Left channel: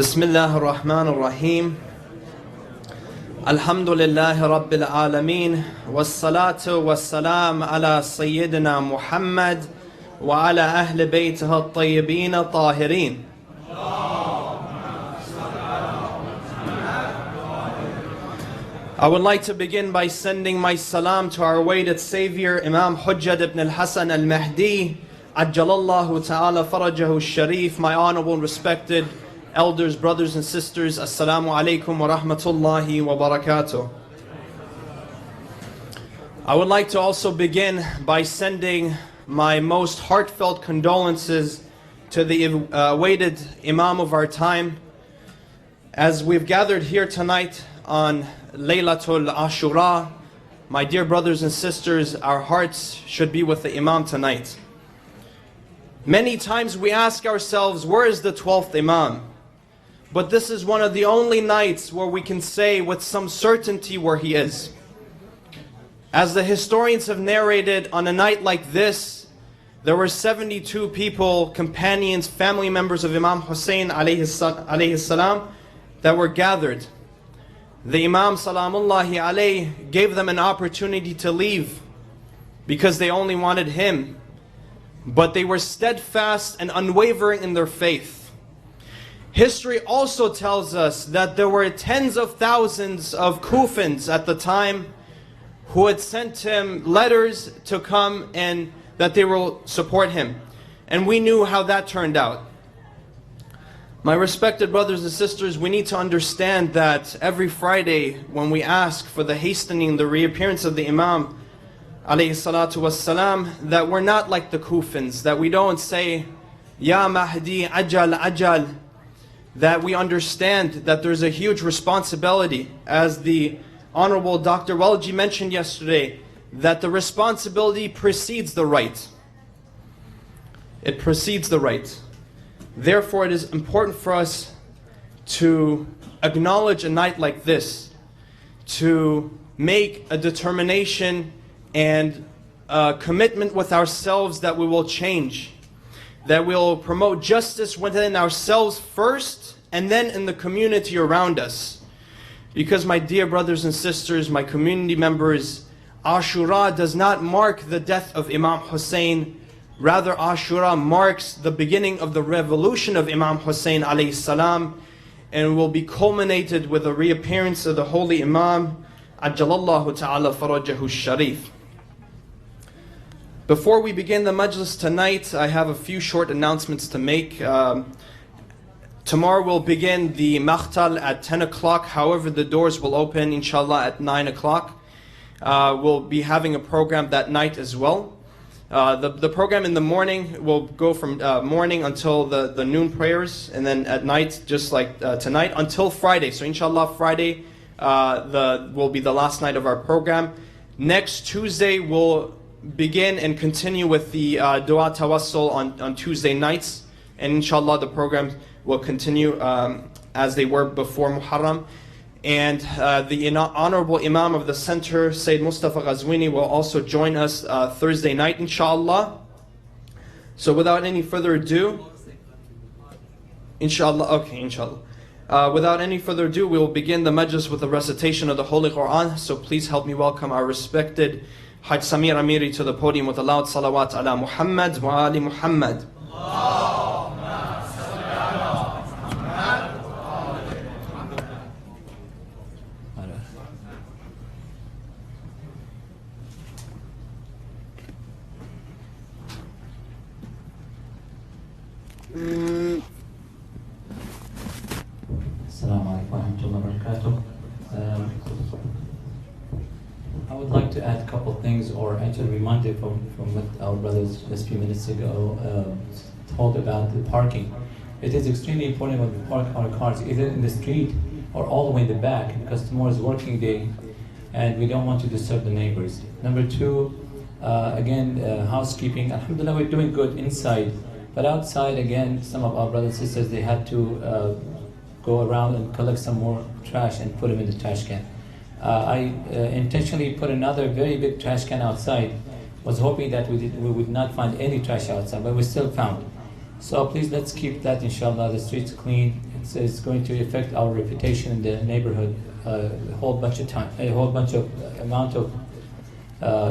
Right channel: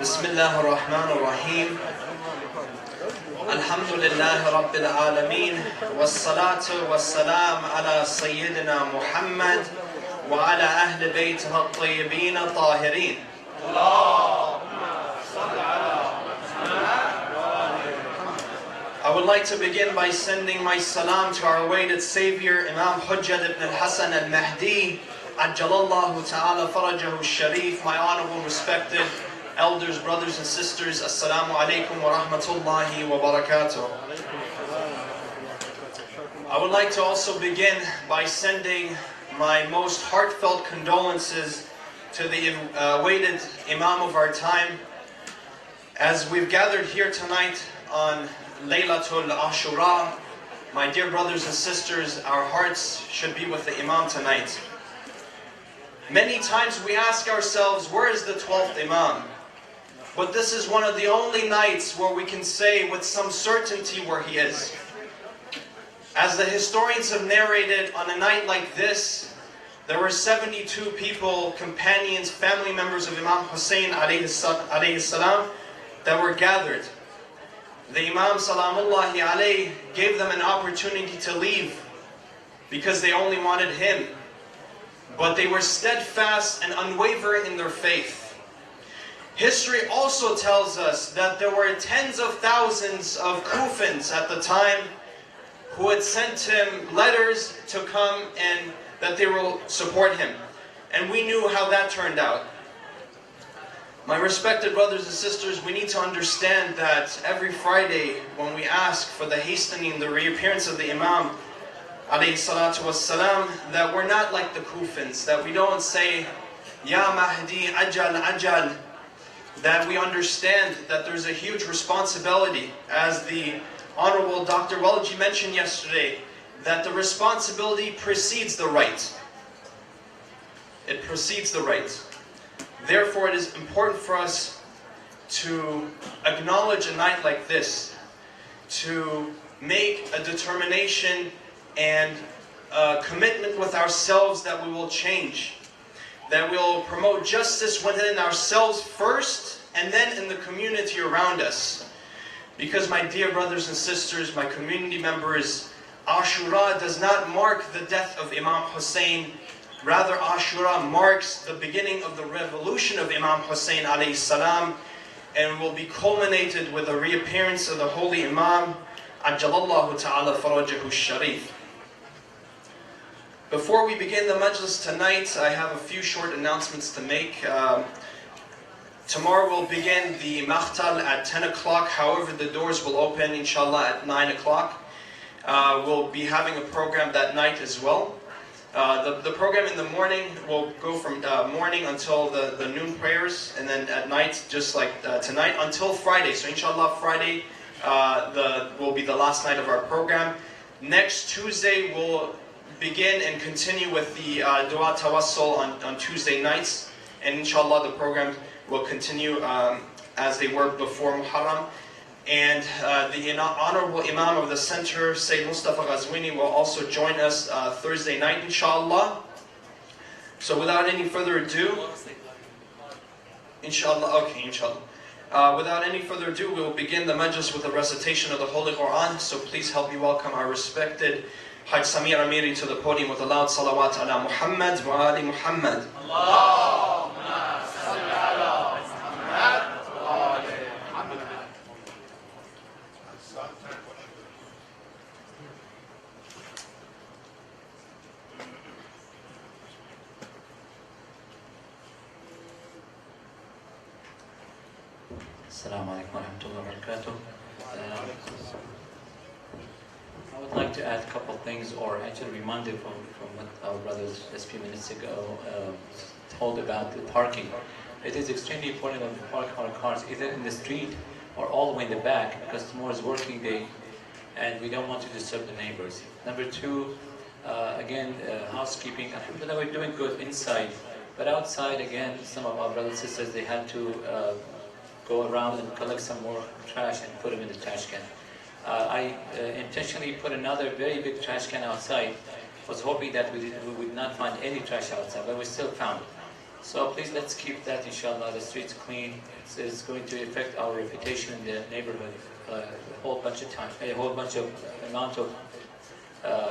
بسم الله الرحمن الرحيم الحمد لله رب العالمين والصلاة والسلام على سيدنا محمد وعلى أهل بيته الطيبين الطاهرين. I would like to begin by sending my salam to our awaited Savior Imam Hujjat ibn al-Hasan al-Mahdi Ajjalallahu ta'ala farajahu al-Sharif. My honorable respected elders, brothers and sisters, Assalamu alaikum wa rahmatullahi wa barakatuh. I would like to also begin by sending my most heartfelt condolences to the awaited Imam of our time. As we've gathered here tonight on Laylatul Ashura, my dear brothers and sisters, our hearts should be with the Imam tonight. Many times we ask ourselves, where is the 12th Imam? But this is one of the only nights where we can say with some certainty where he is. As the historians have narrated, on a night like this, there were 72 people, companions, family members of Imam Hussein alayhi salam that were gathered. The Imam salamullahi alayhi gave them an opportunity to leave because they only wanted him. But they were steadfast and unwavering in their faith. History also tells us that there were tens of thousands of Kufans at the time who had sent him letters to come and that they will support him. And we knew how that turned out. My respected brothers and sisters, we need to understand that every Friday when we ask for the hastening, the reappearance of the Imam, alayhi salatu wassalam, that we're not like the Kufans, that we don't say, Ya Mahdi, ajal, ajal, that we understand that there's a huge responsibility, as the Honorable Dr. Walji mentioned yesterday, that the responsibility precedes the right. It precedes the right. Therefore, it is important for us to acknowledge a night like this, to make a determination and a commitment with ourselves that we will change, that we will promote justice within ourselves first, and then in the community around us. Because my dear brothers and sisters, my community members, Ashura does not mark the death of Imam Hussein. Rather, Ashura marks the beginning of the revolution of Imam Hussein alayhi salam, and will be culminated with the reappearance of the holy Imam, Ajjalallahu ta'ala farajahu sharif. Before we begin the majlis tonight, I have a few short announcements to make. Tomorrow we'll begin the Makhtal at 10 o'clock. However, the doors will open, inshallah, at 9 o'clock. We'll be having a program that night as well. The program in the morning will go from morning until the noon prayers, and then at night, just like tonight, until Friday. So inshallah, Friday will be the last night of our program. Next Tuesday, we'll begin and continue with the Dua Tawassul on Tuesday nights. And inshallah, the program will continue as they were before Muharram. And the Honorable Imam of the Center, Sayyid Mustafa Ghazwini, will also join us Thursday night, inshallah. So without any further ado, inshallah, okay, inshallah. Without any further ado, we will begin the majlis with the recitation of the Holy Quran. So please help me welcome our respected Hajj Samir Amiri to the podium with a loud salawat ala Muhammad wa ali Muhammad. Assalamu alaikum wa rahmatullahi wa barakatuh. I would like to add a couple of things, or actually reminded from what our brothers just a few minutes ago told about the parking. It is extremely important when we park our cars either in the street or all the way in the back, because tomorrow is working day and we don't want to disturb the neighbors. Number two, again, housekeeping. Alhamdulillah, we're doing good inside, but outside, again, some of our brothers and sisters, they had to go around and collect some more trash and put them in the trash can. I intentionally put another very big trash can outside. Was hoping that we would not find any trash outside, but we still found. So please, let's keep that, inshallah, the streets clean. It's going to affect our reputation in the neighborhood a whole bunch of time, a whole bunch of amount of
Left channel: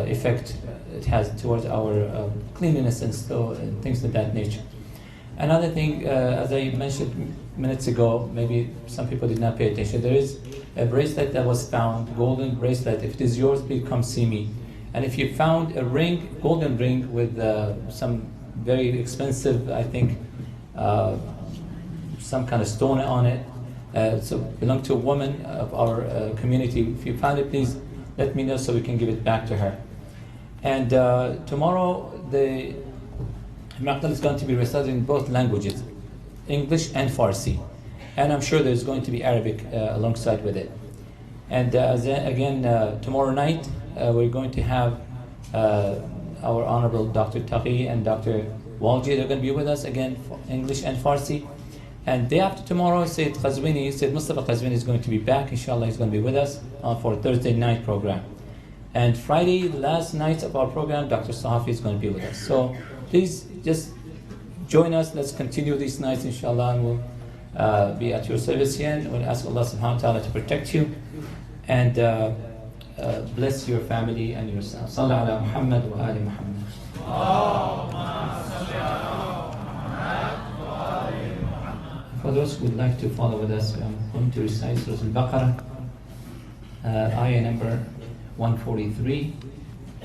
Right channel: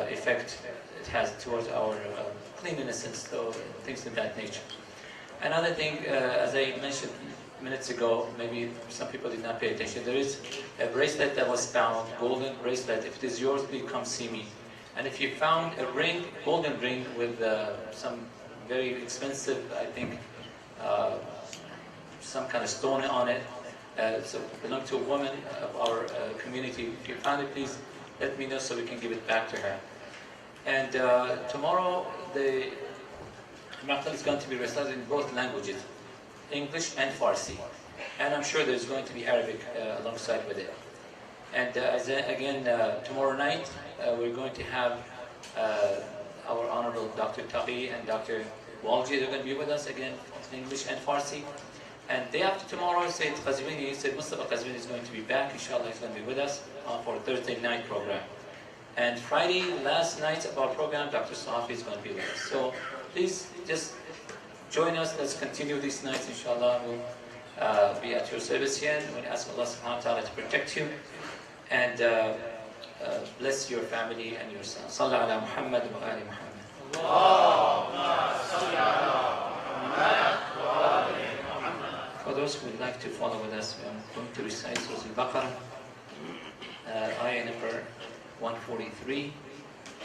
effect it has towards our cleanliness and things of that nature. Another thing, as I mentioned minutes ago, maybe some people did not pay attention, there is a bracelet that was found, golden bracelet. If it is yours, please come see me. And if you found a ring, golden ring with some very expensive, I think, some kind of stone on it, so belong to a woman of our community. If you found it, please let me know so we can give it back to her. And tomorrow the Maqtal is going to be recited in both languages, English and Farsi. And I'm sure there's going to be Arabic alongside with it. And again, tomorrow night, we're going to have our Honorable Dr. Taqi and Dr. Walji. They're going to be with us again, English and Farsi. And day after tomorrow, Said Mustafa Qazvini is going to be back. Inshallah, he's going to be with us for Thursday night program. And Friday, the last night of our program, Dr. Sahafi is going to be with us. So please just join us. Let's continue these nights, inshallah. And we'll be at your service here. And we'll ask Allah subhanahu wa ta'ala to protect you and bless your family and yourself. Sallallahu ala Muhammad wa ali Muhammad. For those who would like to follow with us, we are going to recite Surah Al-Baqarah, ayah number 143,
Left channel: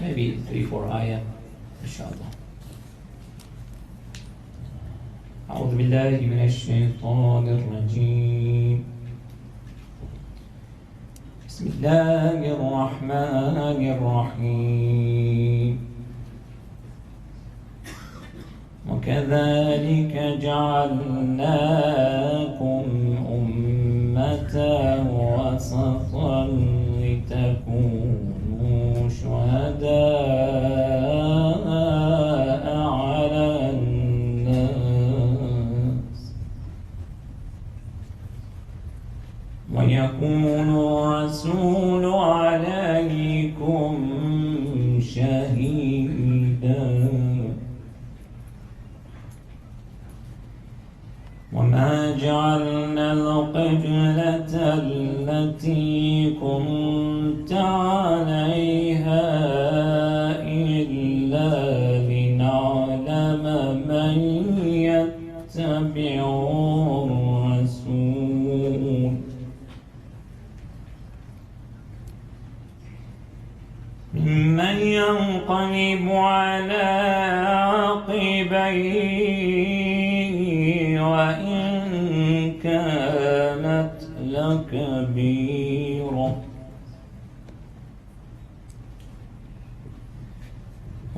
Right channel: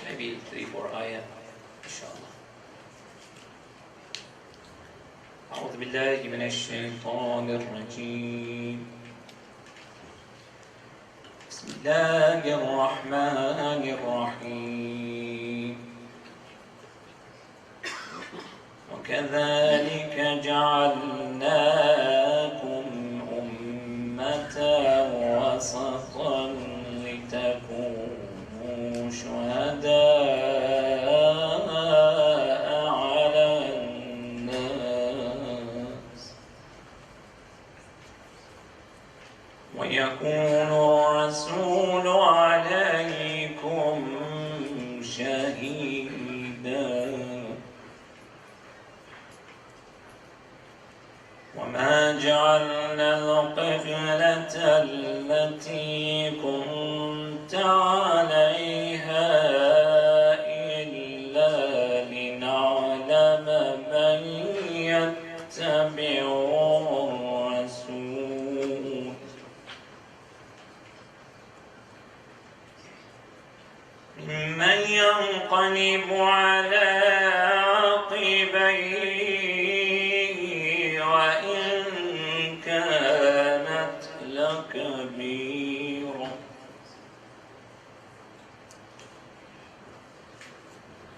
maybe 3-4 ayah, inshallah. أعوذ بالله من الشيطان الرجيم. بسم الله الرحمن الرحيم. وكذلك جعلناكم أمة وسطا لتكونوا شهداء على الناس ويكون الرسول عليكم شهيدا وما جعلنا القبلة التي كنت عليها إلا لنعلم من يتبع الرسول ممن ينقلب على عقبيه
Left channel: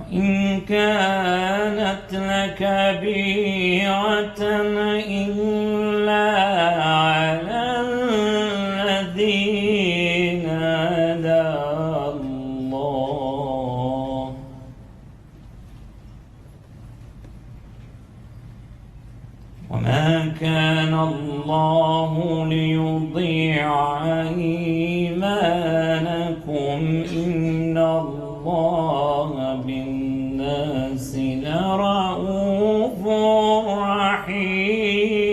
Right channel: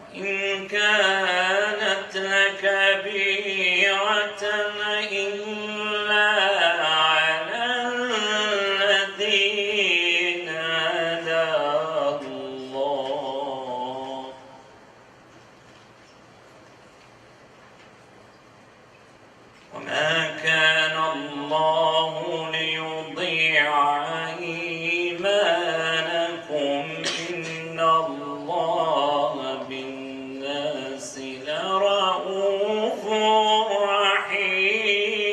وإن كانت لكبيرة إلا على الذين هدى الله وما كان الله ليضيع إيمانكم إن الله بالناس لرؤوف رحيم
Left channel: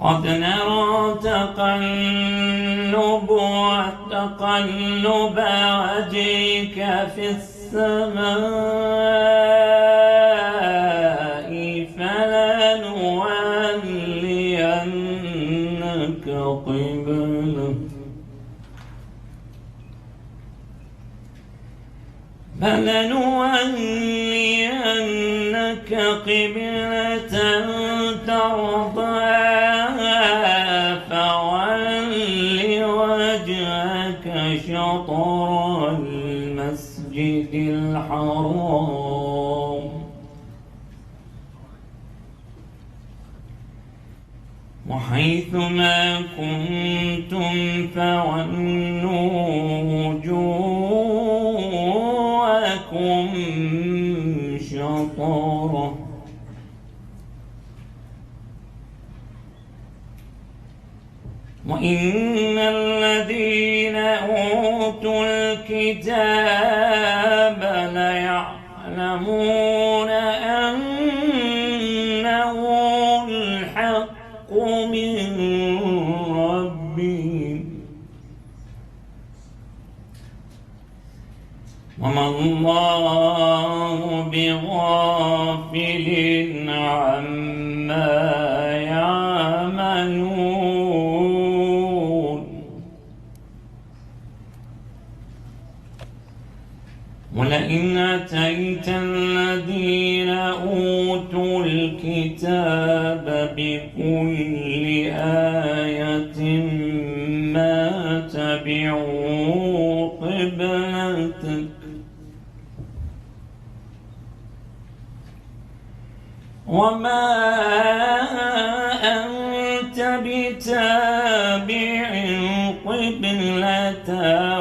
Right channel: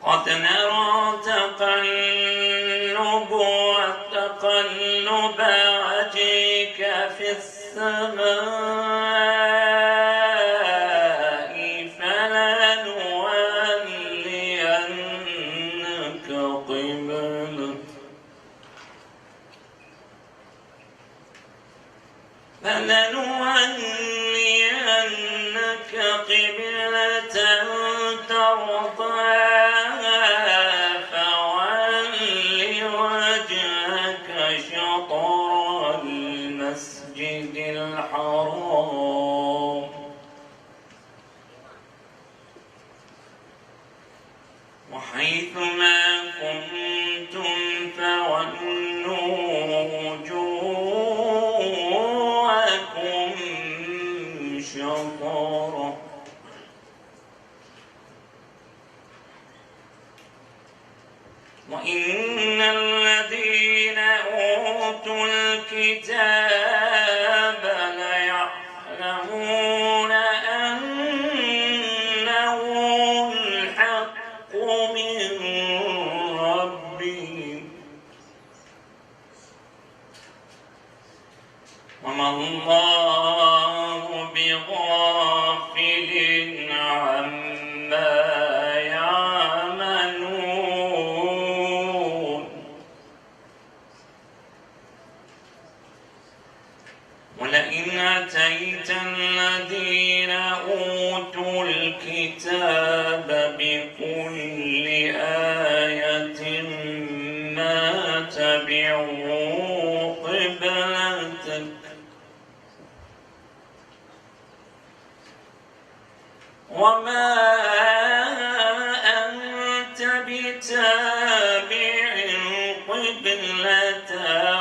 قد نرى تقلب وجهك في السماء فلنولينك قبلة ترضاها فول وجهك شطر المسجد الحرام وحيثما كنتم فولوا وجوهكم شطره وإن الذين أوتوا الكتاب ليعلمون أنه الحق من ربهم وما الله بغافل عما يعملون ولئن أتيت الذين أوتوا الكتاب بكل بتابع قبلتهم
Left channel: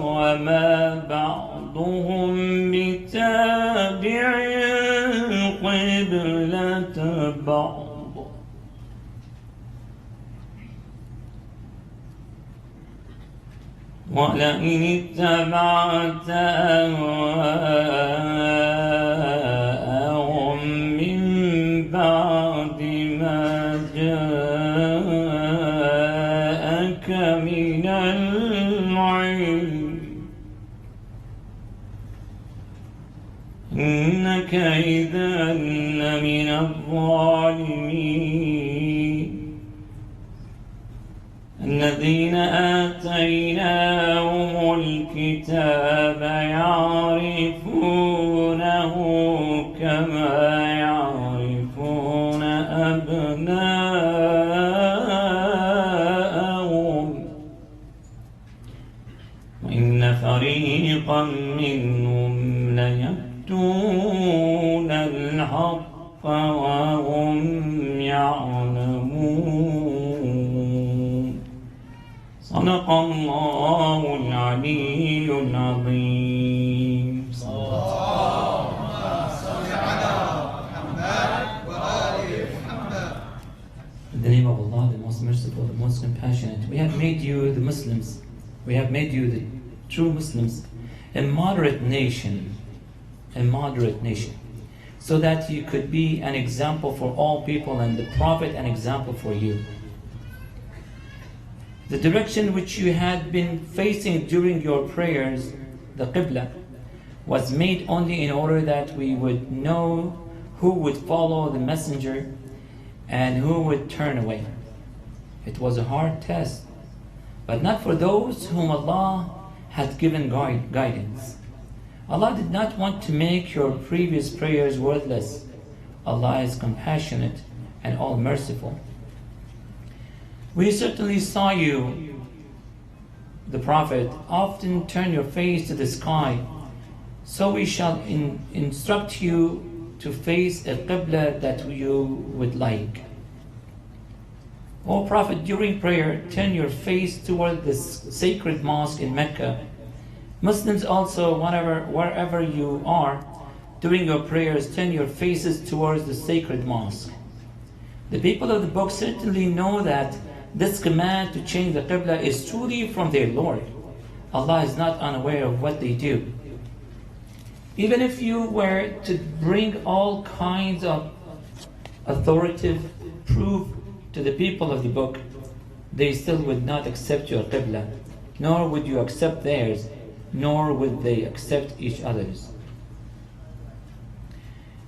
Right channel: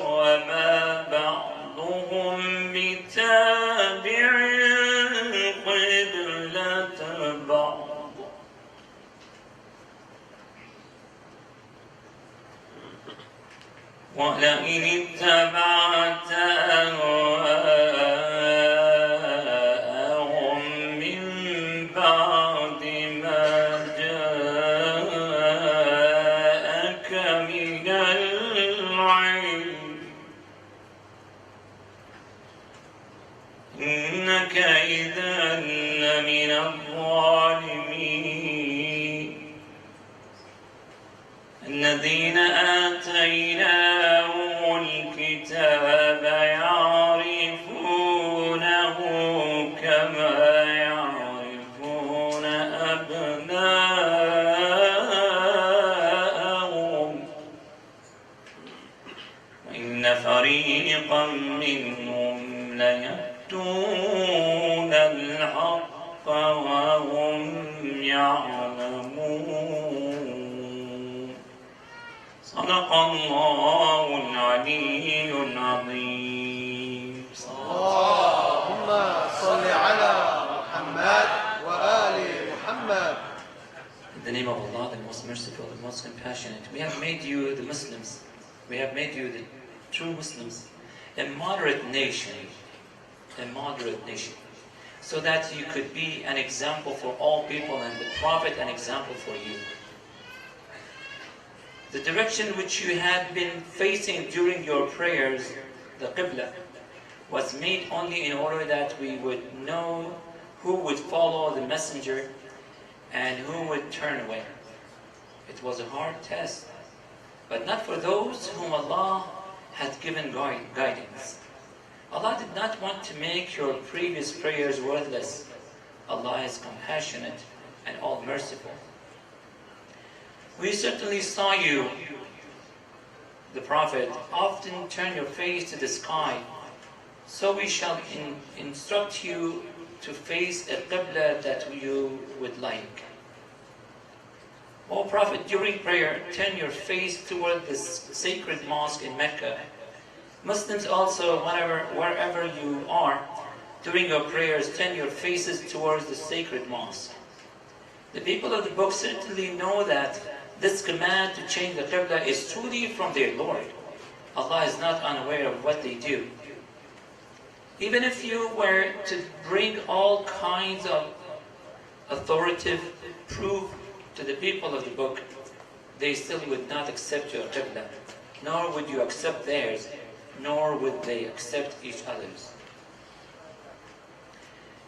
وما بعضهم بتابع قبلة بعض ولئن اتبعت أهواءهم من بعد ما جاءك من العلم إنك إذا لمن الظالمين الذين آتيناهم الكتاب يعرفونه كما يعرفون أبناءهم وإن فريقا منهم ليكتمون الحق وهم يعلمون صدق الله العلي العظيم. اللهم صل على محمد وآل محمد. In the name of Allah, the most merciful, the most compassionate, we have made you the Muslims, we have made you the true Muslims, a moderate nation, so that you could be an example for all people and the Prophet an example for you. The direction which you had been facing during your prayers, the Qibla, was made only in order that we would know who would follow the messenger and who would turn away. It was a hard test, but not for those whom Allah had given guidance. Allah did not want to make your previous prayers worthless. Allah is compassionate and all-merciful. We certainly saw you, the Prophet, often turn your face to the sky, so we shall instruct you to face a Qibla that you would like. O Prophet, during prayer, turn your face toward this sacred mosque in Mecca. Muslims also, wherever you are, during your prayers, turn your faces towards the sacred mosque. The people of the book certainly know that this command to change the Qibla is truly from their Lord. Allah is not unaware of what they do. Even if you were to bring all kinds of authoritative proof to the people of the book, they still would not accept your Qibla, nor would you accept theirs, nor would they accept each other's.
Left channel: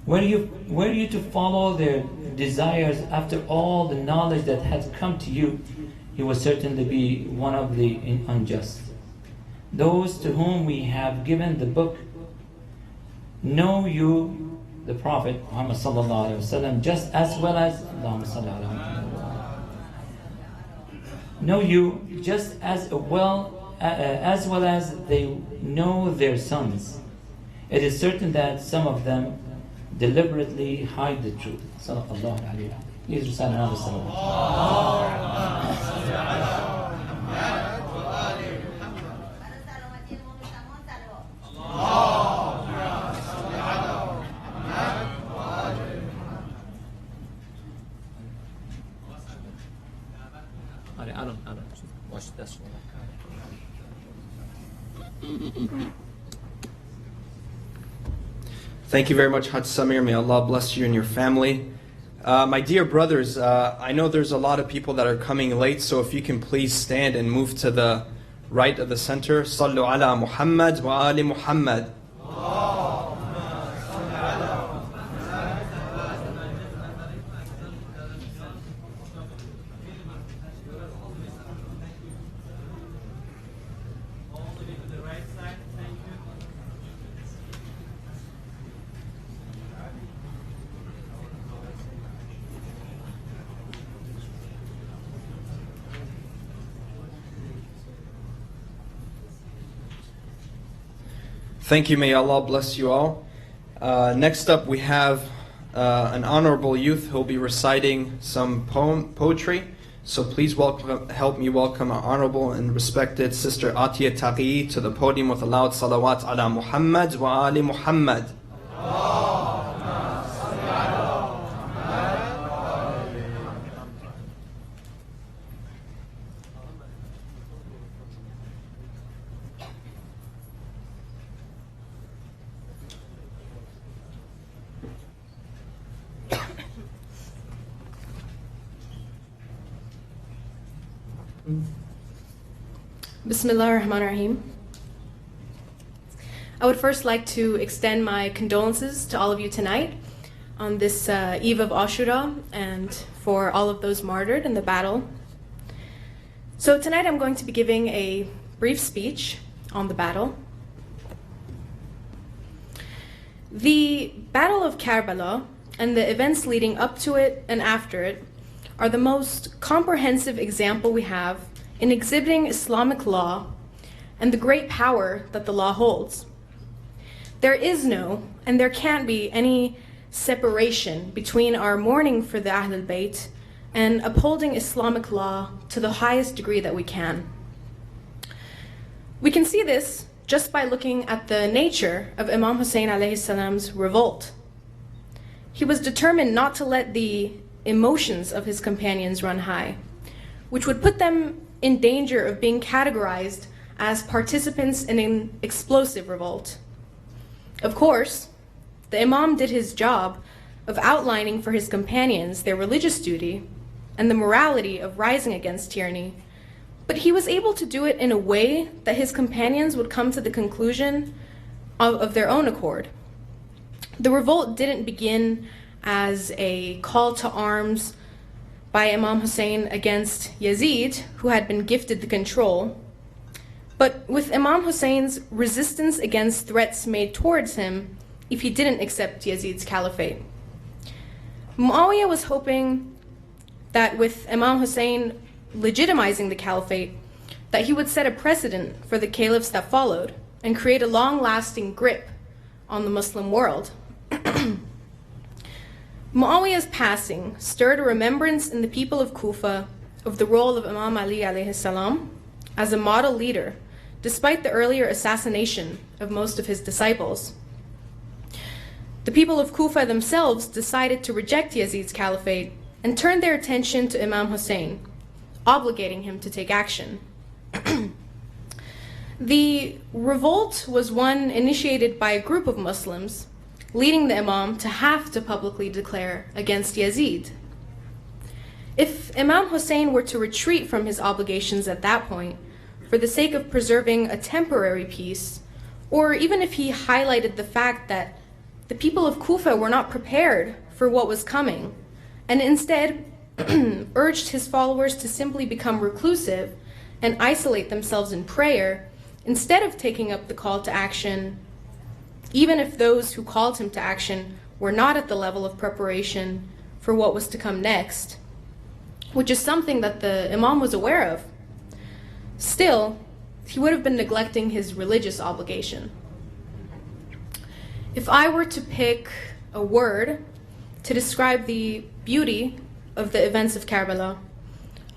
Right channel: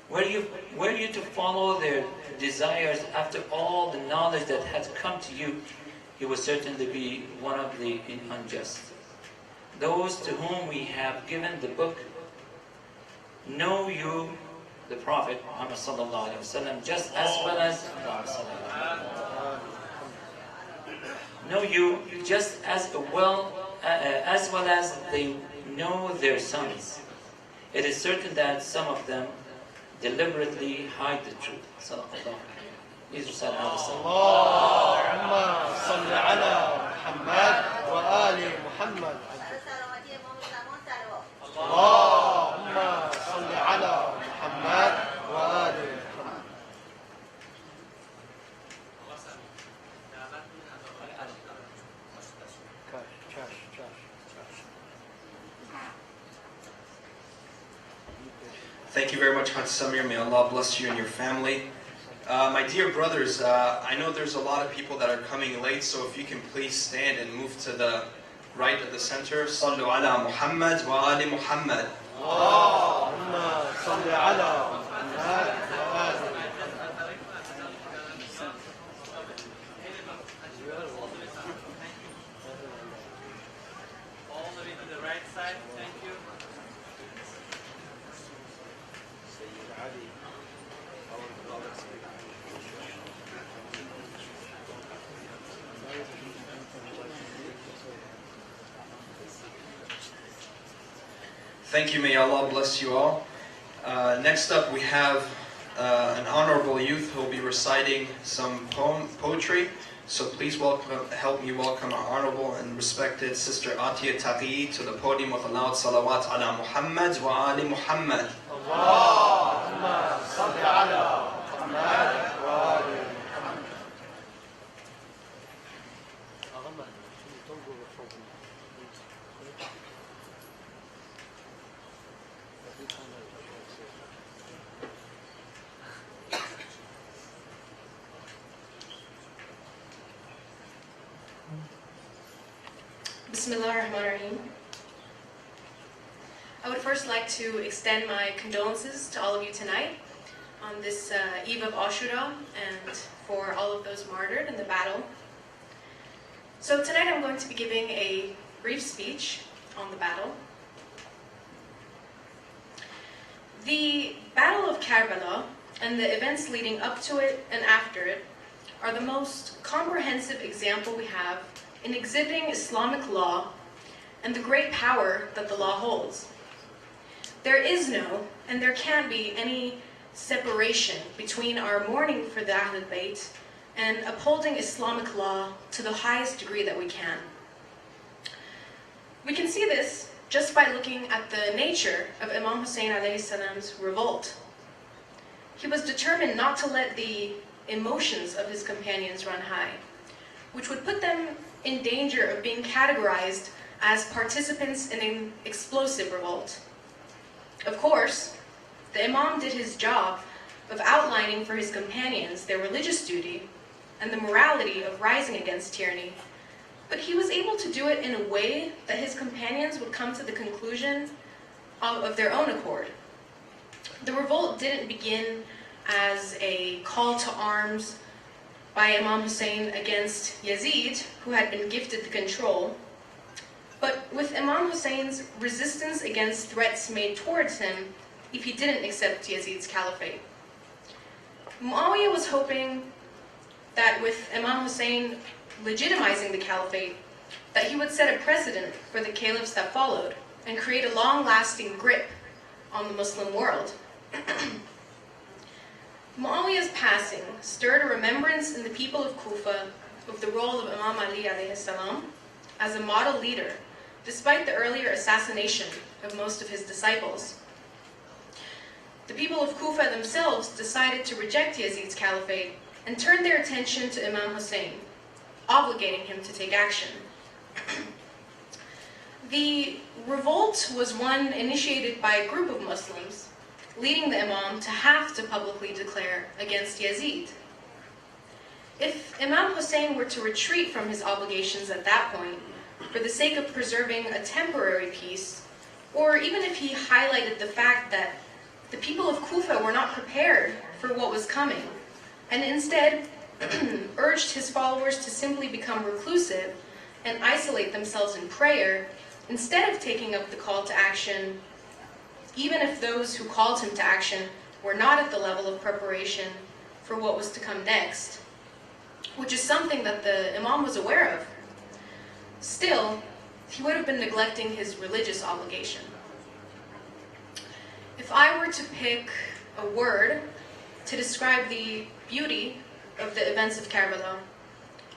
Were you to follow their desires after all the knowledge that has come to you, you will certainly be one of the unjust. Those to whom we have given the book know you, the Prophet Muhammad sallallahu alaihi wasallam, just as well as know you just as well as they know their sons. It is certain that some of them deliberately hide the truth. Sallallahu alayhi wa sallam. Please recite another salam. Allahumma salli ala Muhammad wa ali Muhammad. Allahumma salli ala Muhammad wa ali Muhammad. I don't. Watch this one. Thank you very much, Haj Samir. May Allah bless you and your family. My dear brothers, I know there's a lot of people that are coming late, so if you can please stand and move to the right of the center. Sallu ala Muhammad wa ali Muhammad. Allahumma salli ala Muhammad wa ali Muhammad. All the way to the right side, thank you. Thank you. May Allah bless you all. Next up, we have an honorable youth who will be reciting some poetry. So please help me welcome our honorable and respected Sister Atiya Taqi to the podium with a loud salawat ala Muhammad wa ali Muhammad. Bismillah ar-Rahman ar-Rahim. I would first like to extend my condolences to all of you tonight on this eve of Ashura and for all of those martyred in the battle. So tonight I'm going to be giving a brief speech on the battle. The Battle of Karbala and the events leading up to it and after it are the most comprehensive example we have in exhibiting Islamic law and the great power that the law holds. There is no, and there can't be any separation between our mourning for the Ahlul Bayt and upholding Islamic law to the highest degree that we can. We can see this just by looking at the nature of Imam Hussein alayhi salam's revolt. He was determined not to let the emotions of his companions run high, which would put them in danger of being categorized as participants in an explosive revolt. Of course, the Imam did his job of outlining for his companions their religious duty and the morality of rising against tyranny, but he was able to do it in a way that his companions would come to the conclusion of their own accord. The revolt didn't begin as a call to arms by Imam Hussein against Yazid, who had been gifted the control, but with Imam Hussein's resistance against threats made towards him if he didn't accept Yazid's caliphate. Muawiyah was hoping that with Imam Hussein legitimizing the caliphate, that he would set a precedent for the caliphs that followed and create a long-lasting grip on the Muslim world. Muawiyah's passing stirred a remembrance in the people of Kufa of the role of Imam Ali alayhi salam as a model leader, despite the earlier assassination of most of his disciples. The people of Kufa themselves decided to reject Yazid's caliphate and turned their attention to Imam Hussein, obligating him to take action. The revolt was one initiated by a group of Muslims, leading the Imam to have to publicly declare against Yazid. If Imam Hussein were to retreat from his obligations at that point, for the sake of preserving a temporary peace, or even if he highlighted the fact that the people of Kufa were not prepared for what was coming, and instead urged his followers to simply become reclusive and isolate themselves in prayer, instead of taking up the call to action, even if those who called him to action were not at the level of preparation for what was to come next, which is something that the Imam was aware of, still, he would have been neglecting his religious obligation. If I were to pick a word to describe the beauty of the events of Karbala,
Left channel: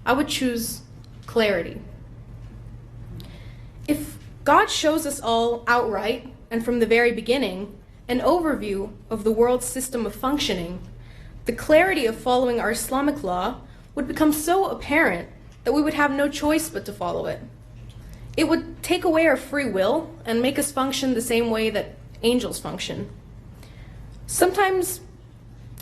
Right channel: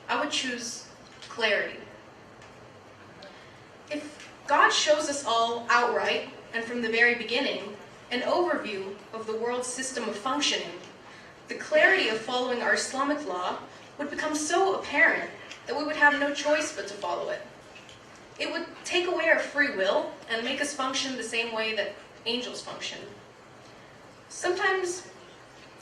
I would choose clarity. If God shows us all outright and from the very beginning an overview of the world's system of functioning, the clarity of following our Islamic law would become so apparent that we would have no choice but to follow it. It would take away our free will and make us function the same way that angels function. Sometimes,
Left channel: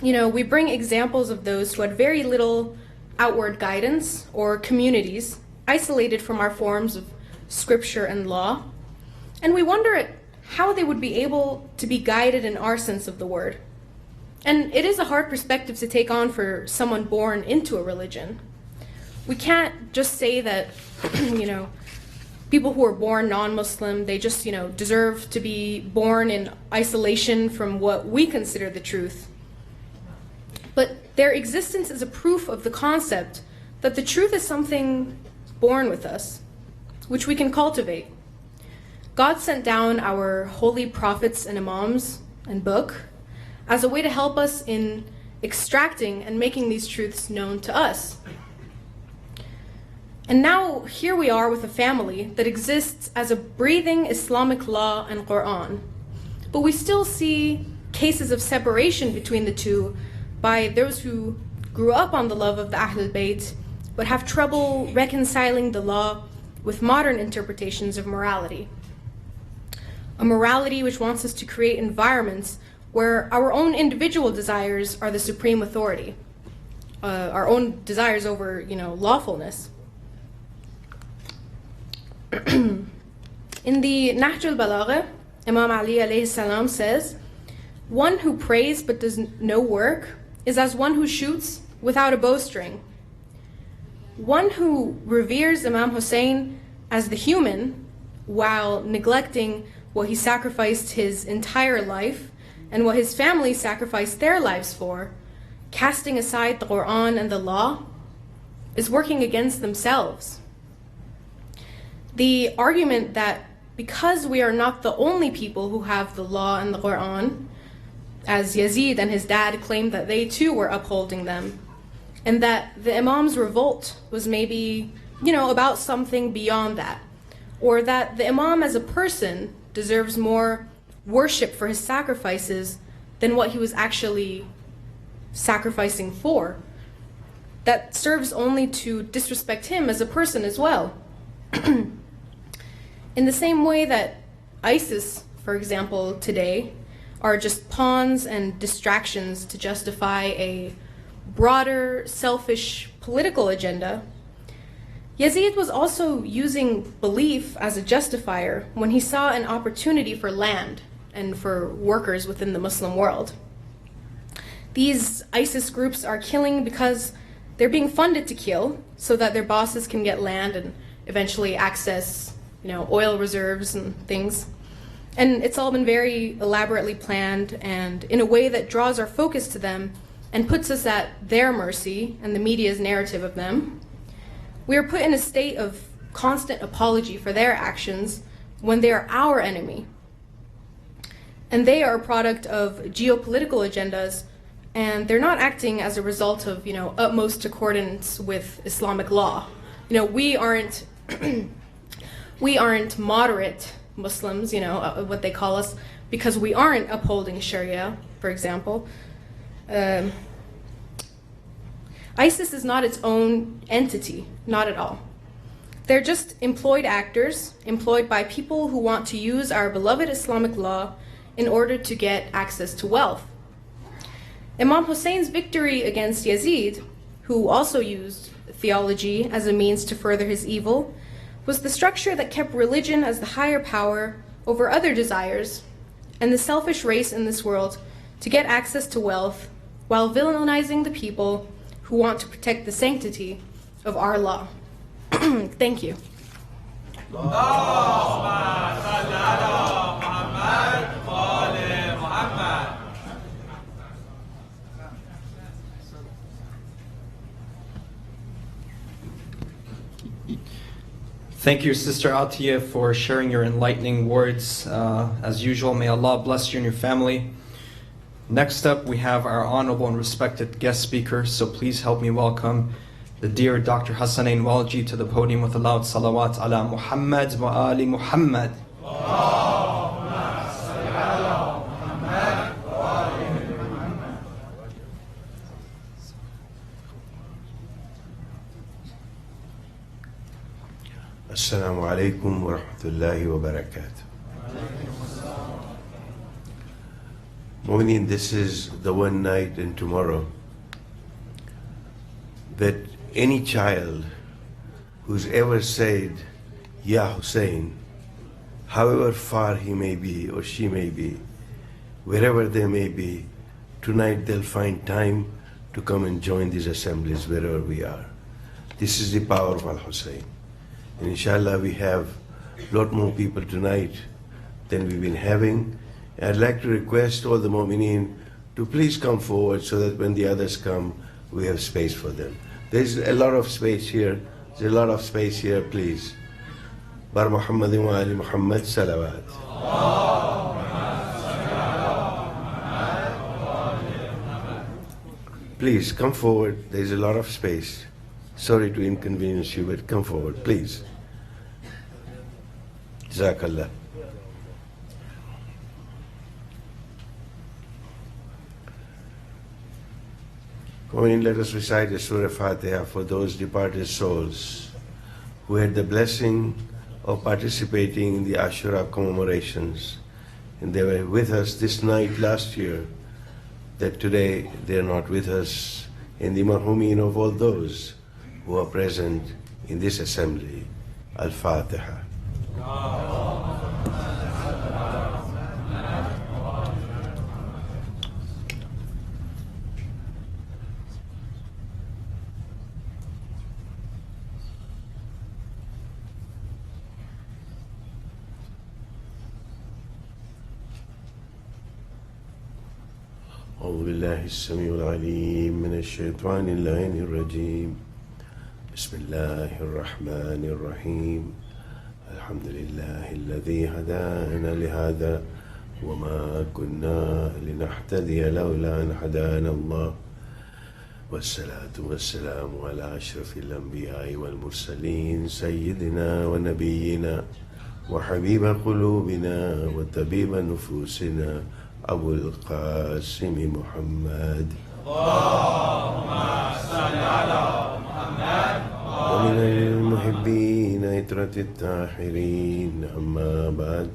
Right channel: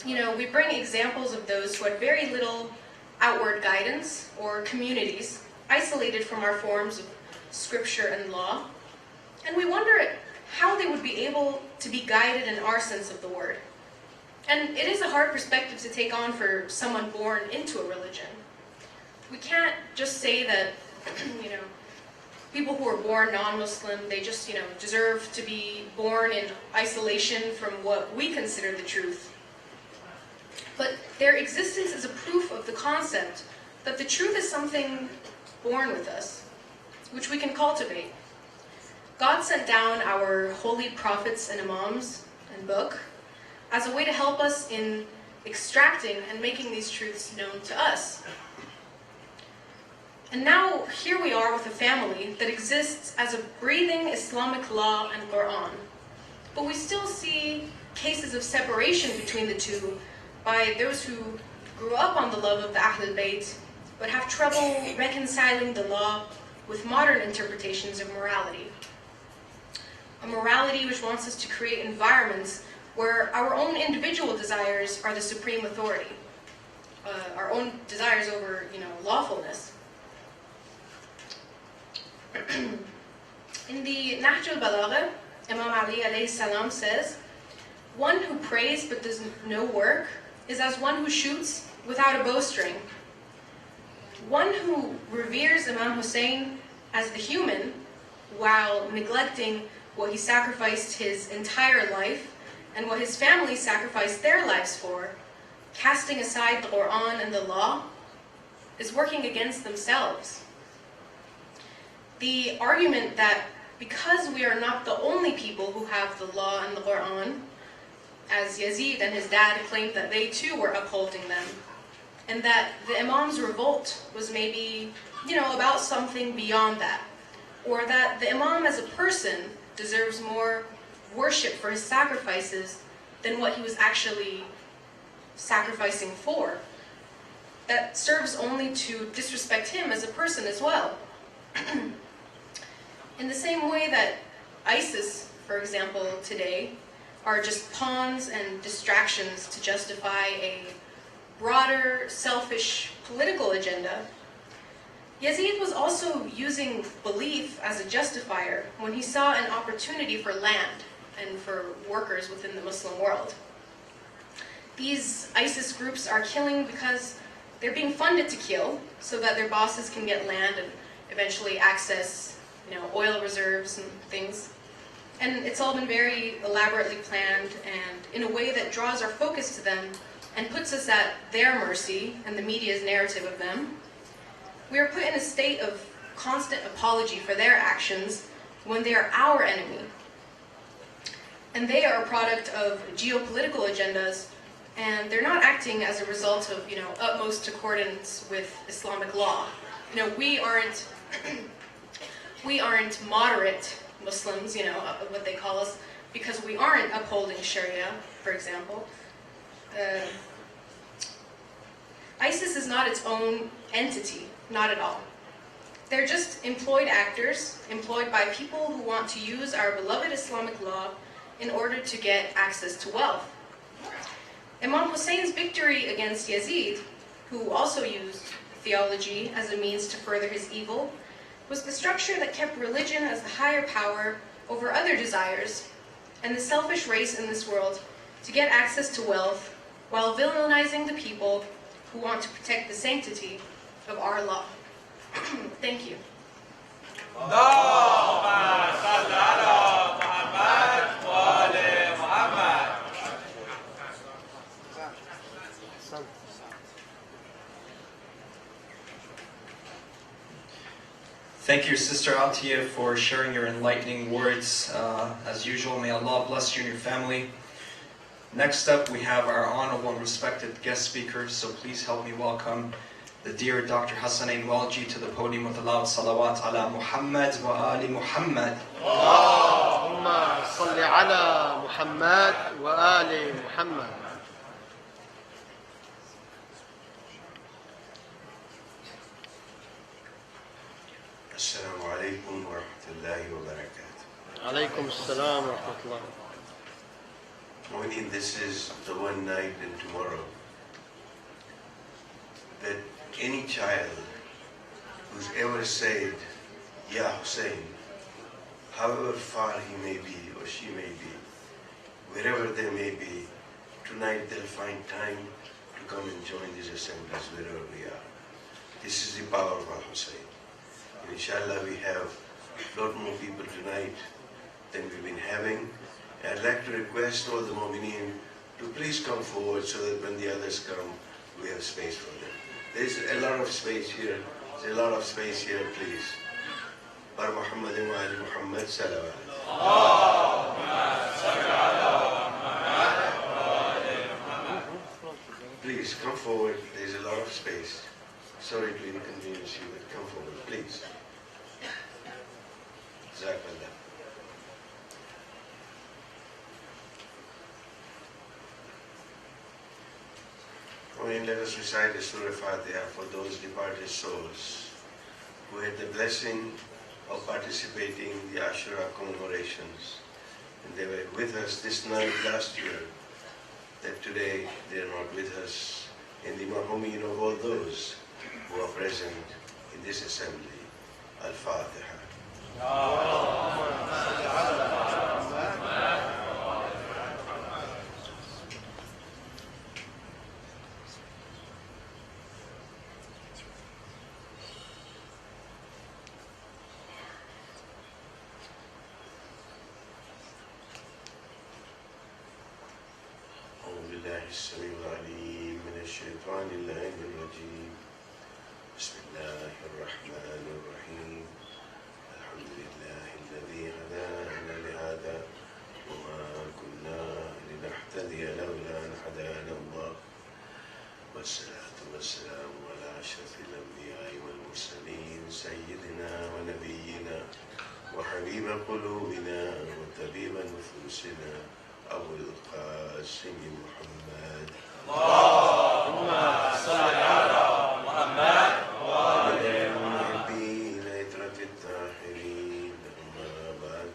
we bring examples of those who had very little outward guidance or communities isolated from our forms of scripture and law, and we wonder at how they would be able to be guided in our sense of the word. And it is a hard perspective to take on for someone born into a religion. We can't just say that, people who are born non-Muslim, they just, deserve to be born in isolation from what we consider the truth. But their existence is a proof of the concept that the truth is something born with us, which we can cultivate. God sent down our holy prophets and imams and book as a way to help us in extracting and making these truths known to us. And now here we are with a family that exists as a breathing Islamic law and Quran. But we still see cases of separation between the two by those who grew up on the love of the Ahlul Bayt but have trouble reconciling the law with modern interpretations of morality. A morality which wants us to create environments where our own individual desires are the supreme authority, our own desires over, lawfulness. In the Nahj al-Balagha, Imam Ali alayhi salam says, "One who prays but does no work is as one who shoots without a bowstring. One who reveres Imam Hussein as the human while neglecting what he sacrificed his entire life and what his family sacrificed their lives for, casting aside the Quran and the law, is working against themselves." The argument that because we are not the only people who have the law and the Quran, as Yazid and his dad claimed that they too were upholding them, and that the Imam's revolt was maybe, about something beyond that, or that the Imam as a person deserves more worship for his sacrifices than what he was actually sacrificing for, that serves only to disrespect him as a person as well. In the same way that ISIS, for example, today, are just pawns and distractions to justify a broader, selfish political agenda, Yazid was also using belief as a justifier when he saw an opportunity for land and for workers within the Muslim world. These ISIS groups are killing because they're being funded to kill so that their bosses can get land and eventually access oil reserves and things. And it's all been very elaborately planned and in a way that draws our focus to them and puts us at their mercy and the media's narrative of them. We are put in a state of constant apology for their actions when they are our enemy. And they are a product of geopolitical agendas, and they're not acting as a result of, utmost accordance with Islamic law. We aren't moderate Muslims, what they call us, because we aren't upholding Sharia, for example. ISIS is not its own entity, not at all. They're just employed actors, employed by people who want to use our beloved Islamic law in order to get access to wealth. Imam Hussein's victory against Yazid, who also used theology as a means to further his evil, was the structure that kept religion as the higher power over other desires and the selfish race in this world to get access to wealth while villainizing the people who want to protect the sanctity of our law. Thank you. Thank you, Sister Atiyah, for sharing your enlightening words. As usual, may Allah bless you and your family. Next up, we have our honorable and respected guest speaker, so please help me welcome the dear Dr. Hassanain Walji to the podium with a loud salawat ala Muhammad wa ali Muhammad. Allahumma salli ala Muhammad wa ali Muhammad. Assalamu alaikum wa rahmatullahi wa barakatuh. Alaykum assalam wa rahmatullah. Mu'mineen, this is the one night and tomorrow that any child who's ever said, Ya Hussein, however far he may be or she may be, wherever they may be, tonight they'll find time to come and join these assemblies wherever we are. This is the power of Al-Hussein. And inshallah we have a lot more people tonight than we've been having. I'd like to request all the mu'mineen to please come forward so that when the others come, we have space for them. There's a lot of space here. There's a lot of space here, please. Bar Muhammadin wa ali Muhammad salawat. Please come forward. There's a lot of space. Sorry to inconvenience you, but come forward, please. Jazakallah. Let us recite the Surah Fatiha for those departed souls who had the blessing of participating in the Ashura commemorations. And they were with us this night last year, that today they are not with us, and the marhumin of all those who are present in this assembly. Al-Fatiha. أعوذ بالله السميع العليم من الشيطان اللعين الرجيم بسم الله الرحمن الرحيم الحمد لله الذي هدانا لهذا وما كنا لنهتدي لولا أن هدانا الله والصلاة والسلام على أشرف الأنبياء والمرسلين سيدنا ونبينا وحبيب قلوبنا وطبيب نفوسنا أبو القاسم محمد اللهم صل على محمد ومن المحبين عترة الطاهرين أما بعد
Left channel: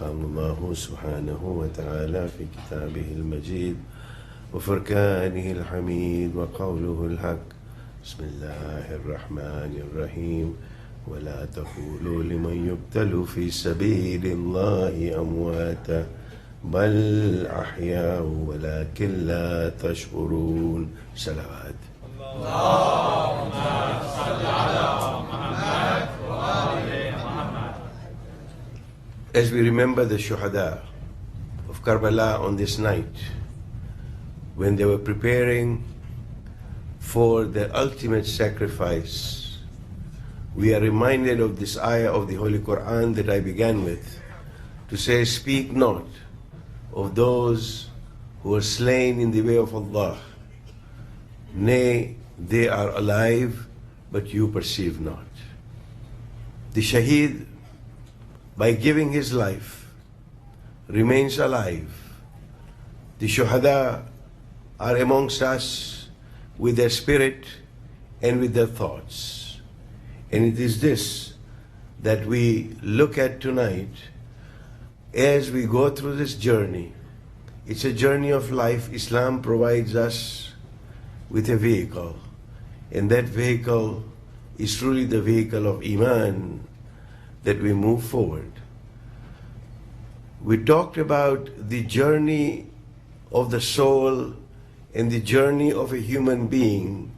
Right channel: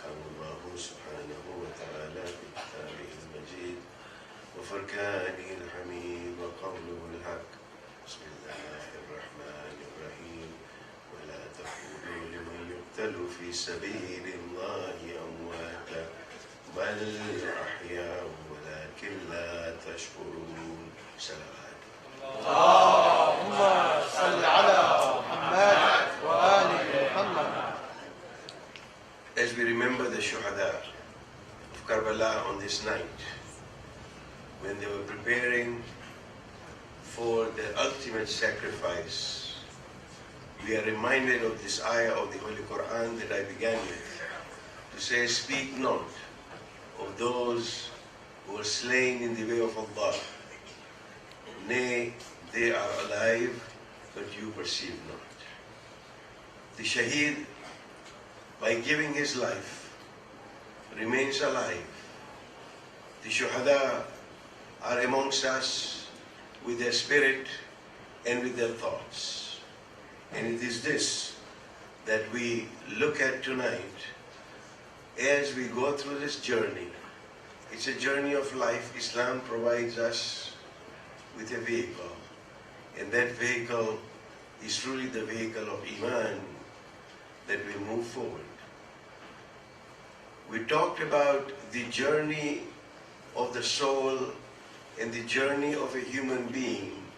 قال الله سبحانه وتعالى في كتابه المجيد وفرقانه الحميد وقوله الحق بسم الله الرحمن الرحيم ولا تقولوا لمن يقتل في سبيل الله أمواتا بل أحياء ولكن لا تشعرون. صلوات. اللهم صل على محمد وآل محمد. As we remember the Shuhada of Karbala on this night, when they were preparing for the ultimate sacrifice, we are reminded of this ayah of the Holy Quran that I began with, to say, speak not of those who are slain in the way of Allah. Nay, they are alive, but you perceive not. The Shaheed, by giving his life, remains alive. The Shuhada are amongst us with their spirit and with their thoughts. And it is this that we look at tonight as we go through this journey. It's a journey of life. Islam provides us with a vehicle, and that vehicle is truly the vehicle of Iman, that we move forward. We talked about the journey of the soul and the journey of a human being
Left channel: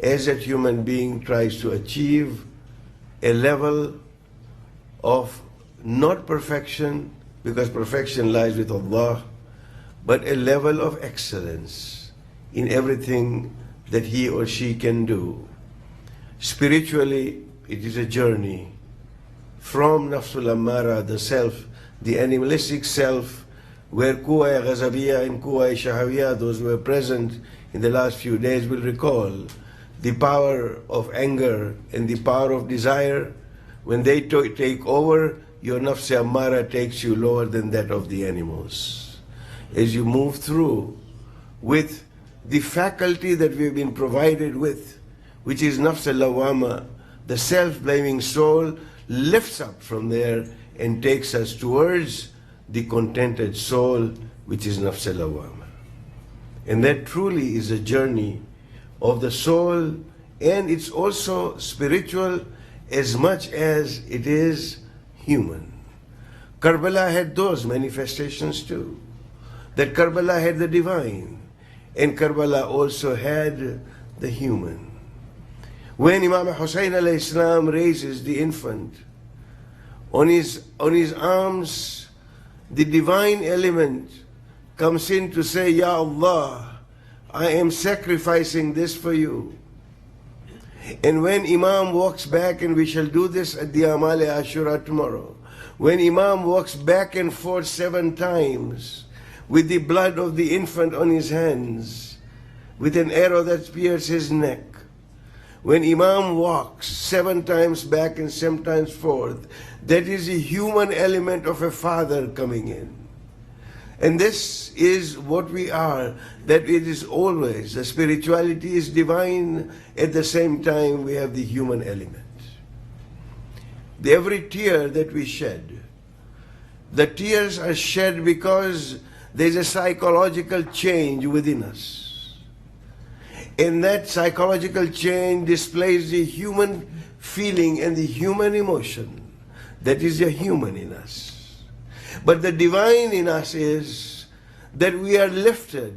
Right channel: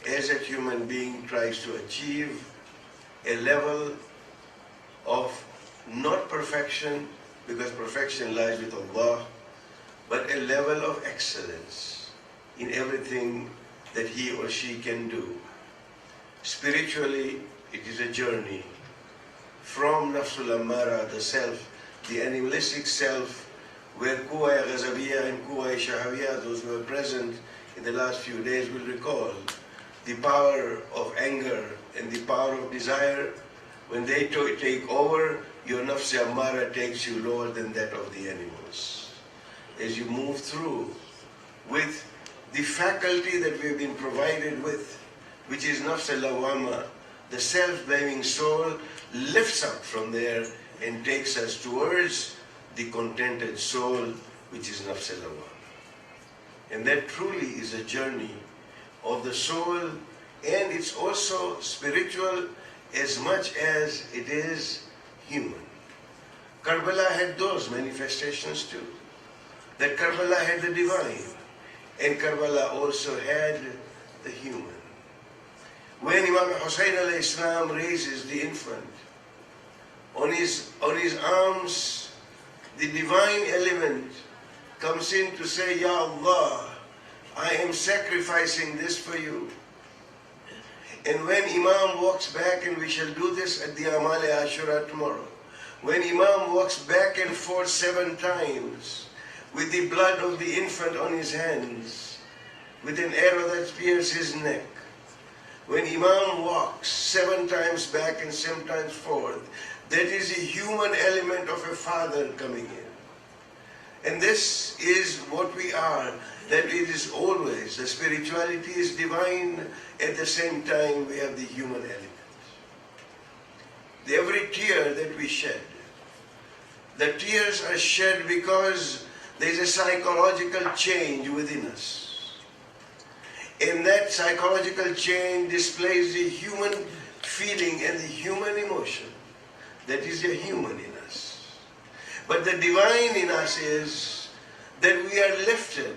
as that human being tries to achieve a level of not perfection, because perfection lies with Allah, but a level of excellence in everything that he or she can do. Spiritually, it is a journey from Nafsul Ammara, the self, the animalistic self, where Quwwa Ghazabiyya and Quwwa Shahawiyya, those who were present in the last few days will recall the power of anger and the power of desire. When they take over, your nafs ammara takes you lower than that of the animals. As you move through with the faculty that we have been provided with, which is nafs al-lawama, the self-blaming soul lifts up from there and takes us towards the contented soul, which is nafs al-lawama. And that truly is a journey of the soul, and it's also spiritual as much as it is human. Karbala had those manifestations too. That Karbala had the divine, and Karbala also had the human. When Imam Hussein alayhi salam raises the infant, on his arms, the divine element comes in to say, Ya Allah, I am sacrificing this for you. And when Imam walks back, and we shall do this at the Amal Ashura tomorrow, when Imam walks back and forth 7 times with the blood of the infant on his hands, with an arrow that pierces his neck. When Imam walks 7 times back and 7 times forth, that is the human element of a father coming in. And this is what we are, that it is always, the spirituality is divine, at the same time we have the human element. Every tear that we shed, the tears are shed because there is a psychological change within us. And that psychological change displays the human feeling and the human emotion. That is the human in us. But the divine in us is that we are lifted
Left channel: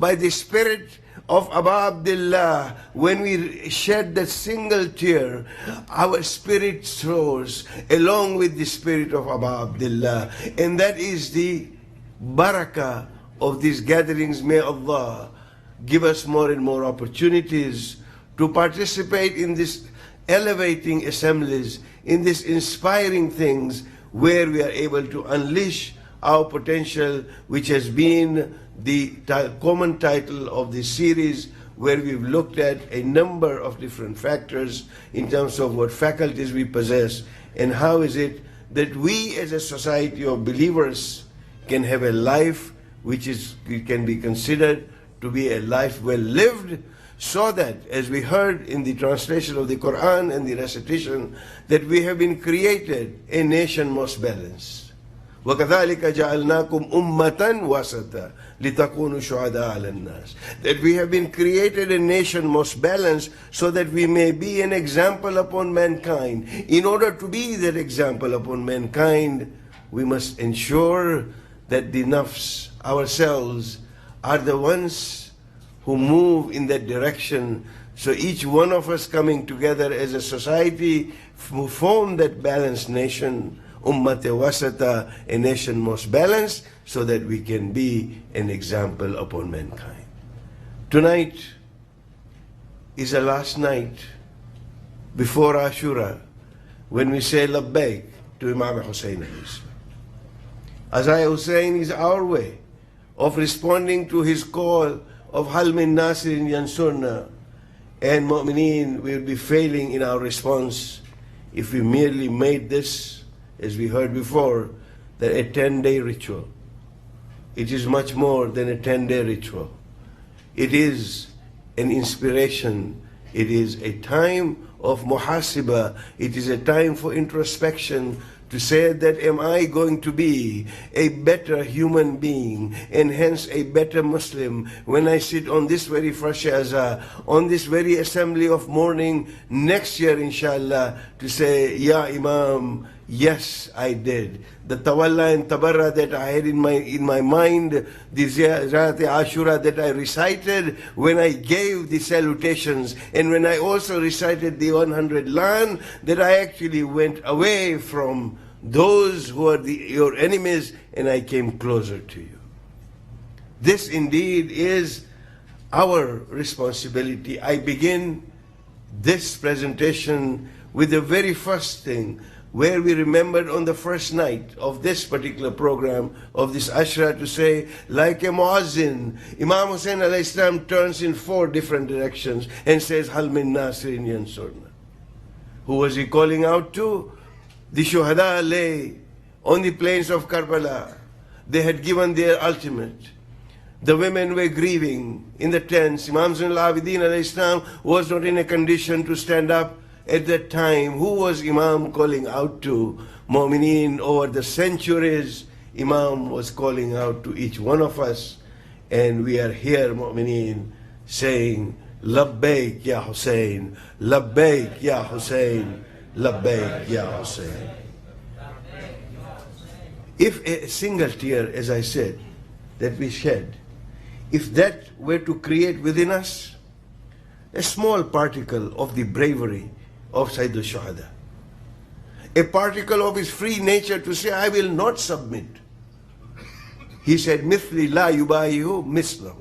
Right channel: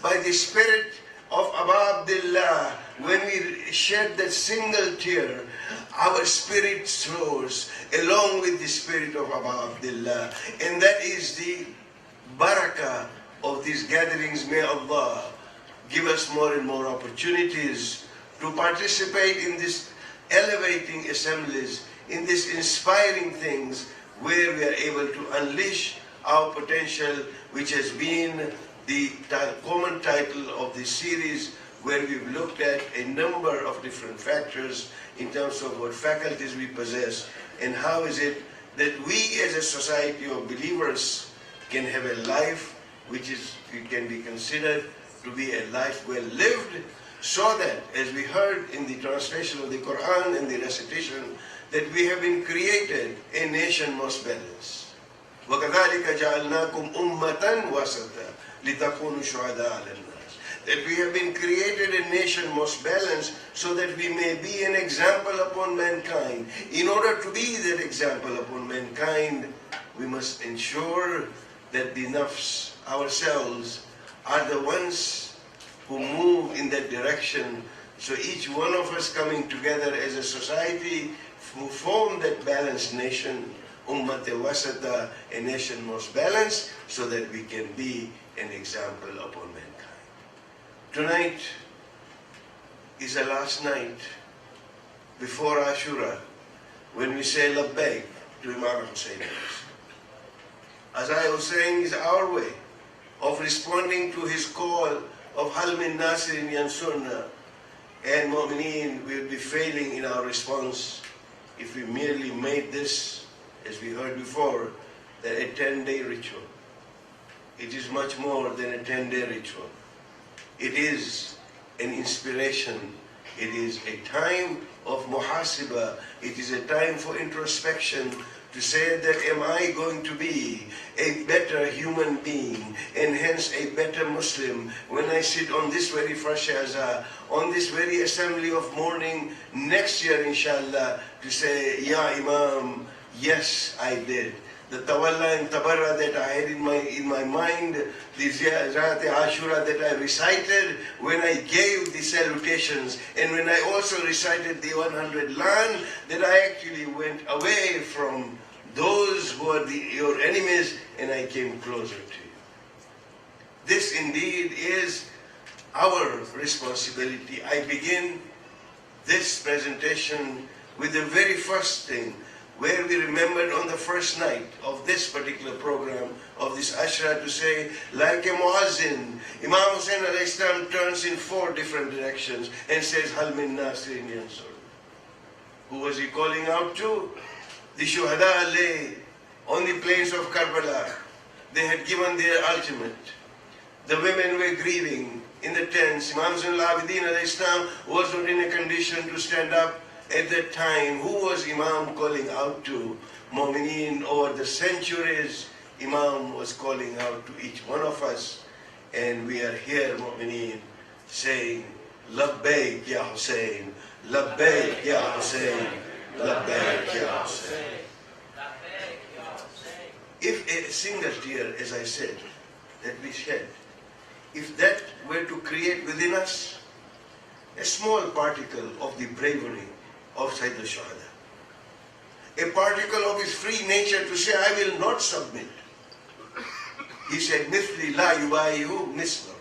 by the spirit of Aba Abdullah. When we shed that single tear, our spirit soars along with the spirit of Aba Abdullah. And that is the barakah of these gatherings. May Allah give us more and more opportunities to participate in this elevating assemblies, in these inspiring things where we are able to unleash our potential, which has been the common title of this series, where we've looked at a number of different factors in terms of what faculties we possess and how is it that we as a society of believers can have a life which can be considered to be a life well lived, so that, as we heard in the translation of the Quran and the recitation, that we have been created a nation most balanced. وَكَذَلِكَ جَعَلْنَاكُمْ أُمَّةً وَسَطًا لِتَكُونُوا شُهَدَاءَ عَلَى النَّاسِ. That we have been created a nation most balanced, so that we may be an example upon mankind. In order to be that example upon mankind, we must ensure that the nafs, ourselves, are the ones who move in that direction. So each one of us coming together as a society who form that balanced nation, Ummate Wasata, a nation most balanced, so that we can be an example upon mankind. Tonight is the last night before Ashura, when we say Labbaik to Imam Hussein. Azai Hussein is our way of responding to his call of Hal min Nasirin Yansurna, and Mu'mineen will be failing in our response if we merely made this, as we heard before, that a 10-day ritual. It is much more than a 10-day ritual. It is an inspiration. It is a time of muhasiba. It is a time for introspection, to say that am I going to be a better human being and hence a better Muslim when I sit on this very first Shazah, on this very assembly of mourning next year inshallah, to say, Ya Imam, yes I did. The tawalla and tabarra that I had in my mind, the Ziyarat Ashura that I recited when I gave the salutations, and when I also recited the 100 lan, that I actually went away from those who are your enemies, and I came closer to you. This indeed is our responsibility. I begin this presentation with the very first thing, where we remembered on the first night of this particular program, of this Ashra, to say, like a muazzin, Imam Hussein alayhi salam turns in 4 different directions and says, Hal min Nasirin Yansurna. Who was he calling out to? The Shuhada lay on the plains of Karbala. They had given their ultimate. The women were grieving in the tents. Imam Zainul Abidin alayhi salam was not in a condition to stand up at that time. Who was Imam calling out to? Mu'mineen. Over the centuries, Imam was calling out to each one of us. And we are here, Mu'mineen, saying, Labbaik ya Hussein, Labbaik ya Hussein, Labbaik ya Hussein. If a single tear, as I said, that we shed, if that were to create within us a small particle of the bravery of Sayyid al-Shuhada, a particle of his free nature to say, I will not submit. He said, Mithli la yubayihu mislahu.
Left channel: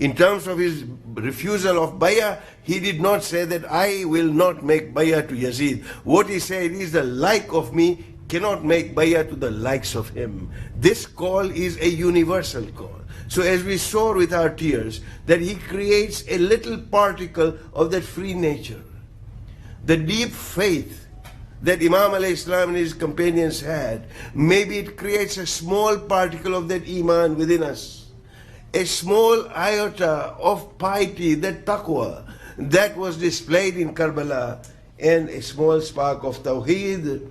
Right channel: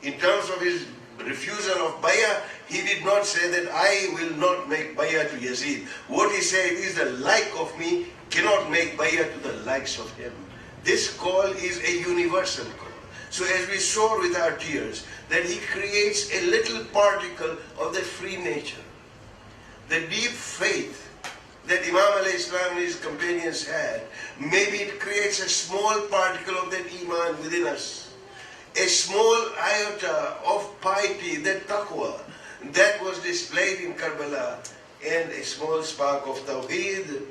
In terms of his refusal of bayah, he did not say that I will not make bayah to Yazid. What he said is, the like of me cannot make bayah to the likes of him. This call is a universal call. So as we soar with our tears, that He creates a little particle of that free nature. The deep faith that Imam alayhi salam and his companions had, maybe it creates a small particle of that iman within us. A small iota of piety, that taqwa, that was displayed in Karbala, and a small spark of tawheed.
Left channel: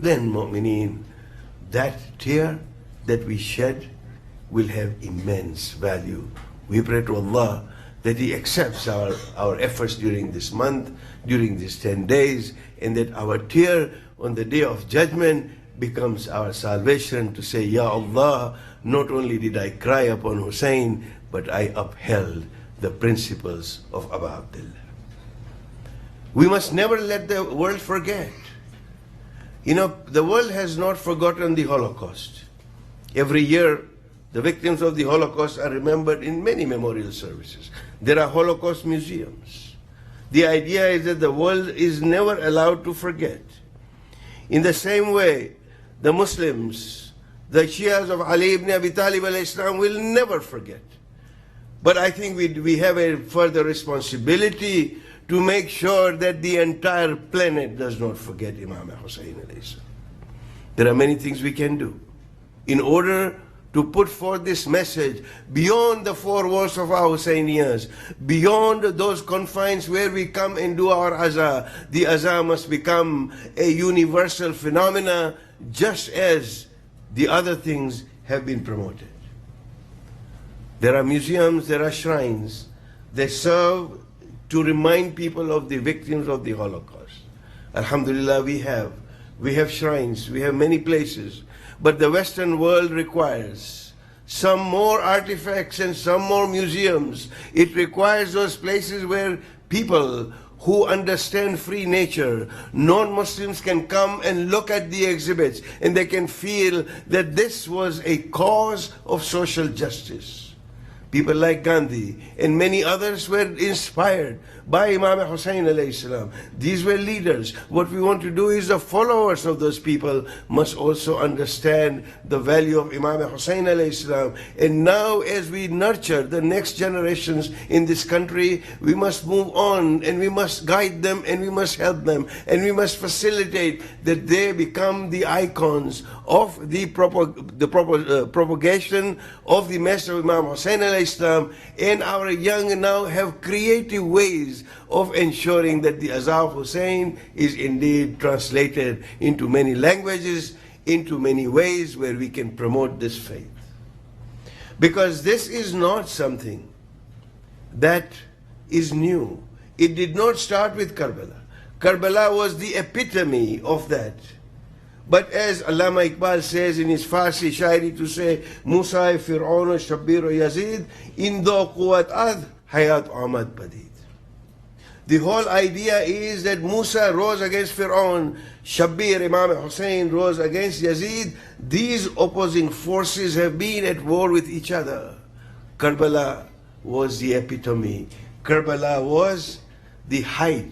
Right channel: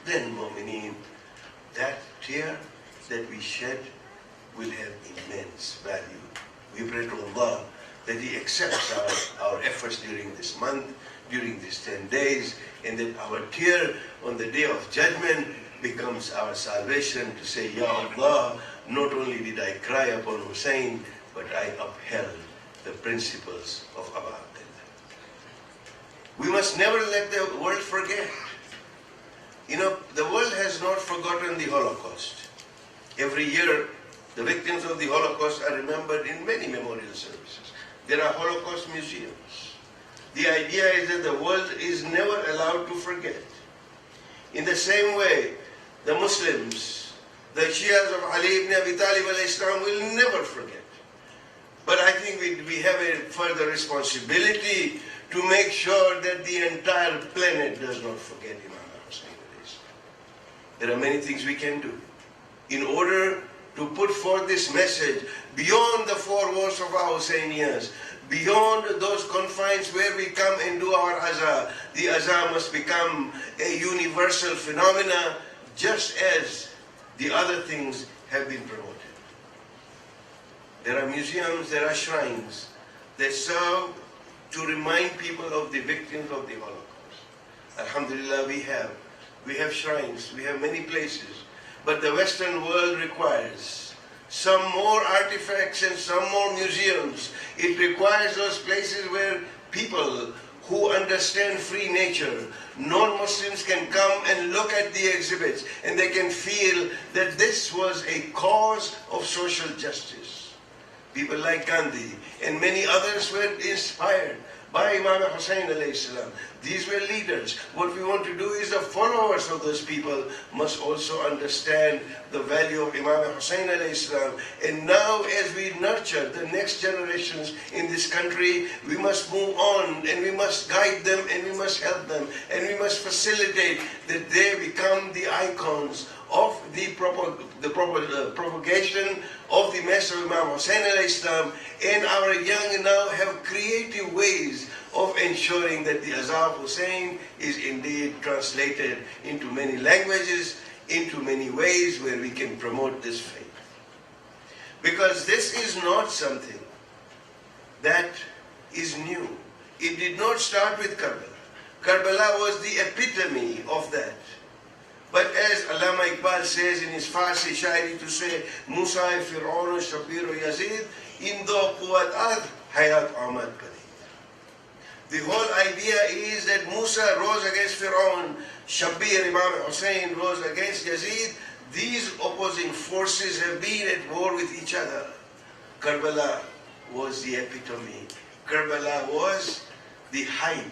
Then, mu'mineen, that tear that we shed will have immense value. We pray to Allah that He accepts our efforts during this month, during these 10 days, and that our tear on the day of judgment becomes our salvation to say, Ya Allah, not only did I cry upon Hussein, but I upheld the principles of Abu Abdullah. We must never let the world forget. You know, the world has not forgotten the Holocaust. Every year, the victims of the Holocaust are remembered in many memorial services. There are Holocaust museums. The idea is that the world is never allowed to forget. In the same way, the Muslims, the Shias of Ali ibn Abi Talib alayhi salam will never forget. But I think we have a further responsibility to make sure that the entire planet does not forget Imam Hussein alayhi salam. There are many things we can do in order to put forth this message beyond the four walls of our Husseinians, beyond those confines where we come and do our azah. The azah must become a universal phenomena, just as the other things have been promoted. There are museums, there are shrines that serve to remind people of the victims of the Holocaust. Alhamdulillah, we have shrines, we have many places. But the Western world requires some more artifacts and some more museums. It requires those places where people who understand free nature, non-Muslims, can come and look at the exhibits and they can feel that this was a cause of social justice. People like Gandhi and many others were inspired by Imam Hussein alayhi salam. These were leaders. What we want to do is the followers of those people must also understand the value of Imam Hussein alayhi salam. And now as we nurture the next generations in this country, we must move on and we must guide them and we must help them and we must facilitate that they become the icons of the propagation of the message of Imam Hussein alayhi salam. And our young now have creative ways of ensuring that the Azhar Hussein is indeed translated into many languages, into many ways where we can promote this faith. Because this is not something that is new. It did not start with Karbala. Karbala was the epitome of that. But as Allama Iqbal says in his Farsi shairi to say, Musa Fir'aun Shabbir Yazid, Indo Quwat Ad Hayat Ahmad Pradid. The whole idea is that Musa rose against Fir'aun, Shabbir, Imam Hussein rose against Yazid. These opposing forces have been at war with each other. Karbala was the epitome. Karbala was the height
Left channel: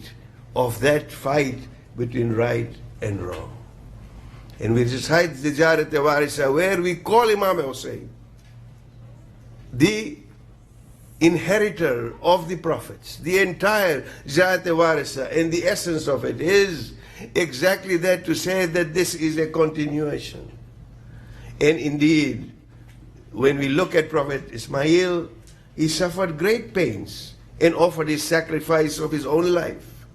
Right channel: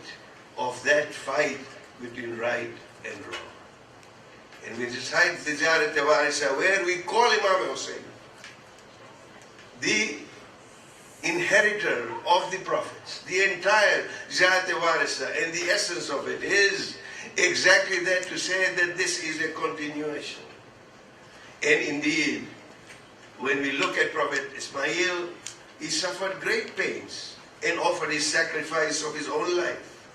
of that fight between right and wrong. And we recite the Jarat Warisa, where we call Imam Hussein the inheritor of the prophets. The entire Jarat Warisa and the essence of it is exactly that, to say that this is a continuation. And indeed, when we look at Prophet Ismail, he suffered great pains and offered his sacrifice of his own life.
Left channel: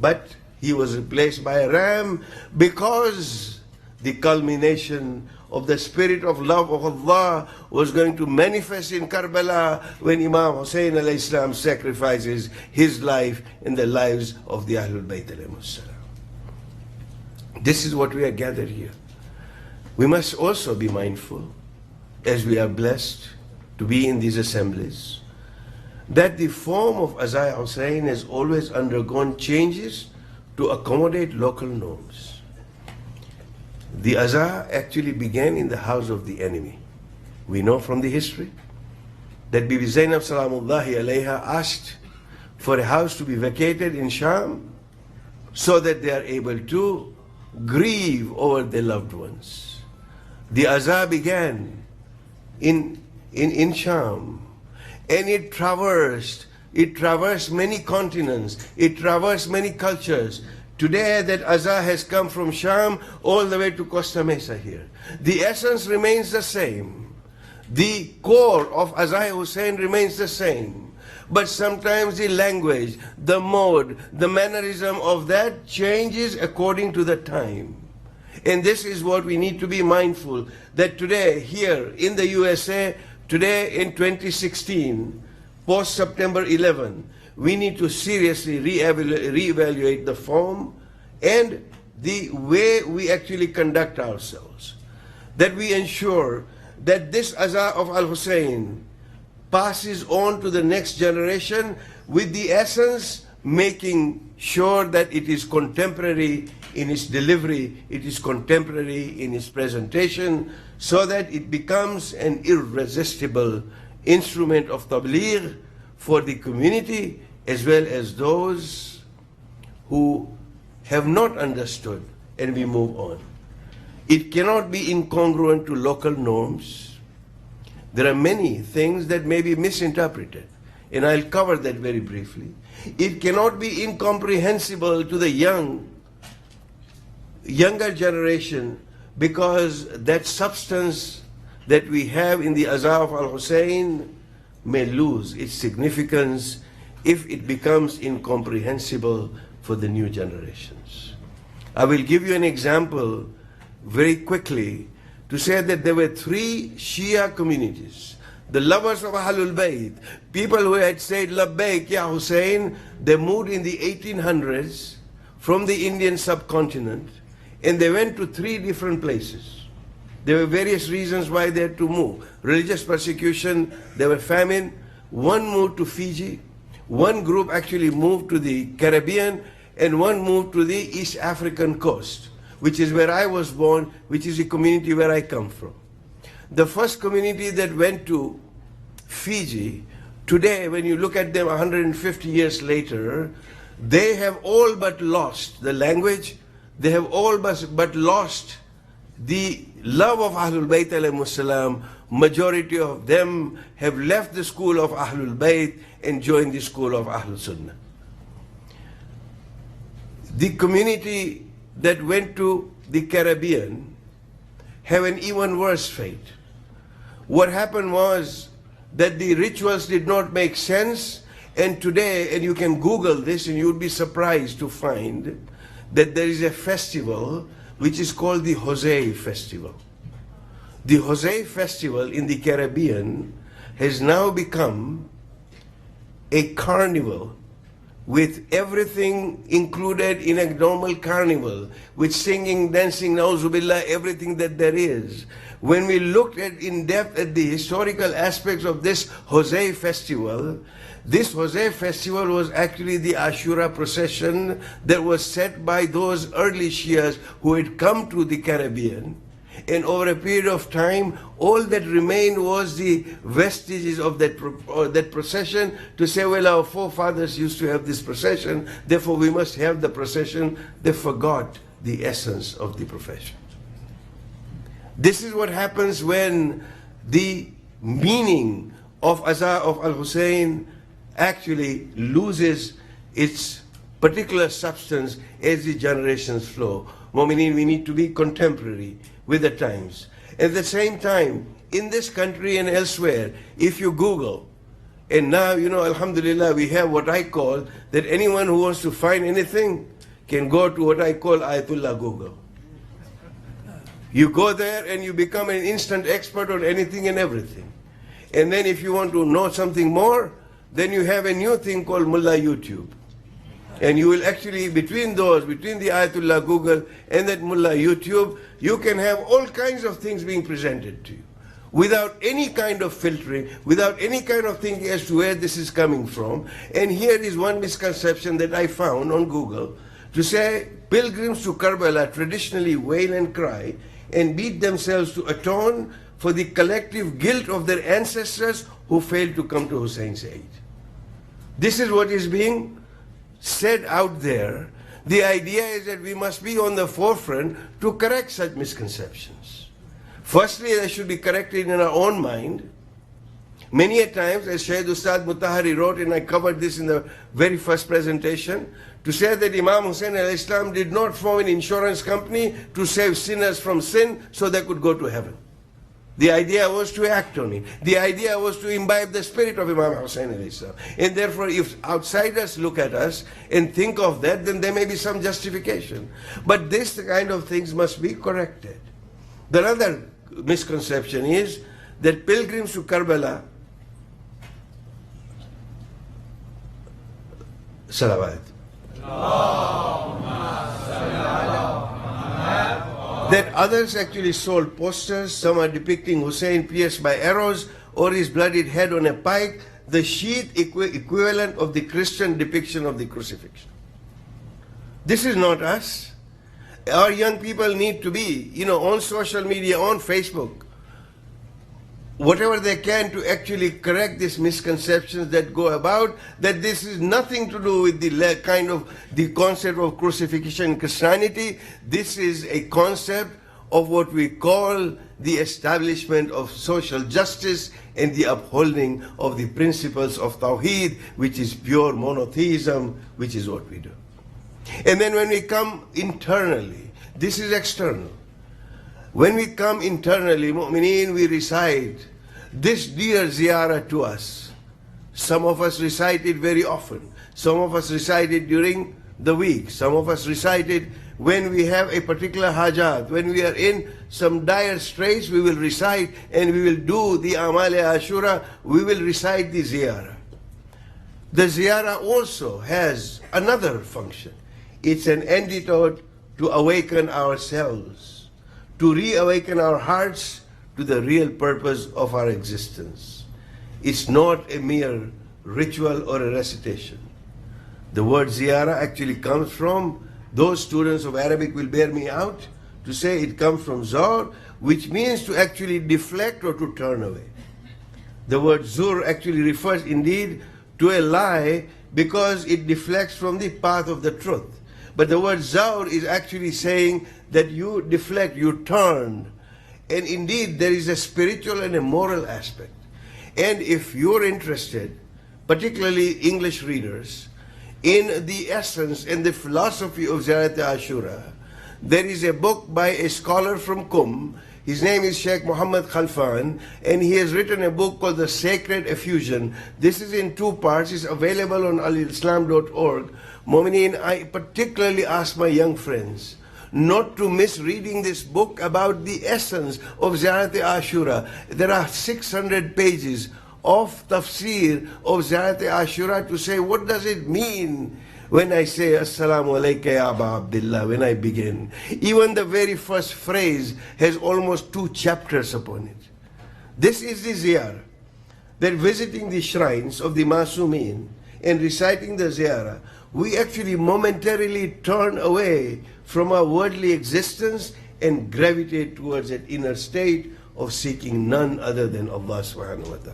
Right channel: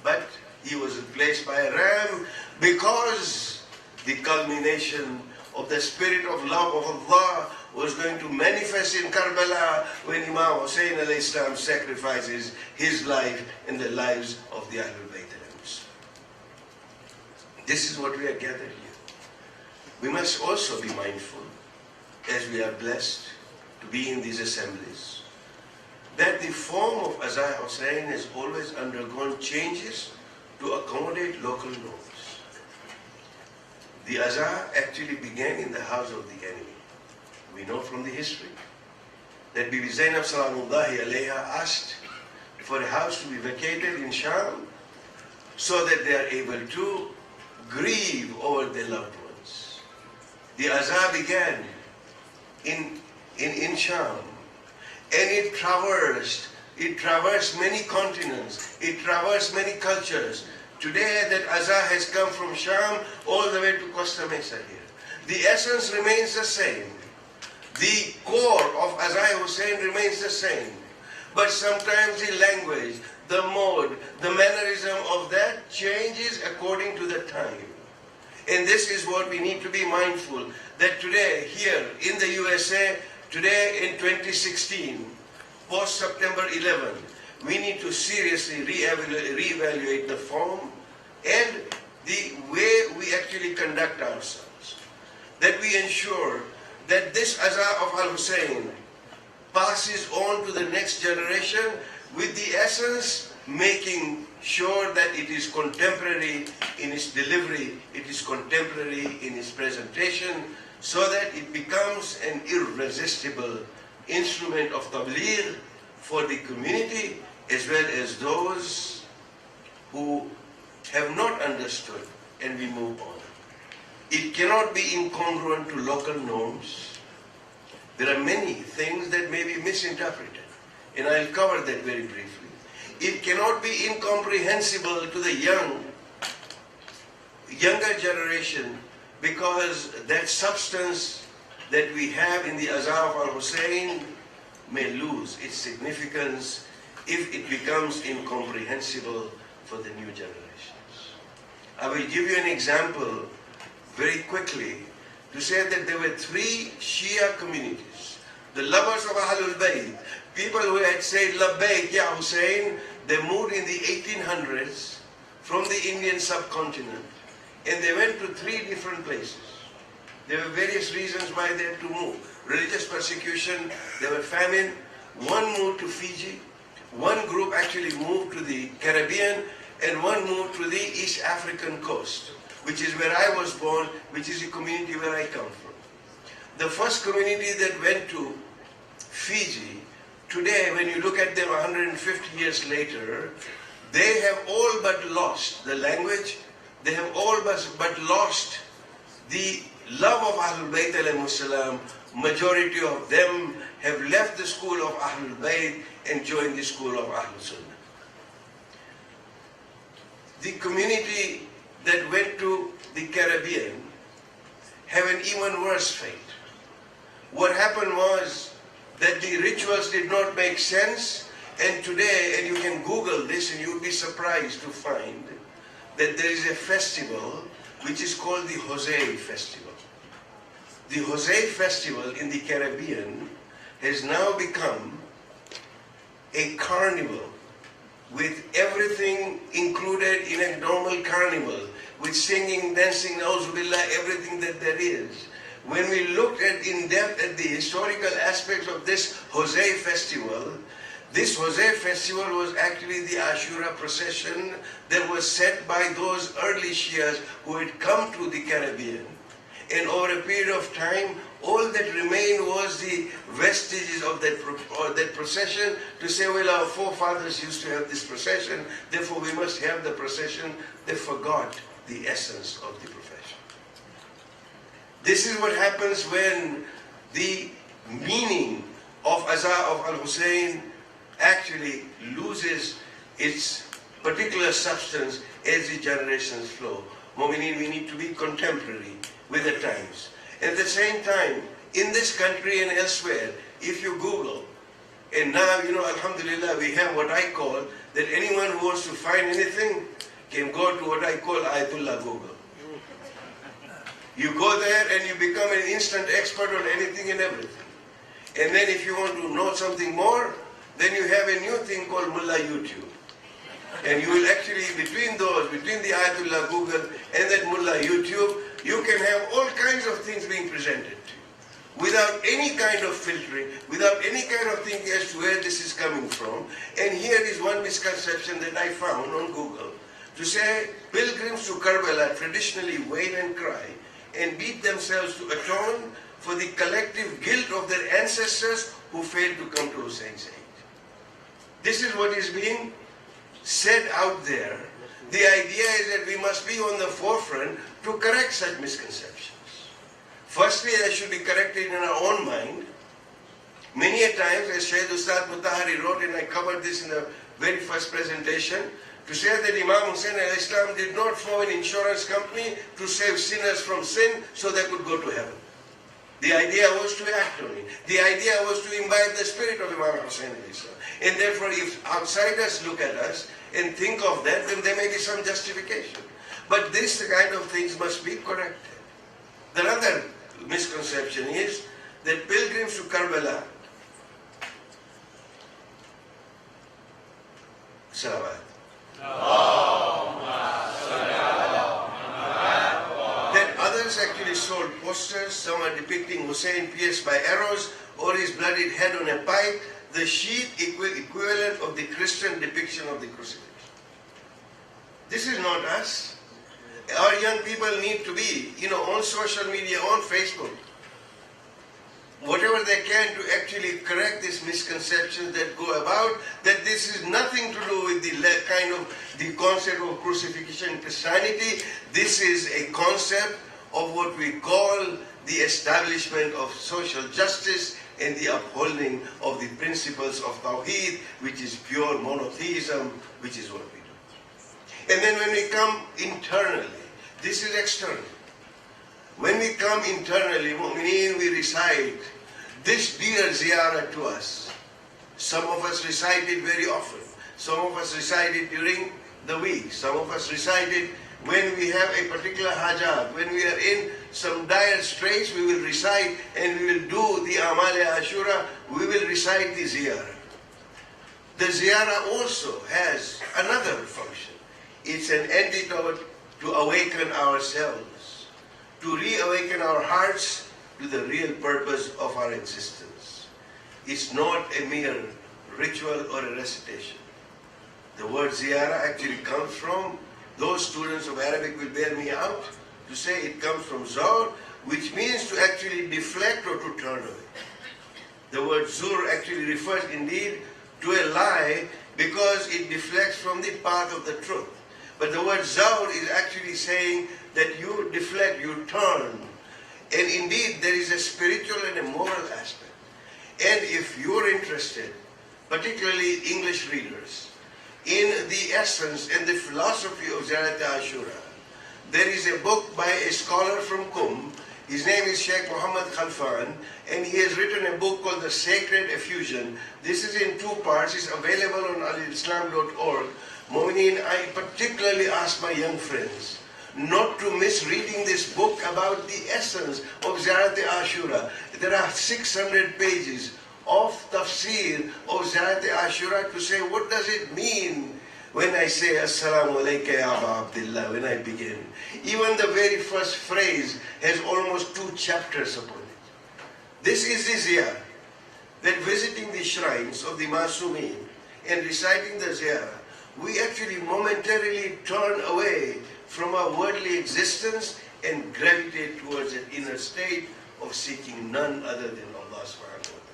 But he was replaced by a ram, because the culmination of the spirit of love of Allah was going to manifest in Karbala when Imam Hussein alayhi salam sacrifices his life and the lives of the Ahlul Bayt alayhi salam. This is what we are gathered here. We must also be mindful, as we are blessed to be in these assemblies, that the form of Azai Hussein has always undergone changes to accommodate local norms. The Azah actually began in the house of the enemy. We know from the history that Bibi Zainab Salamullahi alayha asked for a house to be vacated in Sham so that they are able to grieve over their loved ones. The Azah began in in Sham, and it traversed many continents, it traversed many cultures. Today that azan has come from Sham all the way to Costa Mesa here. The essence remains the same. The core of Azan Hussein remains the same. But sometimes the language, the mode, the mannerism of that changes according to the time. And this is what we need to be mindful, that today, here in the USA, today in 2016, post-September 11, we need to seriously reevaluate the form and the way we actually conduct ourselves. That we ensure that this Azan of Al-Hussein passes on to the next generation with the essence, making sure that it is contemporary in its delivery, it is contemporary in its presentation, so that it becomes an irresistible instrument of tabligh for the community as well as those who have not understood, and we move on. It cannot be incongruent to local norms. There are many things that may be misinterpreted, and I'll cover that very briefly. It cannot be incomprehensible to the younger generation, because that substance that we have in the Azan of Al-Hussein may lose its significance if it becomes incomprehensible for the new generations. I will give you an example very quickly to say that there were 3 Shia communities. The lovers of Ahlul Bayt, people who had said, Labbaik Ya Hussein, they moved in the 1800s from the Indian subcontinent, and they went to 3 different places. There were various reasons why they had to move. Religious persecution, there were famine. One moved to Fiji, one group actually moved to the Caribbean, and one moved to the East African coast, which is where I was born, which is the community where I come from. The first community that went to Fiji, today when you look at them 150 years later, they have all but lost the language, they have all but lost the love of Ahlul Bayt alayhimus salam. Majority of them have left the school of Ahlul Bayt and joined the school of Ahlul Sunnah. The community that went to the Caribbean have an even worse fate. What happened was that the rituals did not make sense, and today, and you can Google this and you'll be surprised to find that there is a festival which is called the Jose Festival. The Jose Festival in the Caribbean has now become a carnival with everything included in a normal carnival, with singing, dancing, na'uzubillah, everything that there is. When we looked at in depth at the historical aspects of this Jose Festival, this Jose Festival was actually the Ashura procession that was set by those early Shias who had come to the Caribbean. And over a period of time, all that remained was the vestiges of that procession, to say, well, our forefathers used to have this procession, therefore we must have the procession. They forgot the essence of the profession. This is what happens when the meaning of Azan of Al-Hussein actually loses its particular substance as the generations flow. Mu'mineen, we need to be contemporary with the times. At the same time, in this country and elsewhere, if you Google, and now, alhamdulillah, we have what I call, that anyone who wants to find anything can go to what I call Ayatullah Google. You go there and you become an instant expert on anything and everything. And then if you want to know something more, then you have a new thing called Mullah YouTube. And you will actually, between the Ayatullah Google and that Mullah YouTube, you can have all kinds of things being presented to you, without any kind of filtering, without any kind of thinking as to where this is coming from. And here is one misconception that I found on Google, to say pilgrims to Karbala traditionally wail and cry and beat themselves to atone for the collective guilt of their ancestors who failed to come to Hussein's aid. This is what is being said out there. The idea is that we must be on the forefront to correct such misconceptions. Firstly, they should be corrected in our own mind, Many a times, as Shaykh Ustad Mutahari wrote, and I covered this in the very first presentation, to say that Imam Hussain al-Islam did not form an insurance company to save sinners from sin so they could go to heaven. The idea was to act on it. The idea was to imbibe the spirit of Imam Hussain al-Islam. And therefore, if outsiders look at us and think of that, then there may be some justification. But this kind of things must be corrected. The other misconception is that pilgrims to Karbala, salawat, that others actually sold posters. Some are depicting Hussein pierced by arrows or his bloodied head on a pike, the sheet equivalent of the Christian depiction of the crucifixion. This is not us. Our young people need to be, on social media, on Facebook, whatever they can to actually correct these misconceptions that go about, that this is nothing to do with the concept of crucifixion in Christianity. This is a concept of what we call the establishment of social justice and the upholding of the principles of Tawheed, which is pure monotheism, which is what we do. And then when we come internally, this is external. When we come internally, mu'mineen, we recite this dear ziyarah to us. Some of us recite it very often. Some of us recite it during the week. Some of us recite it when we have a particular hajat. When we are in some dire straits, we will recite and we will do the Amal-e Ashura. We will recite the ziyarah. The ziyarah also has another function. It's an antidote to awaken ourselves, to reawaken our hearts to the real purpose of our existence. It's not a mere ritual or a recitation. The word ziyarah actually comes from, those students of Arabic will bear me out to say it comes from zawr, which means to actually deflect or to turn away. The word zur actually refers indeed to a lie because it deflects from the path of the truth. But the word zawr is actually saying that you deflect, you turn. And indeed, there is a spiritual and a moral aspect. And if you're interested, particularly English readers, in the essence and the philosophy of Ziyarat Ashura, there is a book by a scholar from Qum. His name is Sheikh Muhammad Khalfan, and he has written a book called The Sacred Effusion. This is in 2 parts. It's available on alislam.org. Mu'mineen, I particularly ask my young friends not to miss reading this book about the essence of Ziyarat Ashura. There are 600 pages of tafsir of Ziyarat Ashura to say, what does it mean when I say Assalamu alayka ya Aba Abdullah, when I begin. Even the very first phrase has almost 2 chapters upon it. This is the ziyarah. Then visiting the shrines of the Masumeen and reciting the ziyarah, we actually momentarily turn away from our worldly existence and gravitate towards an inner state of seeking none other than Allah subhanahu wa ta'ala.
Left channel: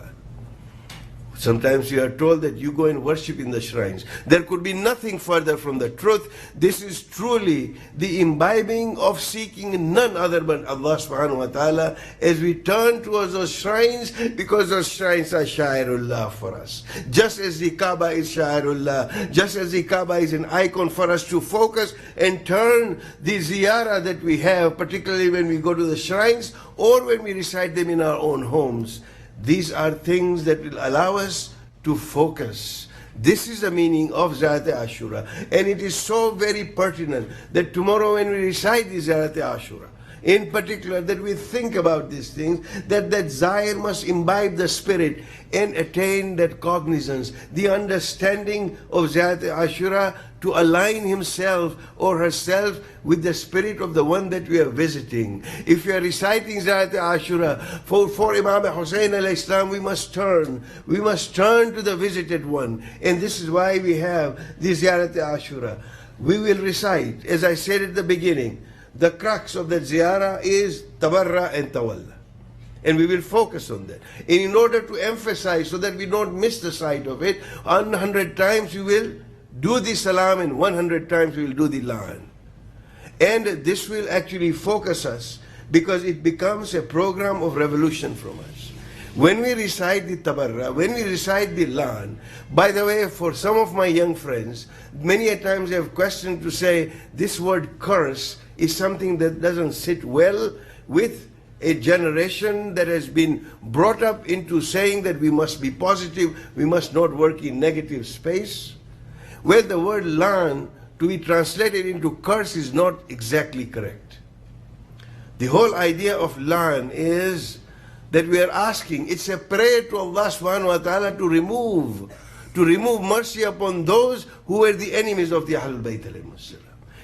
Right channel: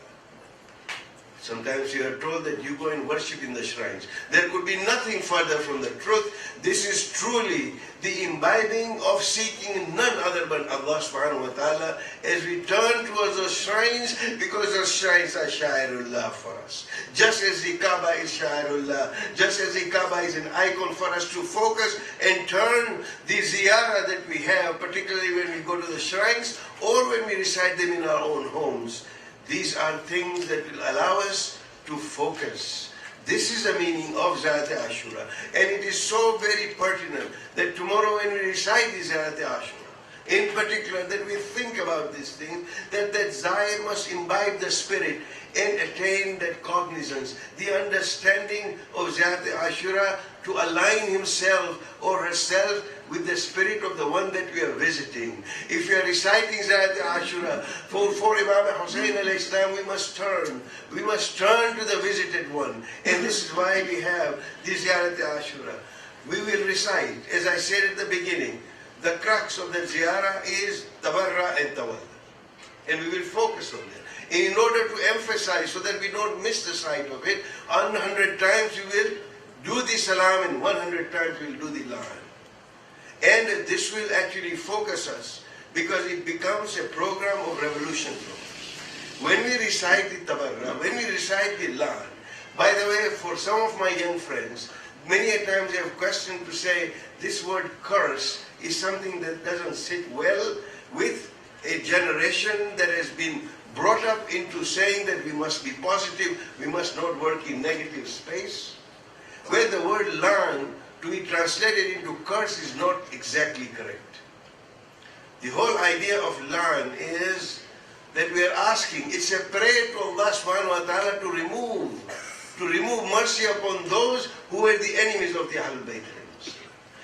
Sometimes you are told that you go and worship in the shrines. There could be nothing further from the truth. This is truly the imbibing of seeking none other but Allah subhanahu wa ta'ala as we turn towards those shrines, because those shrines are Sha'irullah for us. Just as the Kaaba is Sha'irullah, just as the Kaaba is an icon for us to focus and turn the ziyarah that we have, particularly when we go to the shrines or when we recite them in our own homes. These are things that will allow us to focus. This is the meaning of Ziyarat Ashura. And it is so very pertinent that tomorrow when we recite the Ziyarat Ashura, in particular, that we think about these things, that Zayir must imbibe the spirit and attain that cognizance, the understanding of Ziyarat Ashura, to align himself or herself with the spirit of the one that we are visiting. If we are reciting Ziyarat Ashura for Imam Hussain al-Islam, we must turn. We must turn to the visited one. And this is why we have the Ziyarat Ashura. We will recite, as I said at the beginning, the crux of the ziyarah is tabarra and tawalla. And we will focus on that. In order to emphasize so that we don't miss the sight of it, 100 times we will do the salam and 100 times we will do the la'an. And this will actually focus us because it becomes a program of revolution from us. When we recite the tabarra, when we recite the lan, by the way, for some of my young friends, many a times they have questioned to say this word curse is something that doesn't sit well with a generation that has been brought up into saying that we must be positive, we must not work in negative space, where the word lan to be translated into curse is not exactly correct. The whole idea of lan is that we are asking, it's a prayer to Allah subhanahu wa ta'ala to remove mercy upon those who were the enemies of the Ahlul Bayt.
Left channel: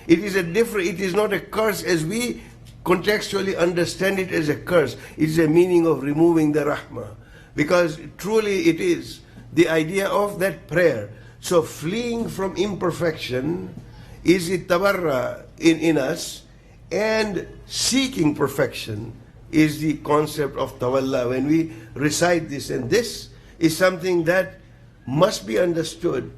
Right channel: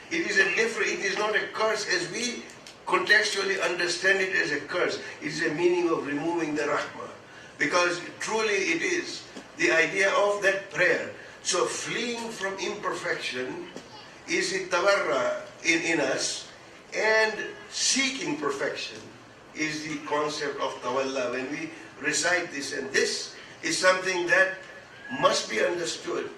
It is not a curse as we contextually understand it as a curse. It is a meaning of removing the rahmah. Because truly it is the idea of that prayer. So fleeing from imperfection is the tabarra in us, and seeking perfection is the concept of tawalla when we recite this. And this is something that must be understood.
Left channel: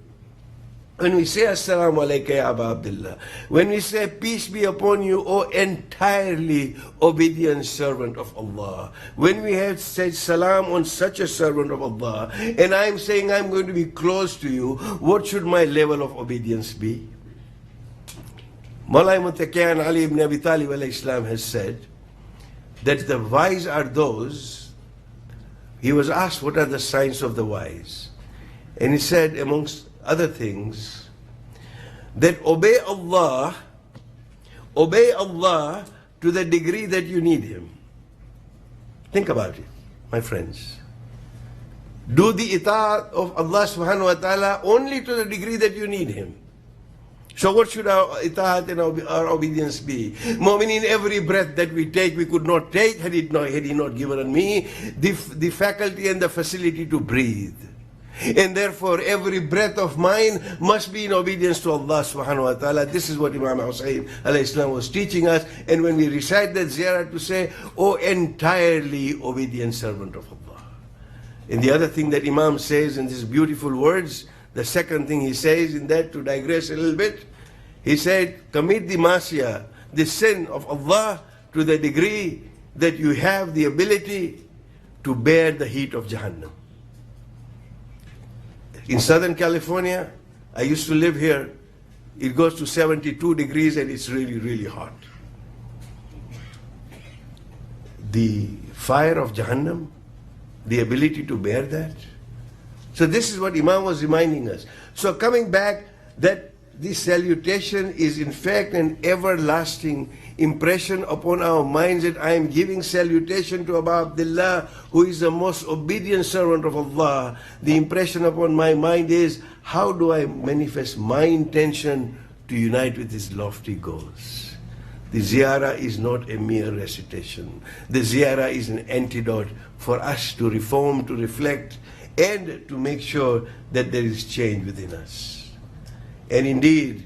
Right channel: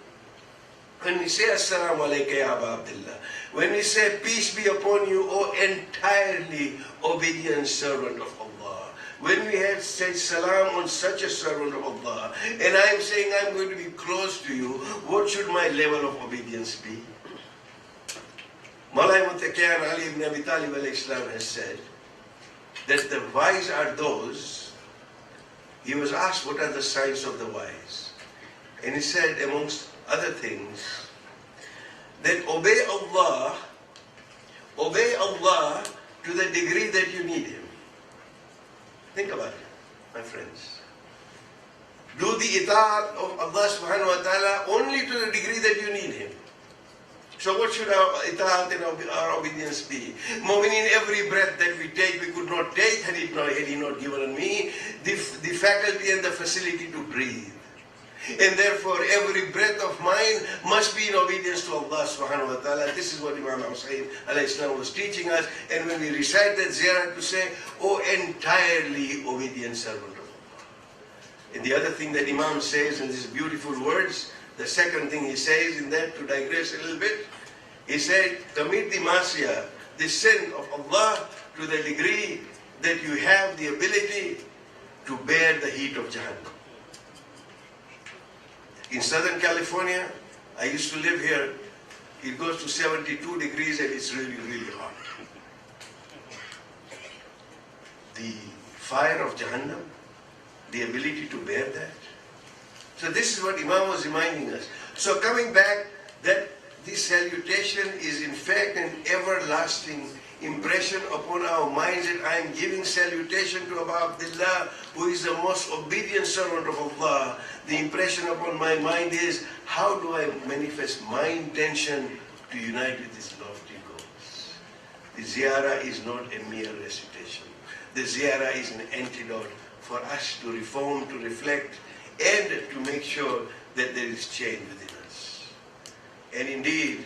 When we say Assalamu alayka ya Aba Abdullah, when we say peace be upon you, O entirely obedient servant of Allah, when we had said salam on such a servant of Allah, and I'm saying I'm going to be close to you, what should my level of obedience be? Mawlai Muttaqi Ali ibn Abi Talib alayhi salam has said that the wise are those, he was asked what are the signs of the wise, and he said amongst other things that obey Allah to the degree that you need Him. Think about it, my friends. Do the ita'at of Allah subhanahu wa ta'ala only to the degree that you need Him. So what should our ita'at and our obedience be? Mu'minin, every breath that we take, we could not take had He not given me the faculty and the facility to breathe. And therefore, every breath of mine must be in obedience to Allah subhanahu wa ta'ala. This is what Imam Hussain alayhi salam was teaching us. And when we recite that ziyarah to say, O entirely obedient servant of Allah. And the other thing that Imam says in these beautiful words, the second thing he says in that, to digress a little bit, he said, commit the masiyah, the sin of Allah, to the degree that you have the ability to bear the heat of Jahannam. In Southern California, I used to live here, it goes to 72 degrees and it's really, really hot. The fire of Jahannam, the ability to bear that. So this is what Imam was reminding us. So coming back, that this salutation is in fact an everlasting impression upon our minds that I am giving salutation to Aba Abdullah, who is the most obedient servant of Allah. The impression upon my mind is, how do I manifest my intention to unite with his lofty goals? The ziyarah is not a mere recitation. The ziyarah is an antidote for us to reform, to reflect, and to make sure that there is change within us. And indeed,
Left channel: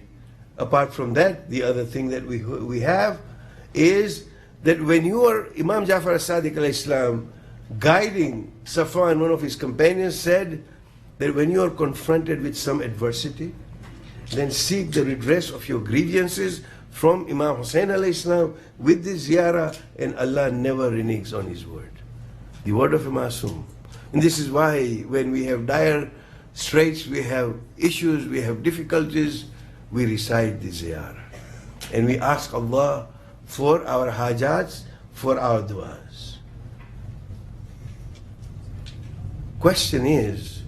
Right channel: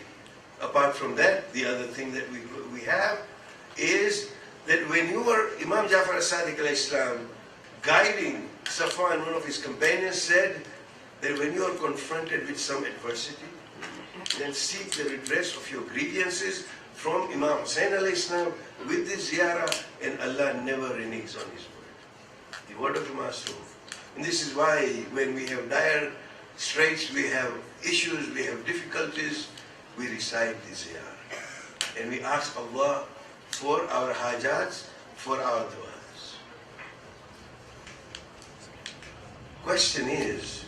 apart from that, the other thing that we have is that when you are, Imam Jafar as-Sadiq alayhi salam, guiding Safwan, one of his companions, said that when you are confronted with some adversity, then seek the redress of your grievances from Imam Hussain alayhi salam with the ziyarah, and Allah never reneges on His word. The word of a Masum. And this is why when we have dire straits, we have issues, we have difficulties, we recite the ziyarah. And we ask Allah for our hajats, for our du'as. Question is,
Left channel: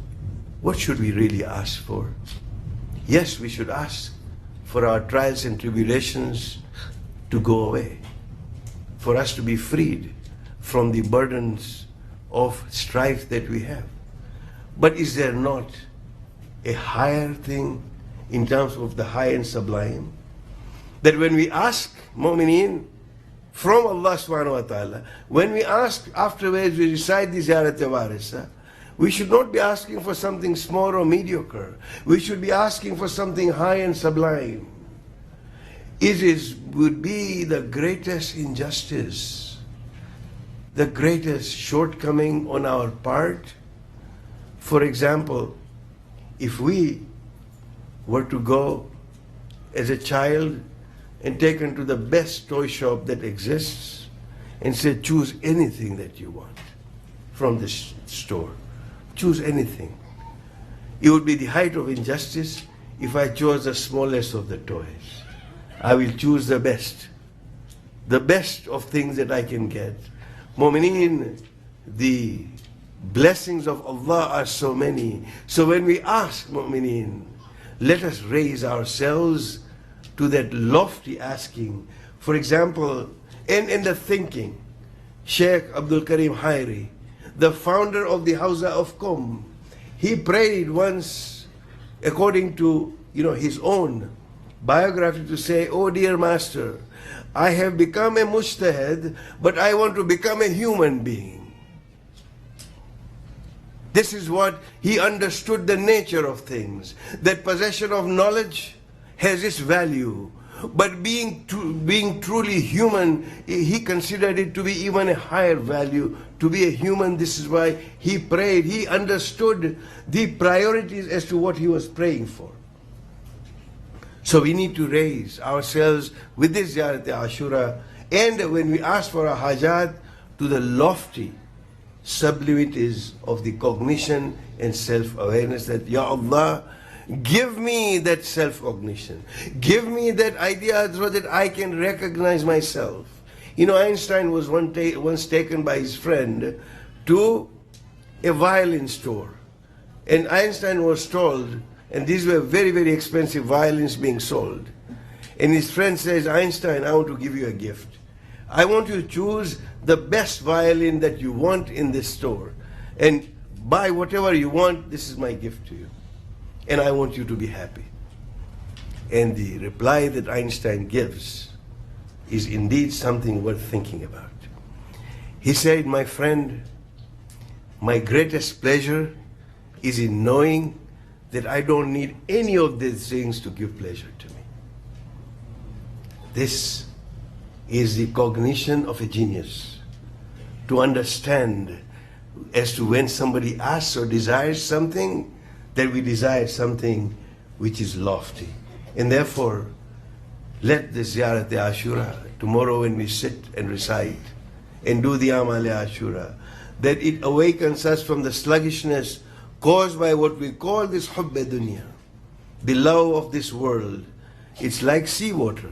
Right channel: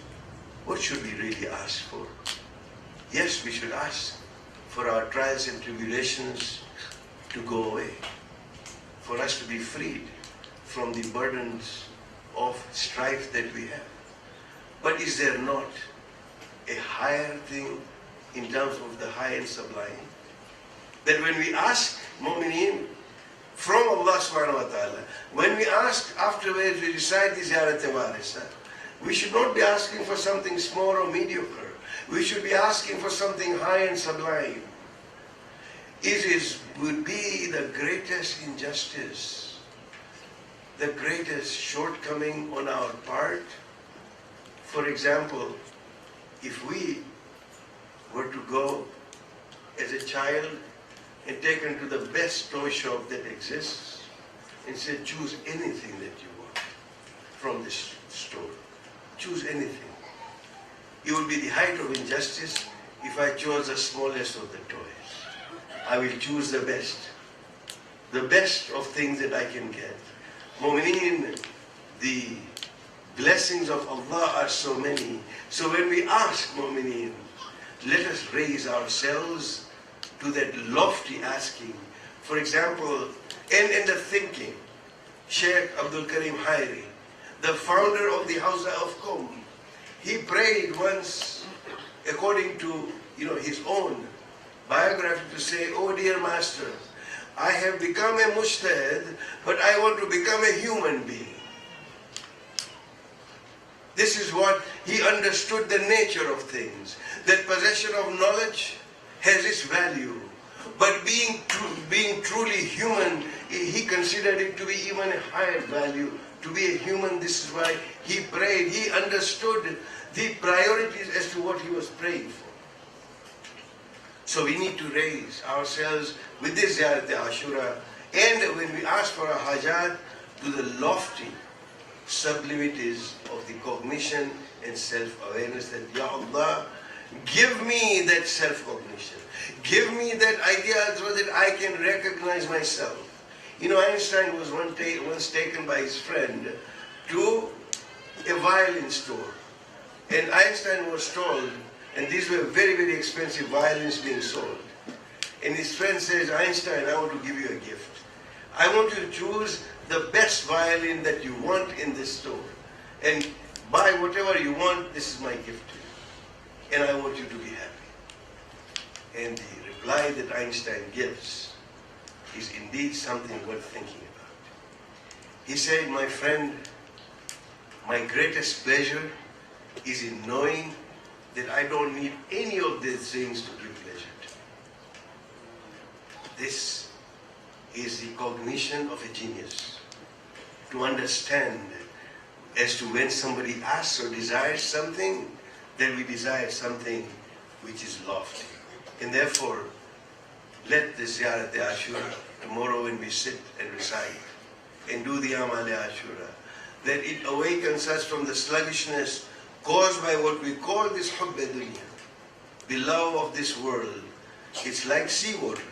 what should we really ask for? Yes, we should ask for our trials and tribulations to go away, for us to be freed from the burdens of strife that we have. But is there not a higher thing in terms of the high and sublime? That when we ask mu'mineen from Allah subhanahu wa ta'ala, when we ask afterwards we recite the ziyarat warisa, we should not be asking for something small or mediocre. We should be asking for something high and sublime. It would be the greatest injustice, the greatest shortcoming on our part. For example, if we were to go as a child and taken to the best toy shop that exists and say, choose anything that you want. from this store. Choose anything. It would be the height of injustice if I chose the smallest of the toys. I will choose the best of things that I can get. Mu'mineen, the blessings of Allah are so many. So when we ask Mu'mineen, let us raise ourselves to that lofty asking. For example, in the thinking, Sheikh Abdul Karim Hairi, the founder of the Hawza of Qom, he prayed once, according to his own biography, to say, "Oh dear Master, I have become a mujtahid, but I want to become a human being." This is what he understood, the nature of things. That possession of knowledge has its value, but being truly human, he considered it to be even a higher value. To be a human, this is why he prayed. He understood the priorities as to what he was praying for. So we need to raise ourselves with this Ziyarat Ashura, and when we ask for a hajat, to the lofty sublimities of the cognition and self-awareness that, Ya Allah, give me that self-cognition. Give me that idea so that I can recognize myself. Einstein was once taken by his friend to a violin store. And Einstein was told, and these were very, very expensive violins being sold. And his friend says, "Einstein, I want to give you a gift. I want you to choose the best violin that you want in this store. And buy whatever you want, this is my gift to you. And I want you to be happy." And the reply that Einstein gives is indeed something worth thinking about. He said, "My friend, my greatest pleasure is in knowing that I don't need any of these things to give pleasure to me." This is the cognition of a genius. To understand as to when somebody asks or desires something, that we desire something which is lofty. And therefore, let the Ziyarat Ashura, tomorrow when we sit and recite and do the Amal Ashura, that it awakens us from the sluggishness caused by what we call this Hubb Dunya, the love of this world. It's like seawater.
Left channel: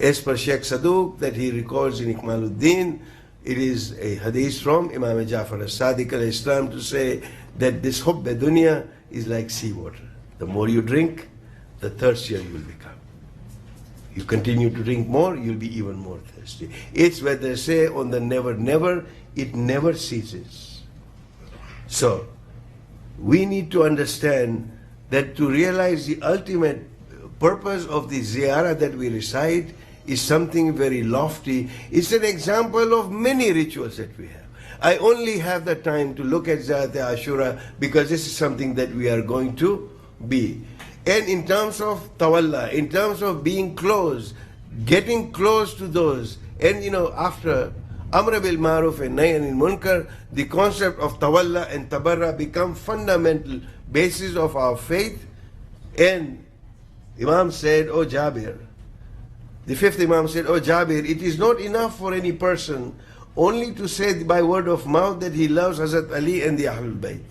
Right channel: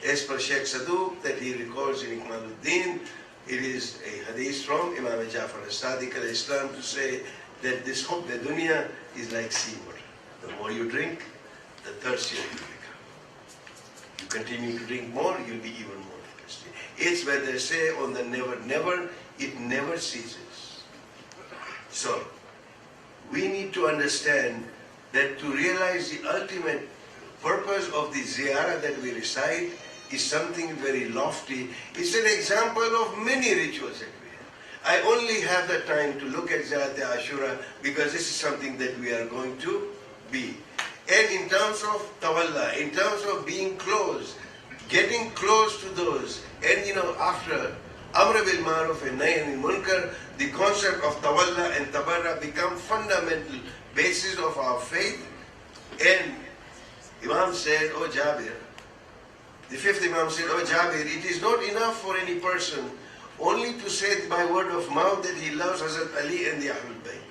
As per Sheikh Saduq, that he records in Ikmaluddin, it is a hadith from Imam Jafar as-Sadiq al-Islam to say that this Hubb Dunya is like seawater. The more you drink, the thirstier you become. You continue to drink more, you'll be even more thirsty. It's what they say on the never, never, it never ceases. So, we need to understand that to realize the ultimate purpose of the ziyarah that we recite is something very lofty. It's an example of many rituals that we have. I only have the time to look at Ziyarat Ashura because this is something that we are going to be. And in terms of tawalla, in terms of being close, getting close to those, and after Amr bil Ma'ruf and Nahy anil Munkar, the concept of tawalla and tabarra become fundamental basis of our faith. And Imam said, "Oh Jabir," the fifth Imam said, "Oh Jabir, it is not enough for any person only to say by word of mouth that he loves Hazrat Ali and the Ahlul Bayt.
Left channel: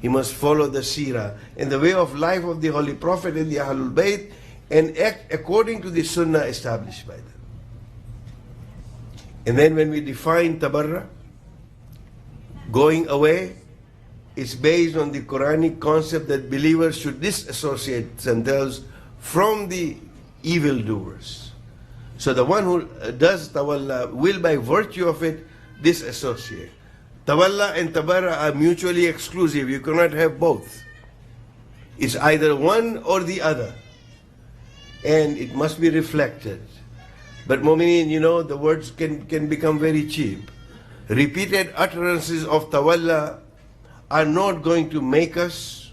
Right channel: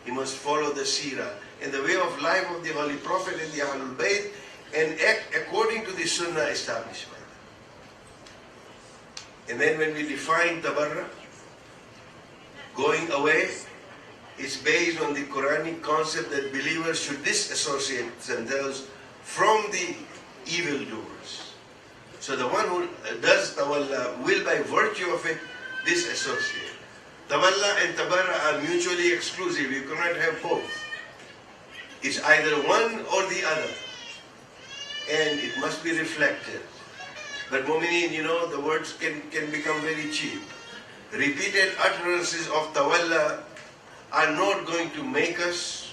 He must follow the seerah and the way of life of the Holy Prophet and the Ahlul Bayt and act according to the sunnah established by them." And then when we define tabarra, going away, is based on the Quranic concept that believers should disassociate themselves from the evildoers. So the one who does tawalla will by virtue of it disassociate. Tawalla and tabarra are mutually exclusive. You cannot have both. It's either one or the other. And it must be reflected. But mu'mineen, the words can become very cheap. Repeated utterances of tawalla are not going to make us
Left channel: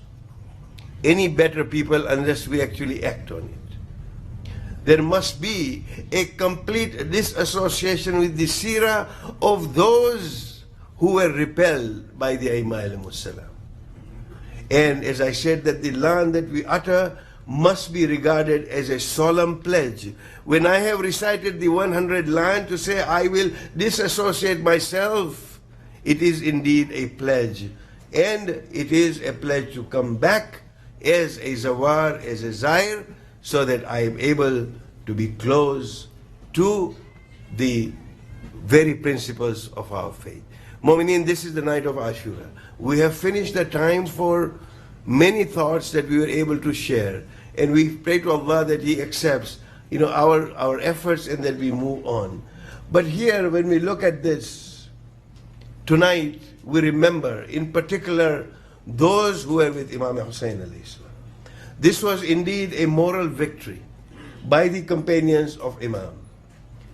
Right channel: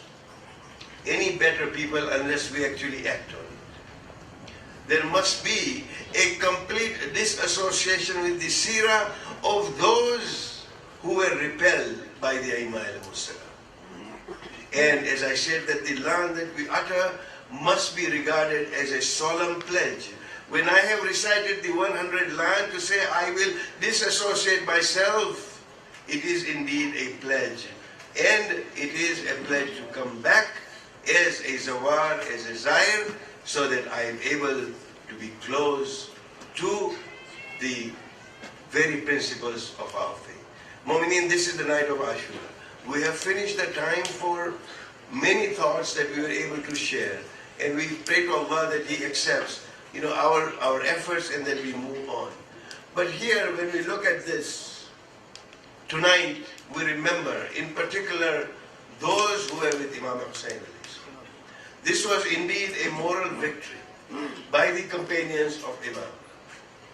any better people unless we actually act on it. There must be a complete disassociation with the seerah of those who were repelled by the Aimma alayhimussalam. And as I said, that the land that we utter must be regarded as a solemn pledge. When I have recited the 100 line to say I will disassociate myself it is indeed a pledge. And it is a pledge to come back as a zawar, as a zair, so that I am able to be close to the very principles of our faith. Mu'mineen, this is the night of Ashura. We have finished the time for many thoughts that we were able to share. And we pray to Allah that He accepts, our efforts and that we move on. But here, when we look at this, tonight we remember, in particular, those who were with Imam Hussein alayhi salam. This was indeed a moral victory by the companions of Imam.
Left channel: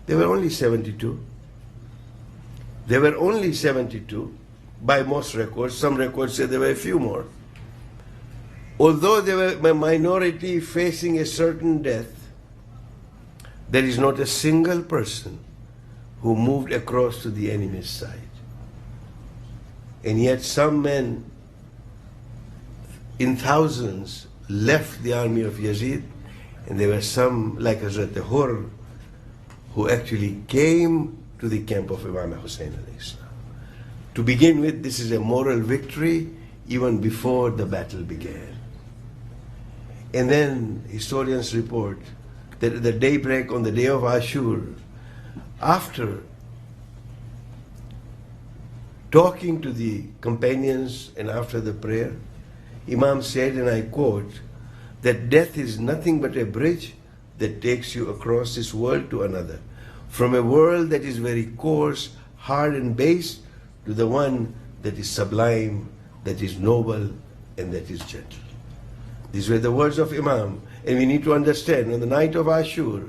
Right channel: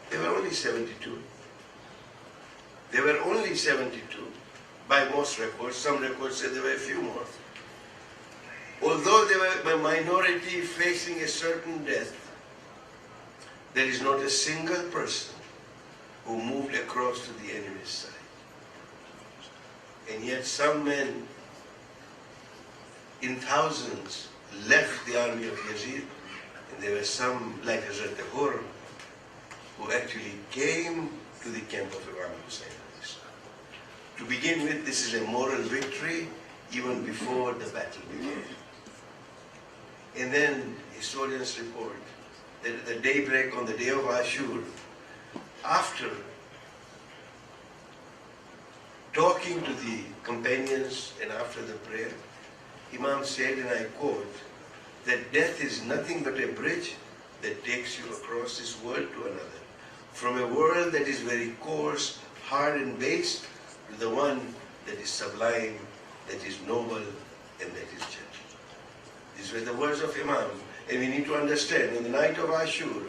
They were only 72. They were only 72 by most records. Some records say there were a few more. Although they were a minority facing a certain death, there is not a single person who moved across to the enemy's side. And yet some men in thousands left the army of Yazid, and there were some like Hazrat Hur who actually came to the camp of Imam Hussein alayhi salam. To begin with, this is a moral victory even before the battle began. And then historians report that at the daybreak on the day of Ashur, after talking to the companions and after the prayer, Imam said, and I quote, that death is nothing but a bridge that takes you across this world to another. From a world that is very coarse, hard and base, to the one that is sublime, that is noble, and that is gentle. These were the words of Imam. And we need to understand, on the night of Ashur,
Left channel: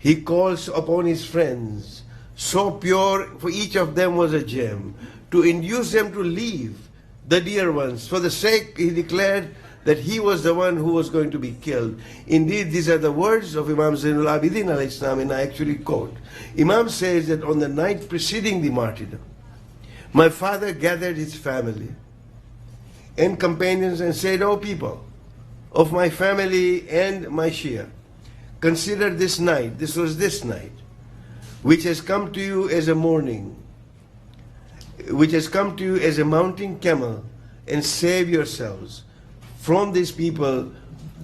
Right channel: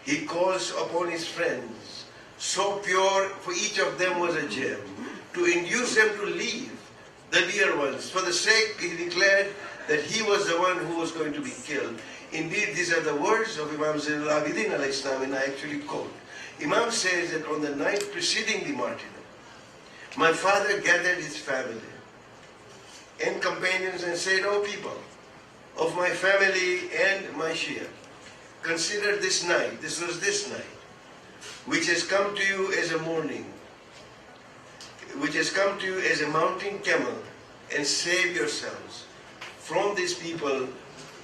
he calls upon his friends, so pure, for each of them was a gem, to induce them to leave the dear ones. For the sake, he declared that he was the one who was going to be killed. Indeed, these are the words of Imam Zainul Abidin alayhi salam, and I actually quote. Imam says that on the night preceding the martyrdom, my father gathered his family and companions and said, "O people of my family and my Shia, consider this night," this was this night, "which has come to you as a morning, which has come to you as a mounting camel, and save yourselves from these people,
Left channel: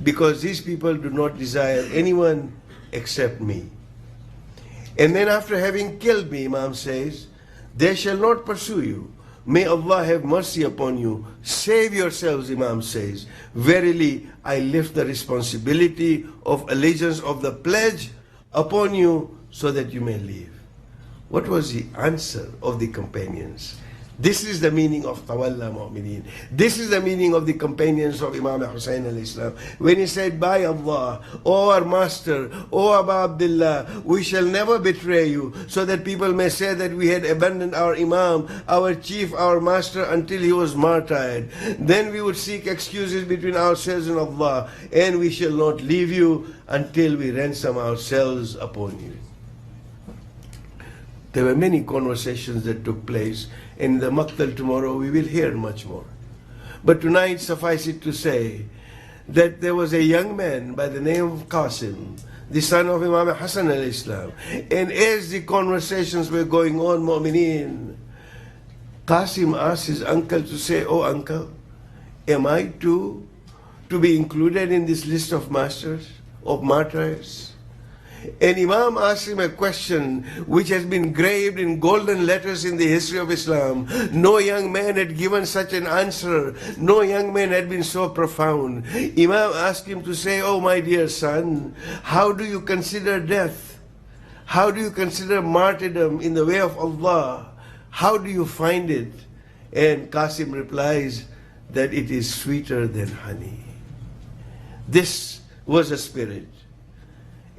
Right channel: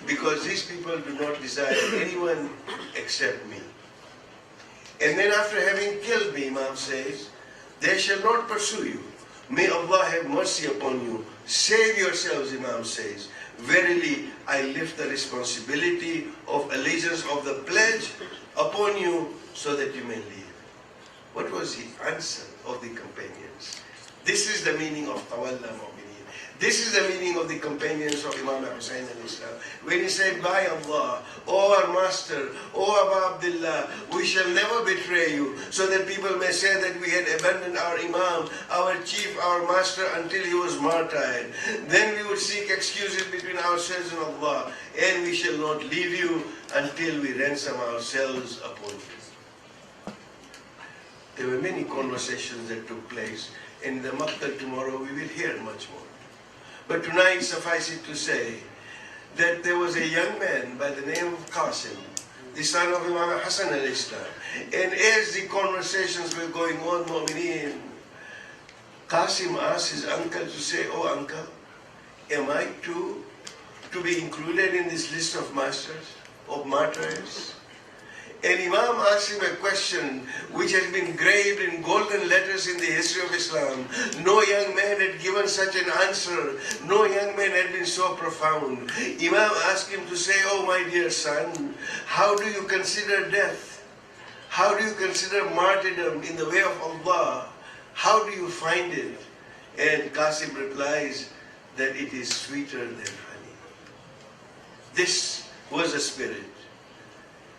because these people do not desire anyone except me. And then after having killed me," Imam says, "they shall not pursue you. May Allah have mercy upon you. Save yourselves," Imam says. "Verily, I lift the responsibility of allegiance of the pledge upon you so that you may live." What was the answer of the companions? This is the meaning of Tawalla Mu'mineen. This is the meaning of the companions of Imam Hussein al-Islam. When he said, "By Allah, O our master, O Abu Abdullah, we shall never betray you, so that people may say that we had abandoned our Imam, our chief, our master, until he was martyred. Then we would seek excuses between ourselves and Allah, and we shall not leave you until we ransom ourselves upon you." There were many conversations that took place. In the Maqtal tomorrow, we will hear much more. But tonight, suffice it to say that there was a young man by the name of Qasim, the son of Imam Hassan al-Islam. And as the conversations were going on, Mu'mineen, Qasim asked his uncle to say, "Oh uncle, am I to be included in this list of masters, of martyrs?" And Imam asked him a question which has been engraved in golden letters in the history of Islam. No young man had given such an answer. No young man had been so profound. Imam asked him to say, "Oh my dear son, how do you consider death? How do you consider martyrdom in the way of Allah? How do you find it?" And Qasim replies that it is sweeter than honey. This was the spirit.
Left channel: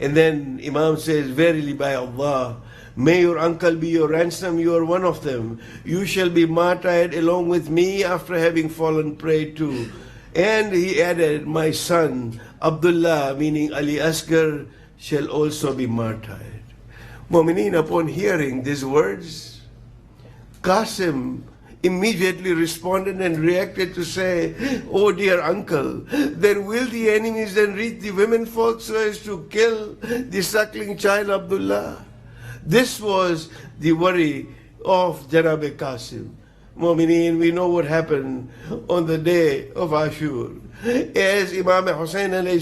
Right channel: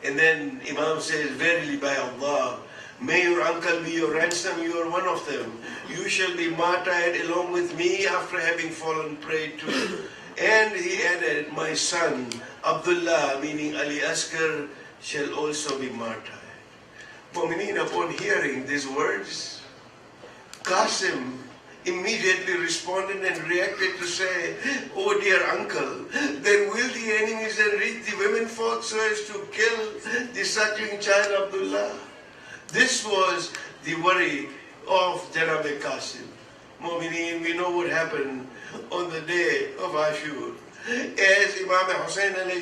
And then Imam says, "Verily by Allah, may your uncle be your ransom, you are one of them. You shall be martyred along with me after having fallen prey to." And he added, "My son, Abdullah," meaning Ali Asghar, "shall also be martyred." Mu'mineen, upon hearing these words, Qasim immediately responded and reacted to say, "Oh dear uncle, then will the enemies then reach the women folk so as to kill the suckling child Abdullah?" This was the worry of Janab Qasim. Mu'mineen, we know what happened on the day of Ashur. As Imam Hussain alayhi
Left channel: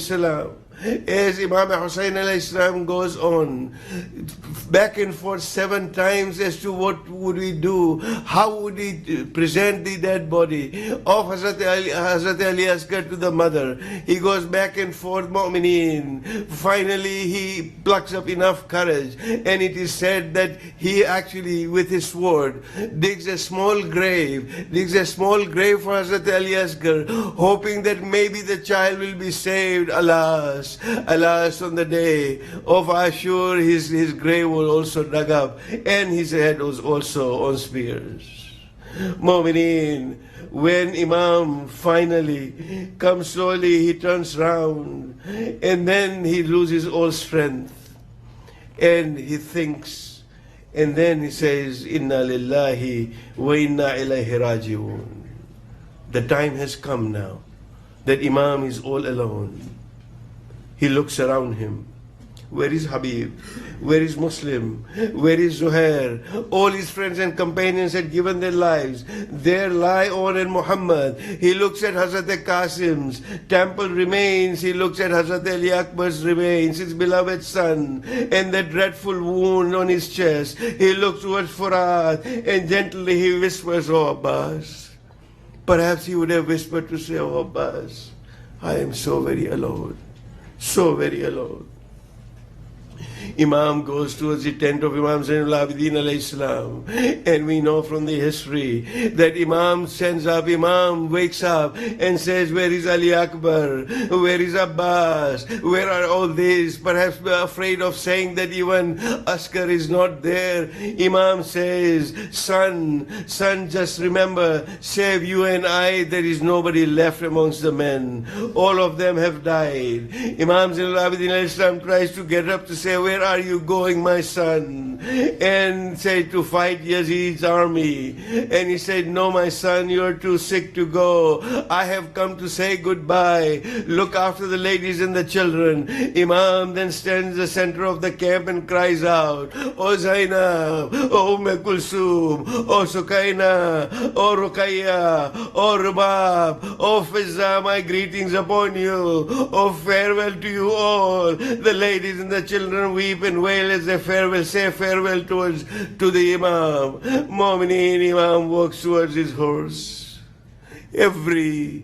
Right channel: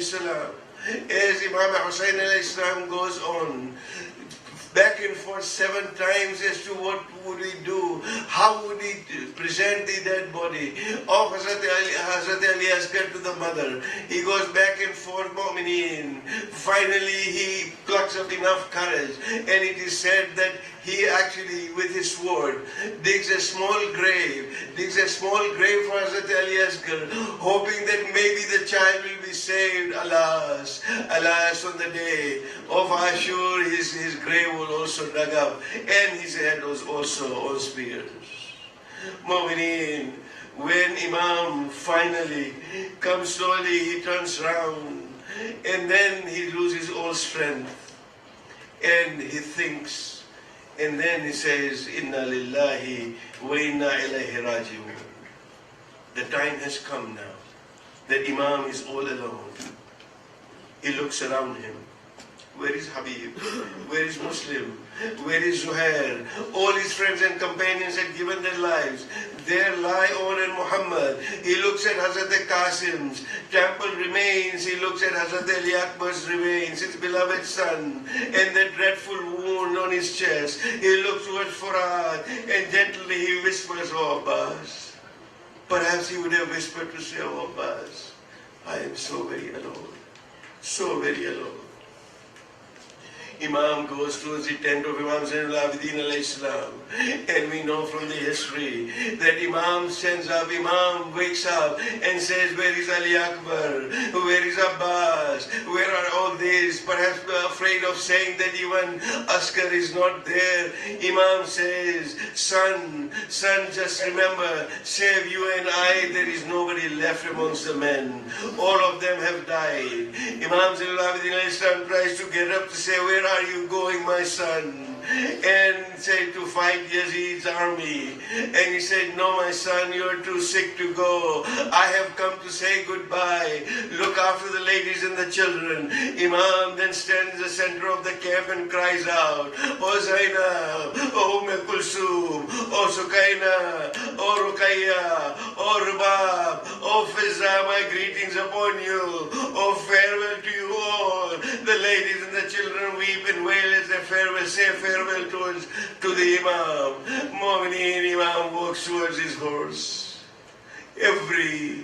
salam, goes on back and forth 7 times as to what would we do, how would we present the dead body of Hazrat Ali Asghar to the mother. He goes back and forth, mu'mineen. Finally he plucks up enough courage, and it is said that he actually with his sword digs a small grave for Hazrat Ali Asghar, hoping that maybe the child will be saved. Alas, on the day of Ashur, his grave was also dug up, and his head was also on spears. Mu'mineen, when Imam finally comes slowly, he turns round, and then he loses all strength, and he thinks, and then he says, Inna lillahi wa inna ilayhi raji'un. The time has come now that Imam is all alone. He looks around him. Where is Habib? Where is Muslim? Where is Zuhair? All his friends and companions had given their lives. There lie Omar and Muhammad. He looks at Hazrat Qasim's temple remains. He looks at Hazrat Ali Akbar's remains, his beloved son, and the dreadful wound on his chest. He looks towards Furat, and gently he whispers, Oh Abbas. Perhaps he would have whispered to say, Oh Abbas, I am so very alone. So very alone. Imam goes towards the tent of Imam Zainul Abidin alayhi salam, and we know from the history that Imam wakes up and says, Where is Ali Akbar? Where is Abbas? Where are all these? Perhaps afraid of saying that even Asghar is not there. Imam says, Son, just remember, save you and I, there is nobody left amongst the men. All of them have died. Imam Zainul Abidin alayhi salam tries to get up to say, Where are you going, my son? And said, To fight Yazid's army. And he said, No, my son, you are too sick to go. I have come to say goodbye. Look after the ladies and the children. Imam then stands in the center of the camp and cries out, Oh Zainab, Oh Kulsum, Oh Sukaina, Oh Ruqayya, Oh Rubab, Oh Fizza, my greetings upon you. Oh, farewell to you all. The ladies and the children weep and wail as they say farewell to the Imam. Mu'mineen, Imam walks towards his horse. Every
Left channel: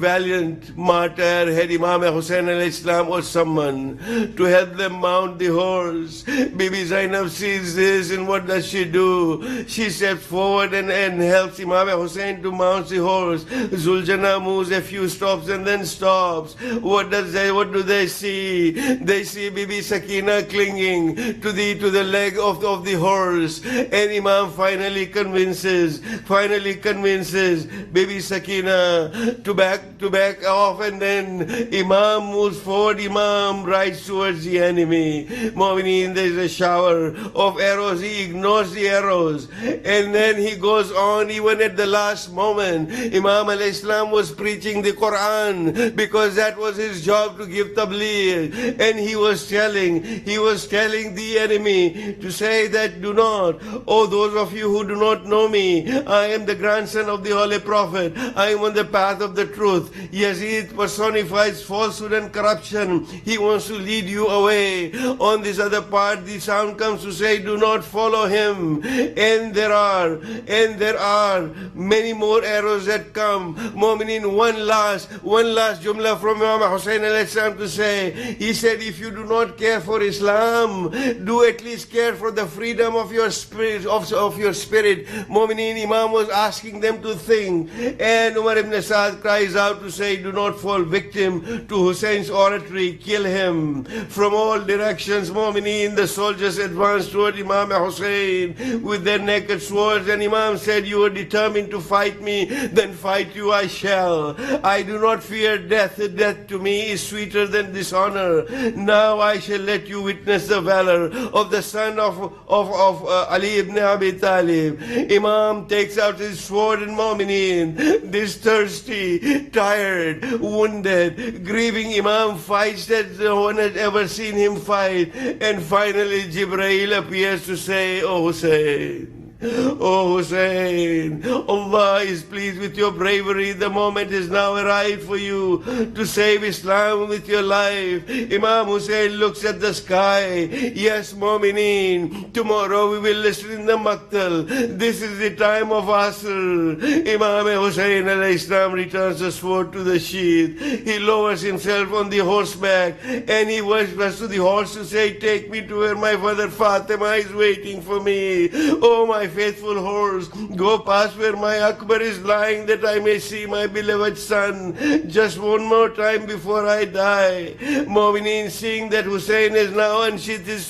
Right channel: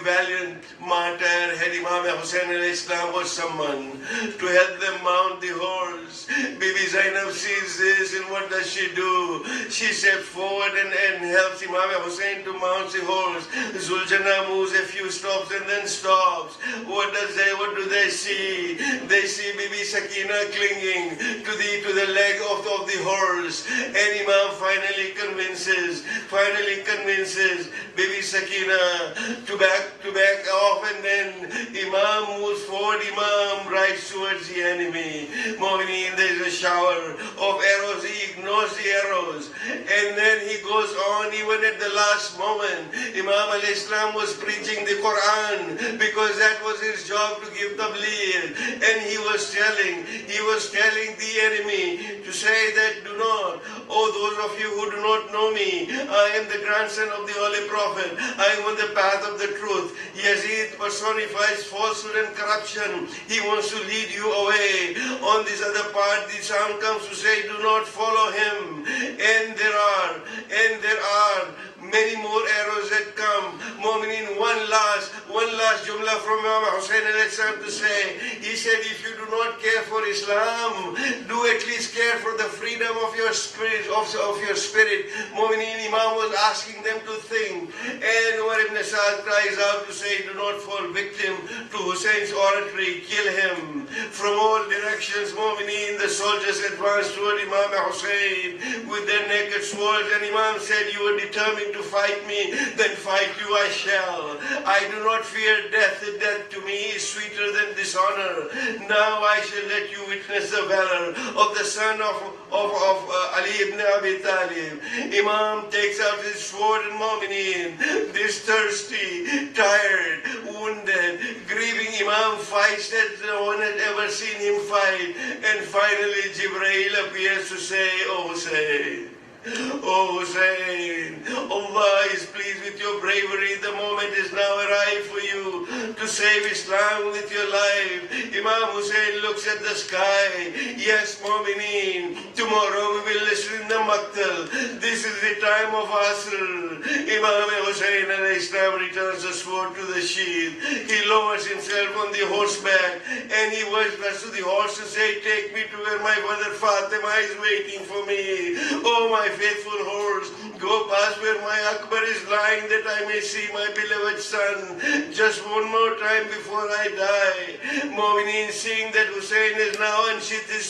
valiant martyr had Imam Hussain alayhi salam or someone to help them mount the horse. Bibi Zainab sees this, and what does she do? She steps forward and helps Imam Hussain to mount the horse. Zuljana moves a few stops and then stops. What do they see? They see Bibi Sakina clinging to the leg of the horse, and Imam finally convinces Bibi Sakina to back off, and then Imam moves forward. Imam rides towards the enemy. Mu'mineen, there is a shower of arrows. He ignores the arrows, and then he goes on. Even at the last moment, Imam alayhi salam was preaching the Quran, because that was his job, to give tabligh, and he was telling the enemy to say that, do not, oh those of you who do not know me, I am the grandson of the Holy Prophet. I am on the path of the truth. Yazid personifies falsehood and corruption. He wants to lead you away. On this other part, the sound comes to say, do not follow him. And there are many more arrows that come. Mu'mineen, one last jumla from Imam Hussain alayhi salam to say. He said, if you do not care for Islam, do at least care for the freedom of your spirit. Mu'mineen, Imam was asking them to think, and Umar ibn Sa'd cries out to say, do not fall victim to Hussein's oratory, kill him. From all directions, Mu'mineen, the soldiers advanced toward Imam Hussein with their naked swords, and Imam said, you are determined to fight me, then fight you I shall. I do not fear death. Death to me is sweeter than dishonor. Now I shall let you witness the valor of the son of Ali ibn Abi Talib. Imam takes out his sword, and Mu'mineen, this thirsty, tired, wounded, grieving Imam fights that no one had ever seen him fight. And finally Jibreel appears to say, oh Hussein, Oh Hussein, Allah is pleased with your bravery. The moment is now arrived for you to save Islam with your life. Imam Hussein looks at the sky. Yes, Mu'mineen, tomorrow we will listen in the Maktal. This is the time of Asr. Imam Hussein al-Islam returns the sword to the sheath. He lowers himself on the horseback and he whispers to the horse to say, take me to where my mother Fatima is waiting for me. Oh my faithful horse, go past where my Akbar is lying that I may see my beloved son just one more time before I die. Mu'mineen, seeing that Hussein is now unsheathed his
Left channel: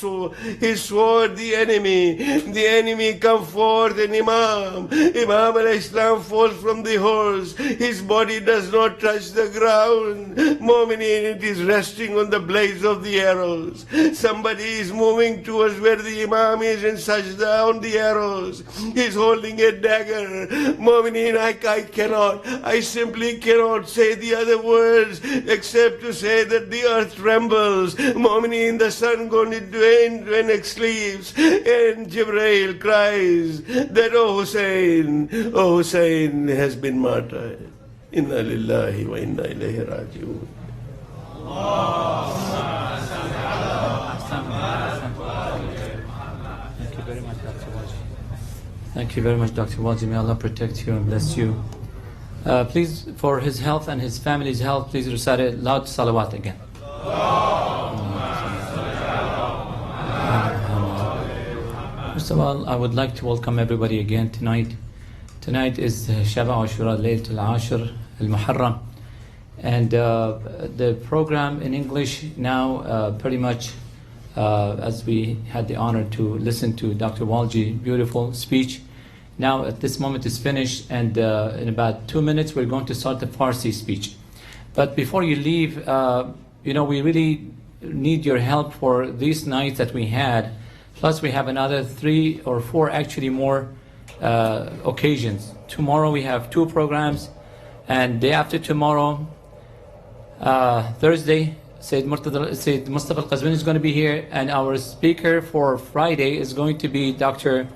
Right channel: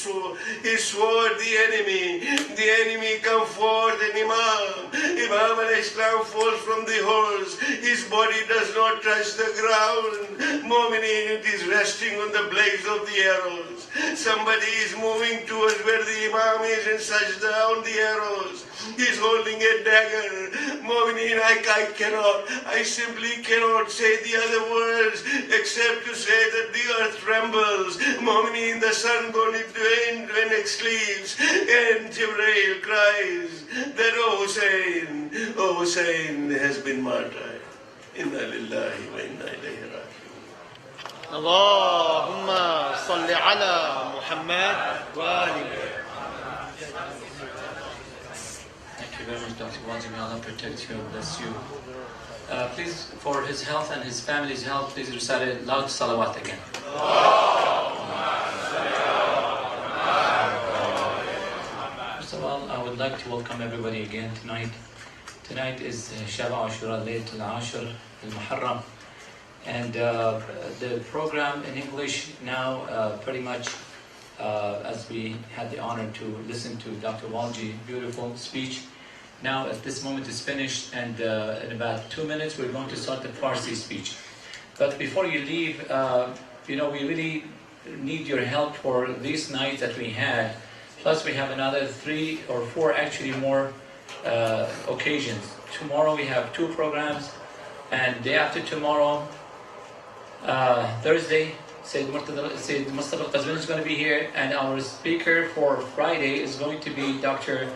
sword, the enemy come forth, and Imam al-Islam falls from the horse. His body does not touch the ground. Mu'mineen, it is resting on the blades of the arrows. Somebody is moving towards where the Imam is and sajda on the arrows. He's holding a dagger. Mu'mineen, I simply cannot say the other words except to say that the earth trembles. Mu'mineen, the sun goes into an eclipse, and Jibreel cries that, oh Hussein has been martyred. Inna lillahi wa inna ilayhi raji'un. اللهم صل على محمد وآل Thank you very much, Dr. Wazi. May Allah protect you and bless you. Please, for his health and his family's health, please recite a loud salawat again. First of all, I would like to welcome everybody again tonight. Tonight is Shab Ashura, Layt al-Ashir al-Muharram. And the program in English now pretty much, as we had the honor to listen to Dr. Walji, beautiful speech. Now at this moment is finished, and in about 2 minutes we're going to start the Farsi speech. But before you leave, we really need your help for these nights that we had. Plus we have another 3 or 4 actually more occasions. Tomorrow we have 2 programs, and day after tomorrow, Thursday, Sayyid Mustafa Qazwini is going to be here, and our speaker for Friday is going to be Dr.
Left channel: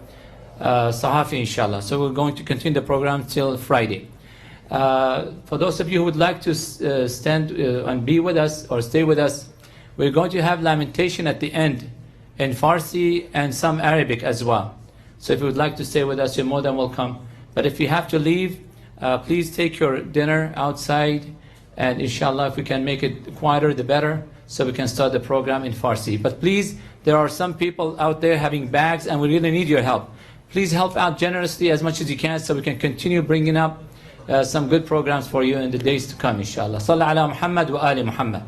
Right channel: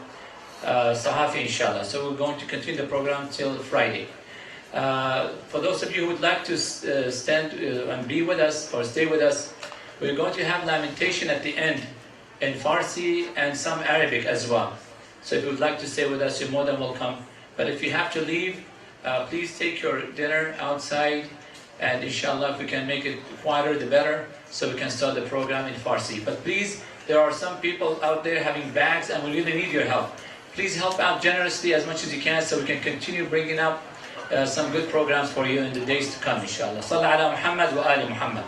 Sahafi, inshallah. So we're going to continue the program till Friday. For those of you who would like to stand and be with us or stay with us, we're going to have lamentation at the end in Farsi and some Arabic as well. So if you would like to stay with us, you're more than welcome. But if you have to leave, please take your dinner outside, and inshallah if we can make it quieter the better, so we can start the program in Farsi. But please, there are some people out there having bags and we really need your help. Please help out generously as much as you can, so we can continue bringing up some good programs for you in the days to come, inshallah. Salli ala Muhammad wa ali Muhammad.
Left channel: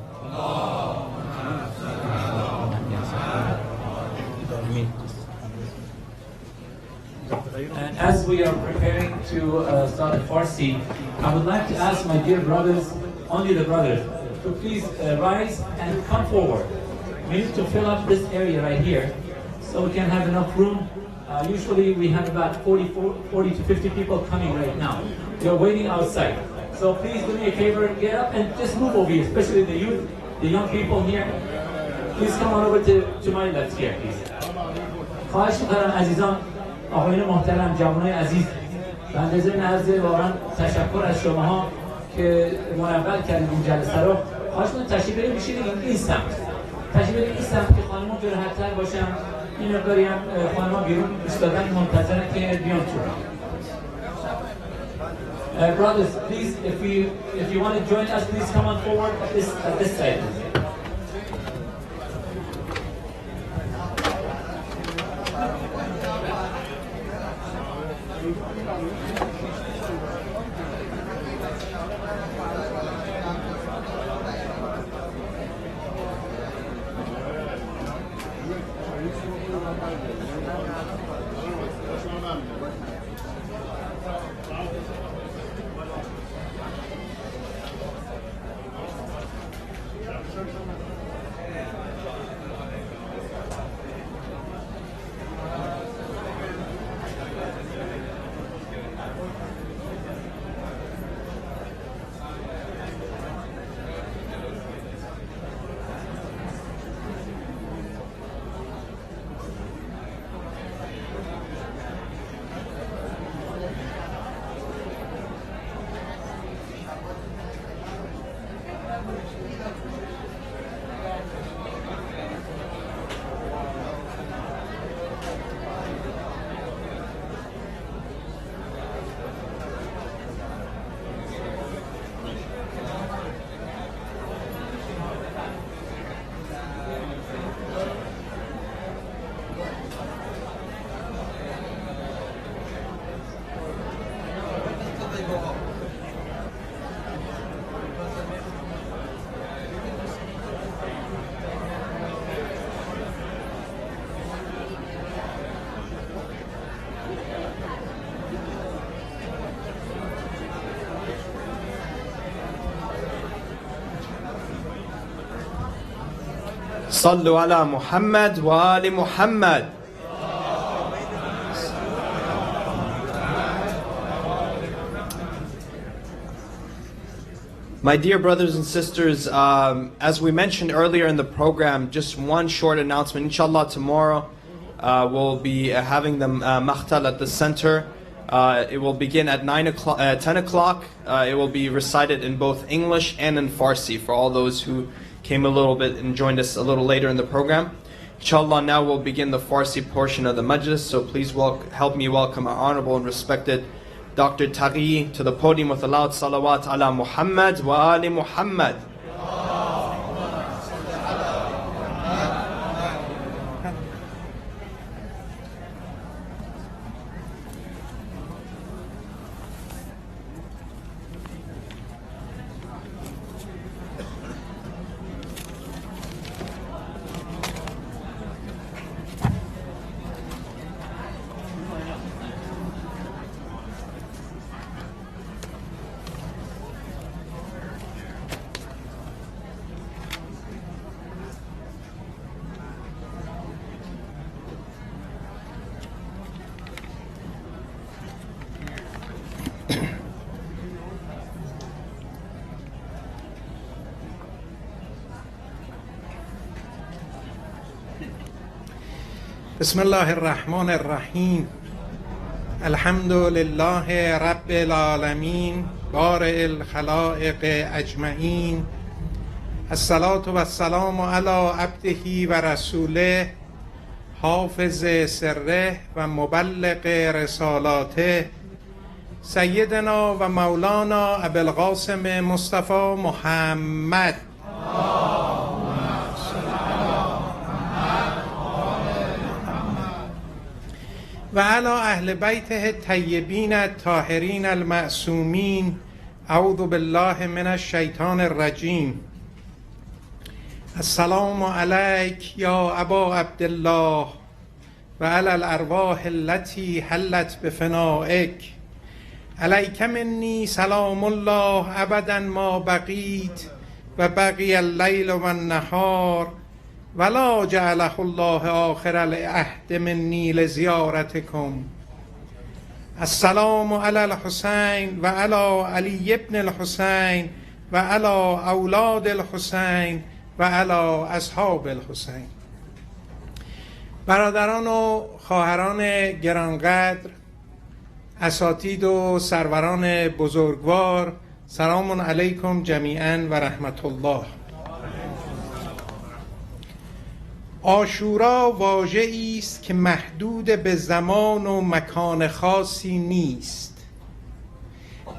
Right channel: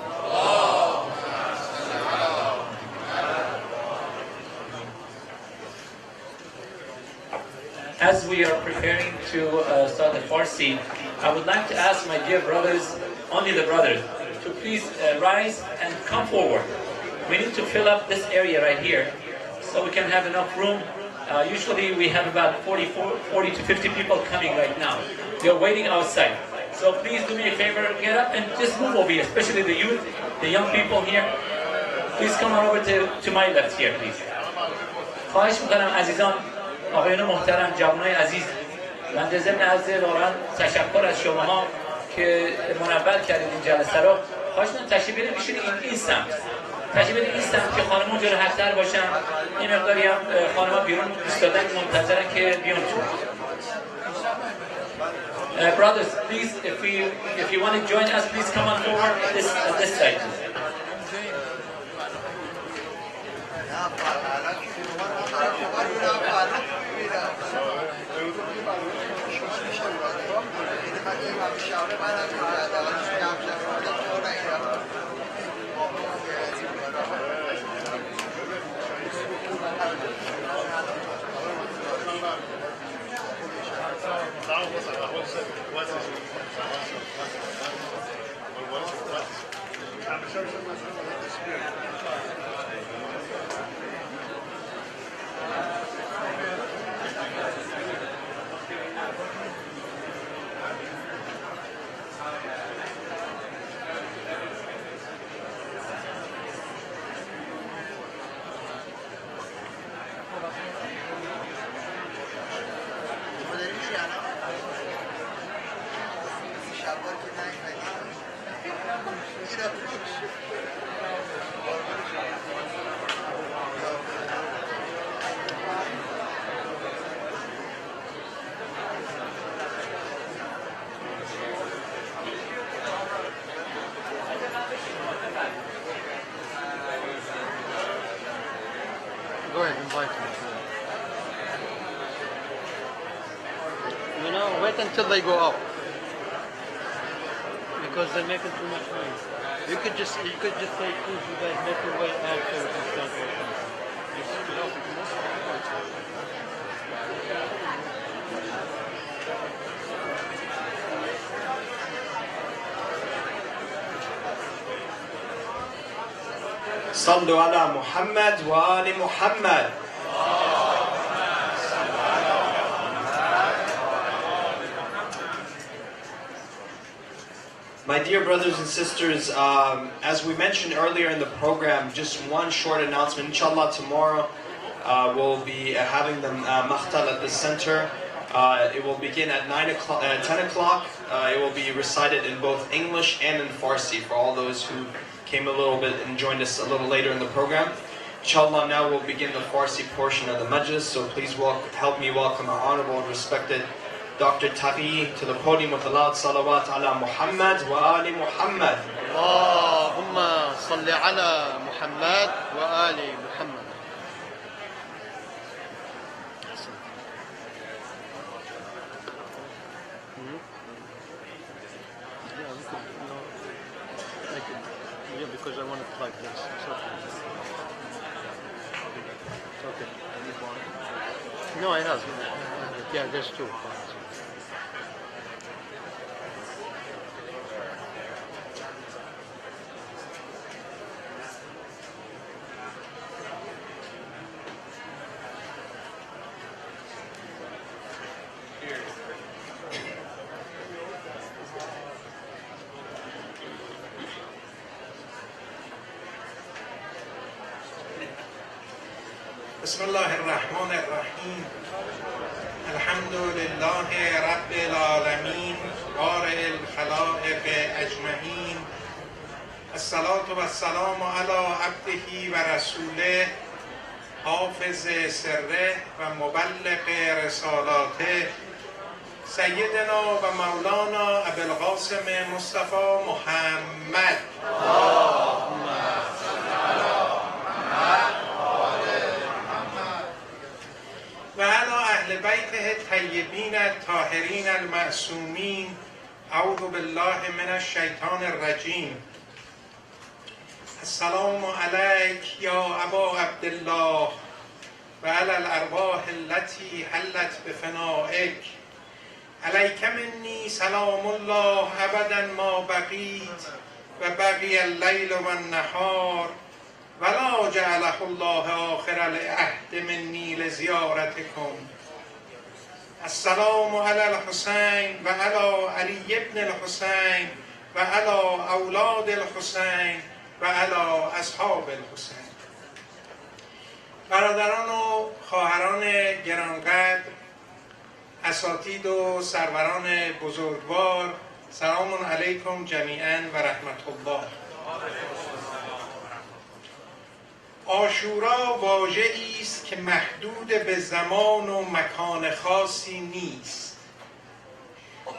As we are preparing to start the Farsi, I would like to ask my dear brothers, only the brothers, to please rise and come forward. We need to fill up this area right here so we can have enough room. Usually we have about 40 to 50 people coming right now. They're waiting outside. So please do me a favor, get up and just move over here, especially the youth, the young people here. Please come on over to my left here, please. خواهش می‌کنم عزیزان، آقایان محترم، جوانای عزیز، من در ضمن عرض واقعا تشکر از شماها که منور کردید این جلسه رو. خواهش می‌کنم تشریف بیارید بشینید این سمت. تشریف بیارید این سمت که خانم‌ها اونجا راحت‌تر باشن. این مقداری هم خانم‌ها بیرون ایستادن منتظرن که بیان تو. Brothers, please, if you want to join us, please come on forward at this side. until they go out. Because they make it too much noise. You could just say, صلوا على محمد وآل محمد. My dear brothers and sisters, as we mentioned earlier in the program, just one short announcement. Inshallah, tomorrow we'll be having the maqtal at the center. It will begin at 10 o'clock. It will be recited in both English and in Farsi for all those who came a little bit and joined us a little later in the program. Inshallah, now we'll begin the Farsi portion of the majlis, so please help me welcome our honorable and respected Dr. Taghi to the podium with a loud salawat ala Muhammad wa ali Muhammad. Allahumma salli ala Muhammad wa ali Muhammad. Because I want to play this. No, it doesn't. Yeah, there's two. بسم الله الرحمن الرحیم الحمد لله رب العالمین بارئ الخلائق اجمعین الصلاة و السلام علی عبده و رسوله حافظ سره و مبلغ رسالاته سیدنا و مولانا ابوالقاسم مصطفی محمد و علی اهل بیته الطیبین الطاهرین المعصومین اعوذ بالله من الشیطان الرجیم السلام علیک یا ابا عبدالله و علی الارواح التي حلت بفنائک علیک منی سلام الله ابدا ما بقیت و بقی اللیل و النهار ولا جعله الله آخر العهد منی لزیارتکم السلام علی الحسین و علی علی ابن الحسین و علی اولاد الحسین و علی اصحاب الحسین. برادران و خواهران گرانقدر، اساتید و سروران بزرگوار، سلام علیکم جمیعا و رحمت الله. عاشورا واژه‌ای است که محدود به زمان و مکان خاصی نیست،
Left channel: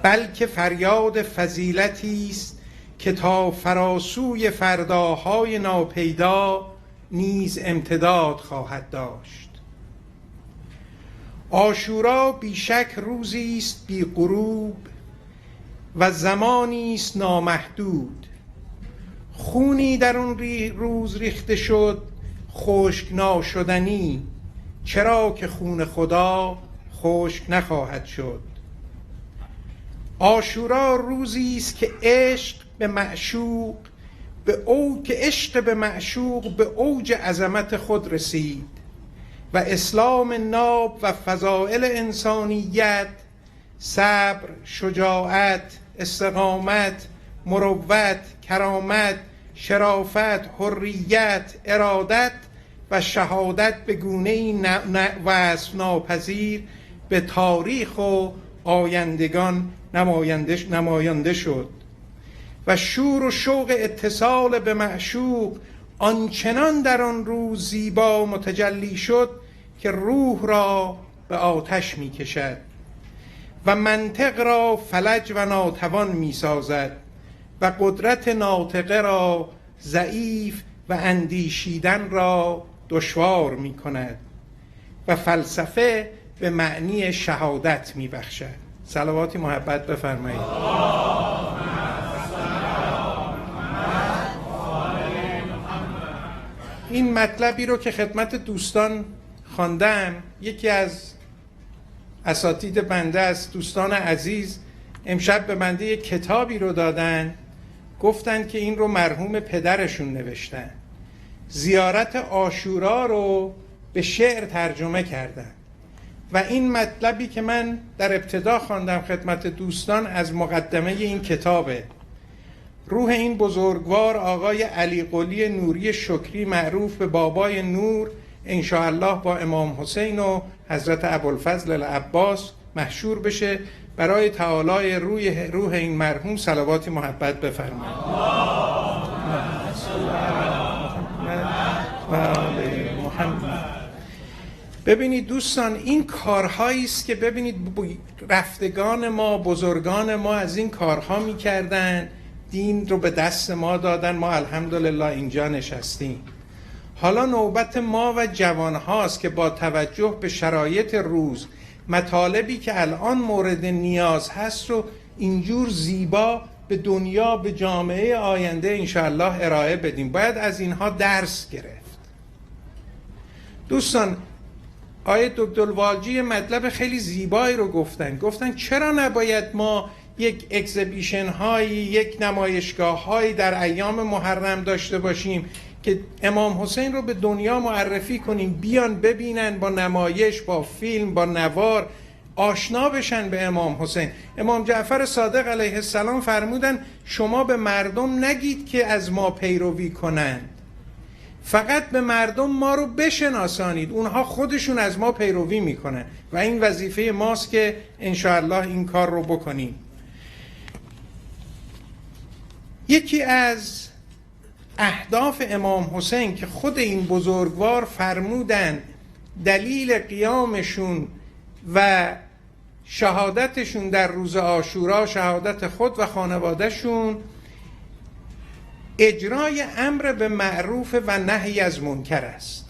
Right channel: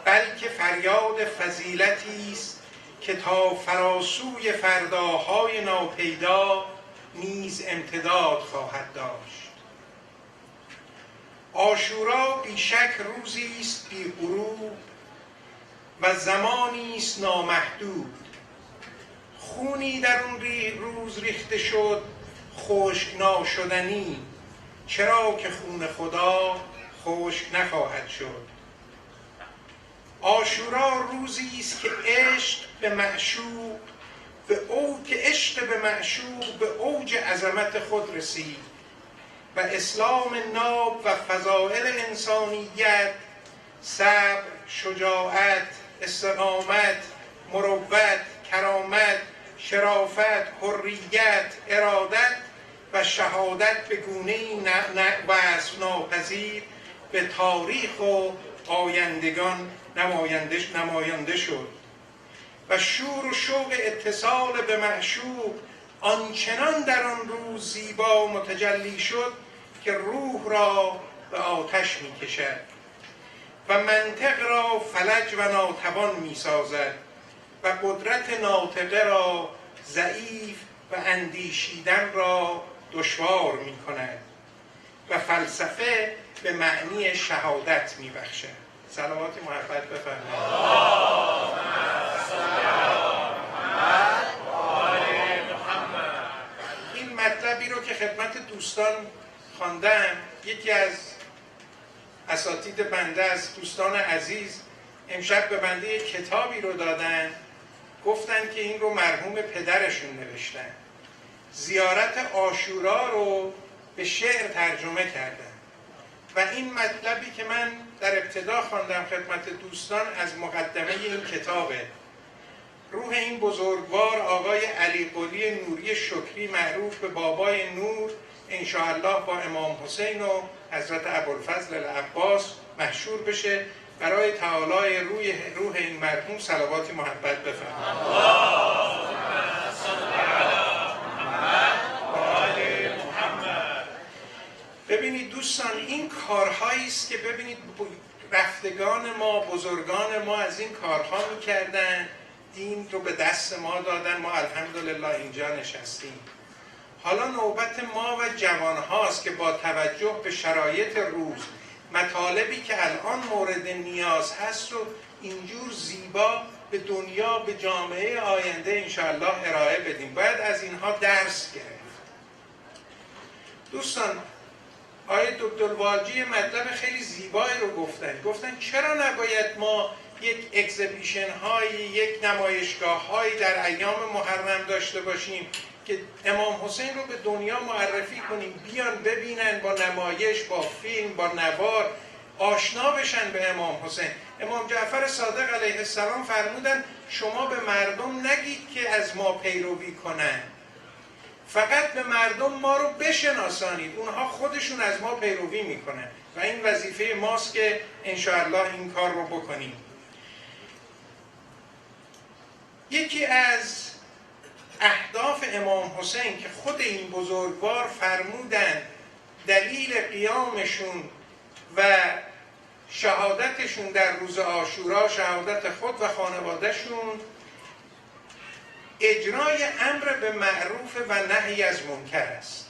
بلکه فریاد فضیلتی است که تا فراسوی فرداهای ناپیدا نیز امتداد خواهد داشت. عاشورا بیشک روزی است بی غروب و زمانی است نامحدود. خونی در اون روز ریخته شد خشک ناشدنی، چرا که خون خدا خشک نخواهد شد. عاشورا روزی است که عشق به معشوق به اوج عظمت خود رسید و اسلام ناب و فضائل انسانیت، صبر، شجاعت، استقامت، مروت، کرامت، شرافت، حریت، ارادت و شهادت به گونه‌ای وصف ناپذیر به تاریخ و آیندگان نماینده شد و شور و شوق اتصال به معشوق آنچنان در آن روز زیبا متجلی شد که روح را به آتش می کشد و منطق را فلج و ناتوان می سازد و قدرت ناطقه را ضعیف و اندیشیدن را دشوار می کند و فلسفه به معنی شهادت می بخشد. صلواتی محبت بفرمایید. این مطلبی رو که خدمت دوستان خواندم، یکی از اساتید بنده است، دوستان عزیز امشب به بنده یک کتابی رو دادن، گفتن که این رو مرحوم پدرشون نوشتن. زیارت عاشورا رو به شعر ترجمه کردن و این مطلبی که من در ابتدا خواندم خدمت دوستان از مقدمه این کتابه. روح این بزرگوار آقای علی قلی نوری شکری معروف به بابای نور انشاءالله با امام حسین و حضرت ابوالفضل العباس محشور بشه. برای تعالی روح این مرحوم صلوات محبت بفرمایید. ببینید دوستان، این کارهایی است که ببینید رفتگان ما، بزرگان ما از این کارها میکردن، دین رو به دست ما دادن، ما الحمدلله اینجا نشستیم. حالا نوبت ما و جوان هاست که با توجه به شرایط روز مطالبی که الان مورد نیاز هست رو اینجور زیبا به دنیا، به جامعه آینده انشاءالله ارائه بدیم. باید از اینها درس گرفت. دوستان، آیه عبدالواجی مطلب خیلی زیبایی رو گفتن چرا نباید ما یک اکزیبیشن هایی، یک نمایشگاه هایی در ایام محرم داشته باشیم که امام حسین رو به دنیا معرفی کنیم، بیان ببینن، با نمایش، با فیلم، با نوار آشنا بشن به امام حسین. امام جعفر صادق علیه السلام فرمودن شما به مردم نگید که از ما پیروی کنن، فقط به مردم ما رو بشناسانید، اونها خودشون از ما پیروی میکنن و این وظیفه ماست که انشاءالله این کار رو بکنیم. یکی از اهداف امام حسین که خود این بزرگوار فرمودن دلیل قیامشون و شهادتشون در روز عاشورا، شهادت خود و خانوادهشون، اجرای امر به معروف و نهی از منکر است.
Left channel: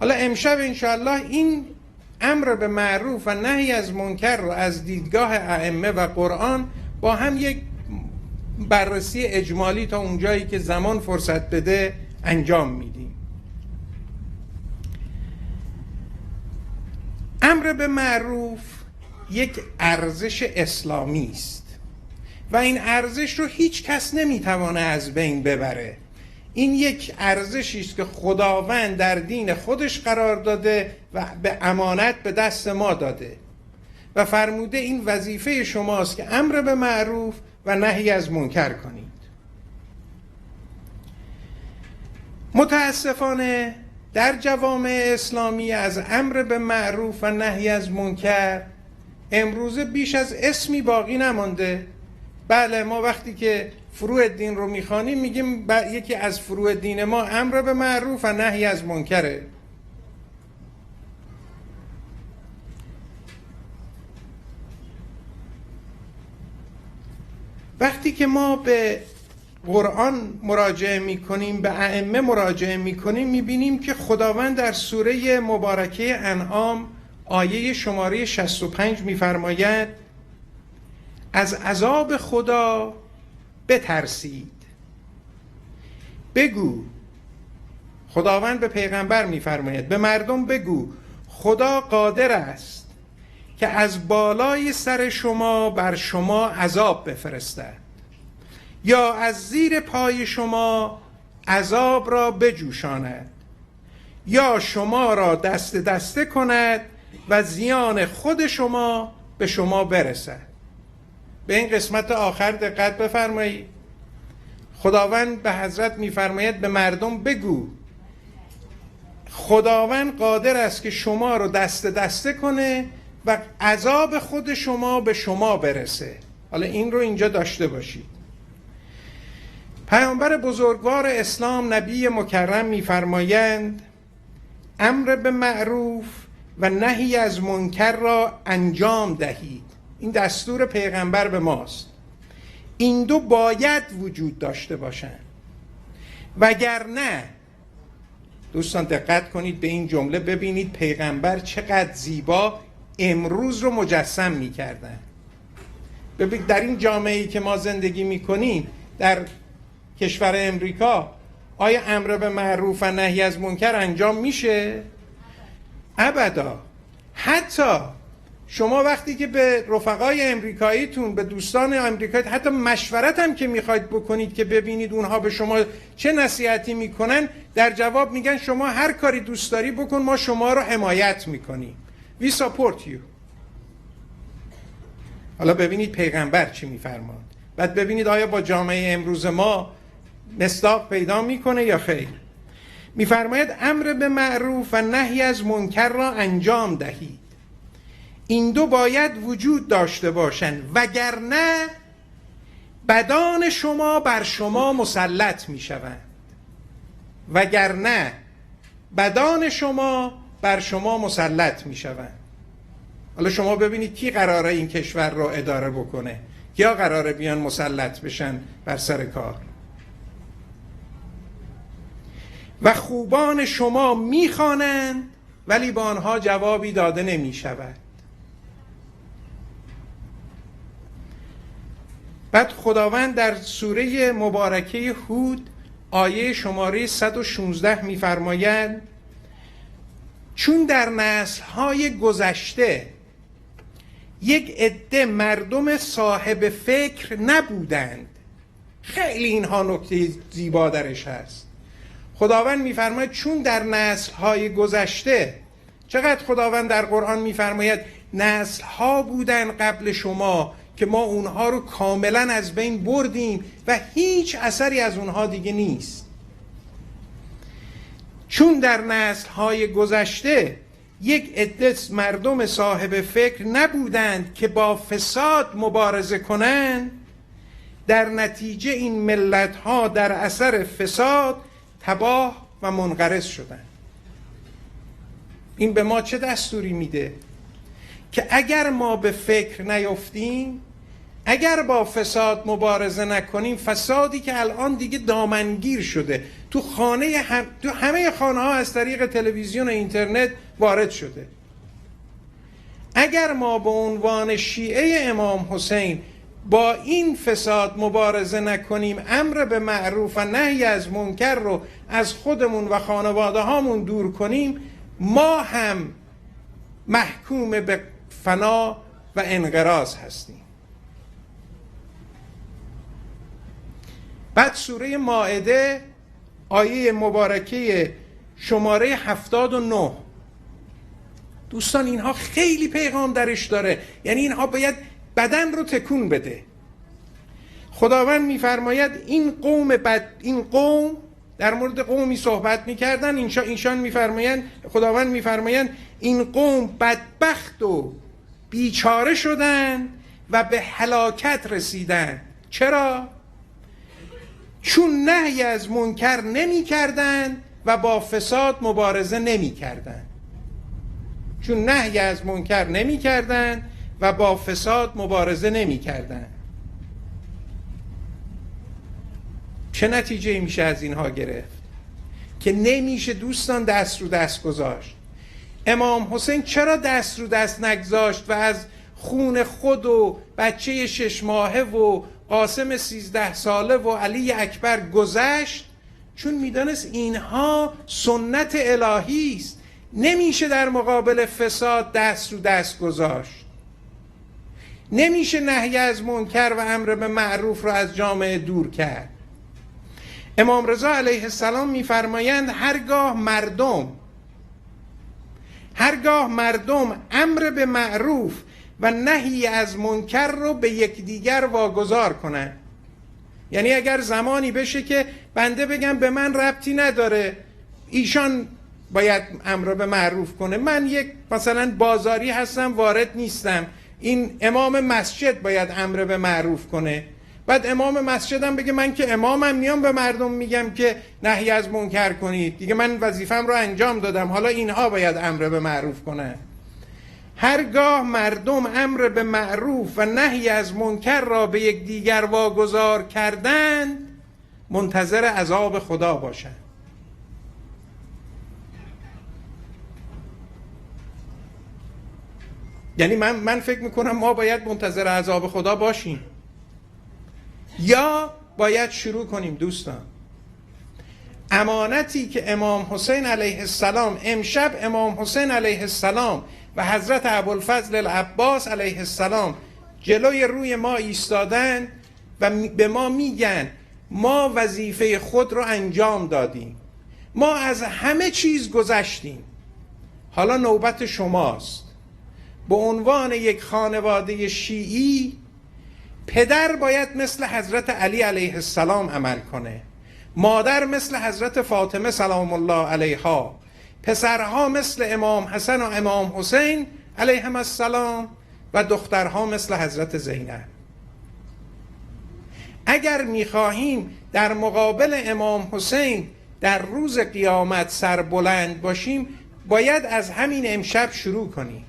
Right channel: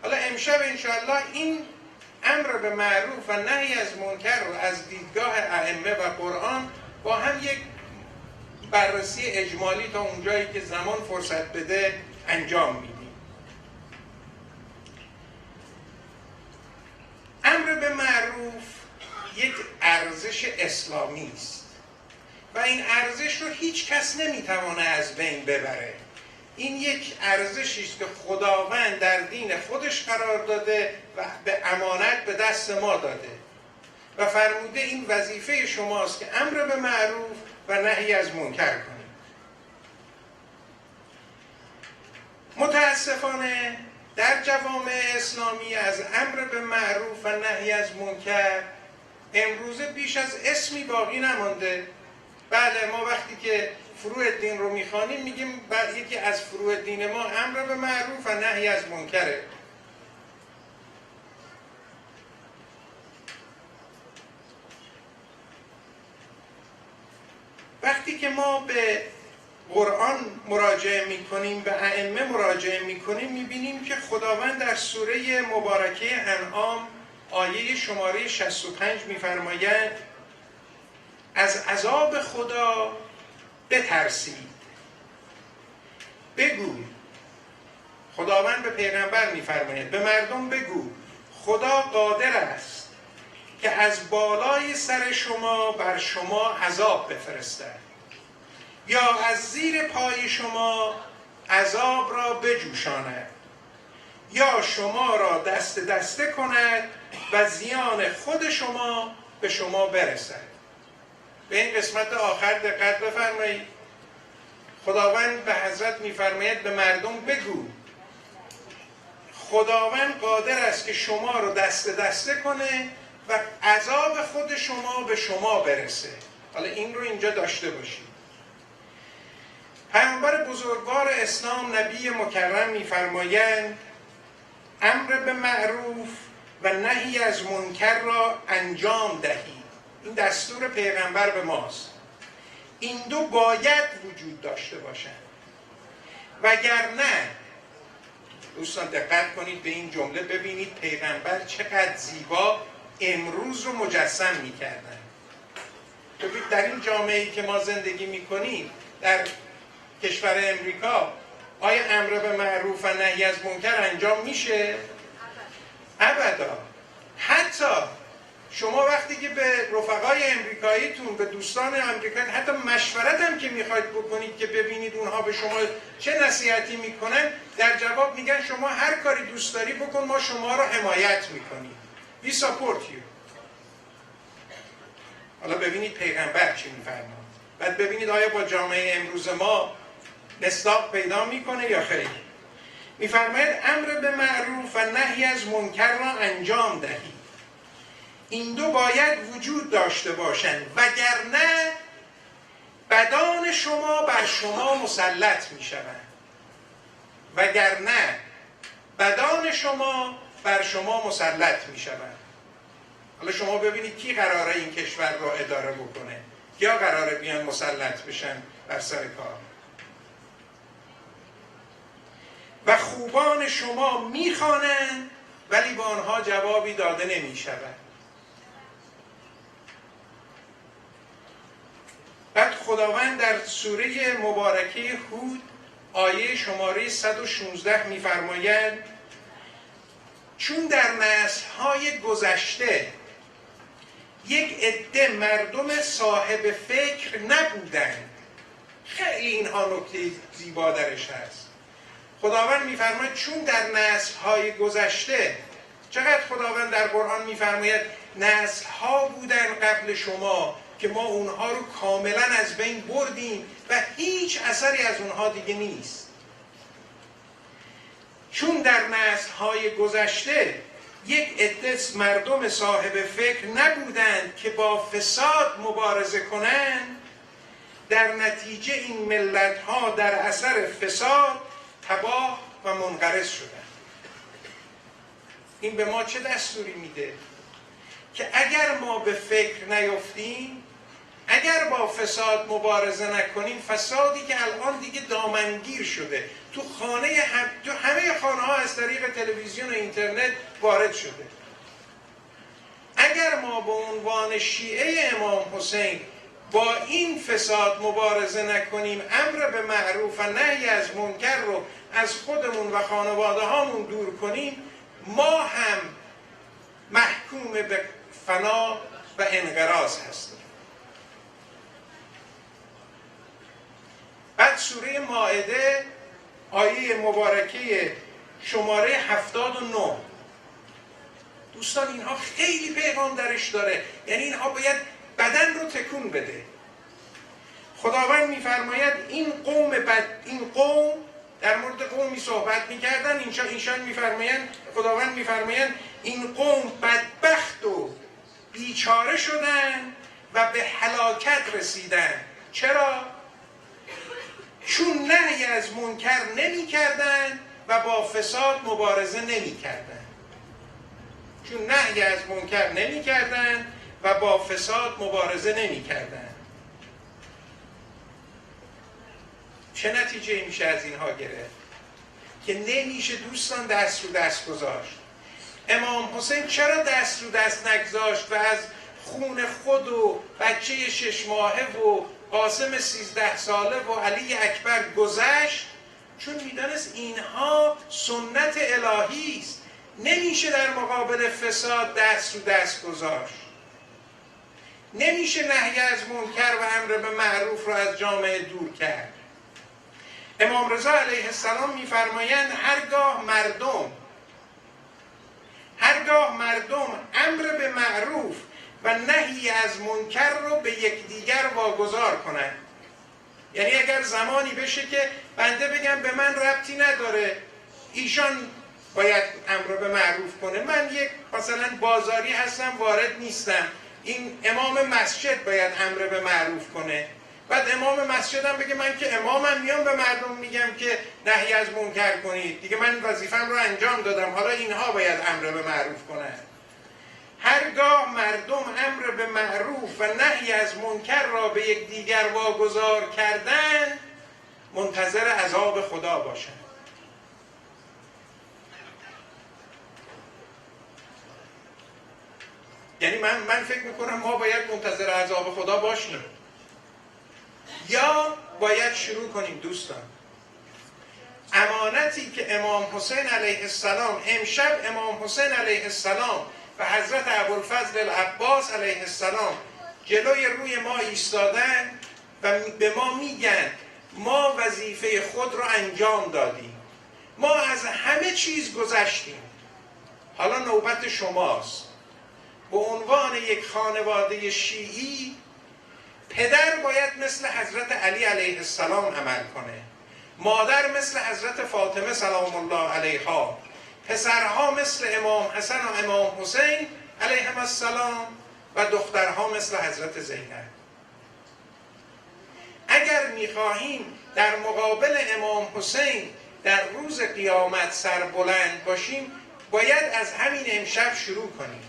حالا امشب انشاءالله این امر به معروف و نهی از منکر رو از دیدگاه ائمه و قرآن با هم یک بررسی اجمالی تا اونجایی که زمان فرصت بده انجام میدیم. امر به معروف یک ارزش اسلامی است و این ارزش رو هیچ کس نمیتوانه از بین ببره. این یک ارزشی است که خداوند در دین خودش قرار داده و به امانت به دست ما داده و فرموده این وظیفه شماست که امر به معروف و نهی از منکر کنید. متاسفانه در جوامع اسلامی از امر به معروف و نهی از منکر امروزه بیش از اسمی باقی نمانده. بله، ما وقتی که فروع دین رو میخوانیم میگیم یکی از فروع دین ما امر به معروف و نهی از منکره. وقتی که ما به قرآن مراجعه میکنیم، به ائمه مراجعه میکنیم، میبینیم که خداوند در سوره مبارکه انعام آیه شماره 65 میفرماید از عذاب خدا بترسید. بگو، خداوند به پیغمبر میفرماید به مردم بگو خدا قادر است که از بالای سر شما بر شما عذاب بفرستد یا از زیر پای شما عذاب را بجوشاند یا شما را دست دسته کند و زیان خود شما به شما برسد. به این قسمت آخر دقت بفرمایید. خداوند به حضرت میفرماید به مردم بگو خداوند قادر است که شما رو دست دسته کنه و عذاب خود شما به شما برسه. حالا این رو اینجا داشته باشید. پیامبر بزرگوار اسلام نبی مکرم میفرمایند امر به معروف و نهی از منکر را انجام دهید. این دستور پیغمبر به ماست. این دو باید وجود داشته باشند، وگرنه دوستان دقت کنید به این جمله، ببینید پیغمبر چقدر زیبا امروز رو مجسم میکردن. ببینید در این جامعه‌ای که ما زندگی میکنیم در کشور امریکا، آیا امر به معروف و نهی از منکر انجام میشه؟ ابدا. حتی شما وقتی که به رفقای امریکاییتون، به دوستان امریکایی حتی مشورت هم که میخواید بکنید که ببینید اونها به شما چه نصیحتی میکنن، در جواب میگن شما هر کاری دوست داری بکن، ما شما رو حمایت میکنیم. We support you. حالا ببینید پیغمبر چی میفرماد. بعد ببینید آیا با جامعه امروز ما مصداق پیدا میکنه یا خیر. میفرماید امر به معروف و نهی از منکر را انجام دهید. این دو باید وجود داشته باشند، وگرنه بدان شما بر شما مسلط میشوند. وگرنه بدان شما بر شما مسلط میشوند. حالا شما ببینید کی قراره این کشور رو اداره بکنه؟ کیا قراره بیان مسلط بشن بر سر کار؟ و خوبان شما میخوانند ولی با آنها جوابی داده نمیشود. بعد خداوند در سوره مبارکه هود آیه شماره 116 میفرمایند چون در نسل‌های گذشته یک عده مردم صاحب فکر نبودند. خیلی اینها نکته زیبا درش هست. خداوند میفرماید چون در نسل‌های گذشته، چقدر خداوند در قرآن میفرماید نسل‌ها بودن قبل شما که ما اونها رو کاملا از بین بردیم و هیچ اثری از اونها دیگه نیست. چون در نسل‌های گذشته یک عده مردم صاحب فکر نبودند که با فساد مبارزه کنند، در نتیجه این ملت‌ها در اثر فساد تباه و منقرض شدند. این به ما چه دستوری میده؟ که اگر ما به فکر نیفتیم، اگر با فساد مبارزه نکنیم، فسادی که الان دیگه دامنگیر شده تو همه خانه ها از طریق تلویزیون و اینترنت وارد شده، اگر ما به عنوان شیعه امام حسین با این فساد مبارزه نکنیم، امر به معروف و نهی از منکر رو از خودمون و خانواده هامون دور کنیم، ما هم محکوم به فنا و انقراض هستیم. بعد سوره مائده آیه مبارکه شماره 79، دوستان اینها خیلی پیغام درش داره، یعنی اینها باید بدن رو تکون بده. خداوند میفرماید این قوم در مورد قومی صحبت میکردن، اینشان میفرمایند، خداوند میفرمایند این قوم بدبخت و بیچاره شدن و به هلاکت رسیدن. چرا؟ چون نهی از منکر نمی کردن و با فساد مبارزه نمی کردن. چون نهی از منکر نمی کردن و با فساد مبارزه نمی کردن. چه نتیجه میشه از اینها گرفت؟ که نمیشه دوستان دست رو دست گذاشت. امام حسین چرا دست رو دست نگذاشت و از خون خود و بچه 6 ماهه و قاسم 13 ساله و علی اکبر گذشت؟ چون میدانست اینها سنت الهی است، نمیشه در مقابل فساد دست رو دست گذاشت، نمیشه نهی از منکر و امر به معروف را از جامعه دور کرد. امام رضا علیه السلام میفرمایند هرگاه مردم امر به معروف و نهی از منکر رو به یکدیگر واگذار کنند، یعنی اگر زمانی بشه که بنده بگم به من ربطی نداره، ایشان باید امر به معروف کنه، من یک مثلا بازاری هستم وارد نیستم، این امام مسجد باید امر به معروف کنه، بعد امام مسجدم بگه من که امامم میام به مردم میگم که نهی از منکر کنید، دیگه من وظیفم رو انجام دادم، حالا اینها باید امر به معروف کنن. هرگاه مردم امر به معروف و نهی از منکر را به یکدیگر واگذار کردند، منتظر عذاب خدا باشند. یعنی من فکر میکنم ما باید منتظر عذاب خدا باشیم یا باید شروع کنیم. دوستان، امانتی که امام حسین علیه السلام، امشب امام حسین علیه السلام و حضرت ابوالفضل العباس علیه السلام جلوی روی ما ایستادن و به ما میگن ما وظیفه خود رو انجام دادیم، ما از همه چیز گذشتیم، حالا نوبت شماست. به عنوان یک خانواده شیعی، پدر باید مثل حضرت علی علیه السلام عمل کنه، مادر مثل حضرت فاطمه سلام الله علیها، پسرها مثل امام حسن و امام حسین علیهم السلام و دخترها مثل حضرت زینب. اگر میخواهیم در مقابل امام حسین در روز قیامت سربلند باشیم، باید از همین امشب شروع کنیم.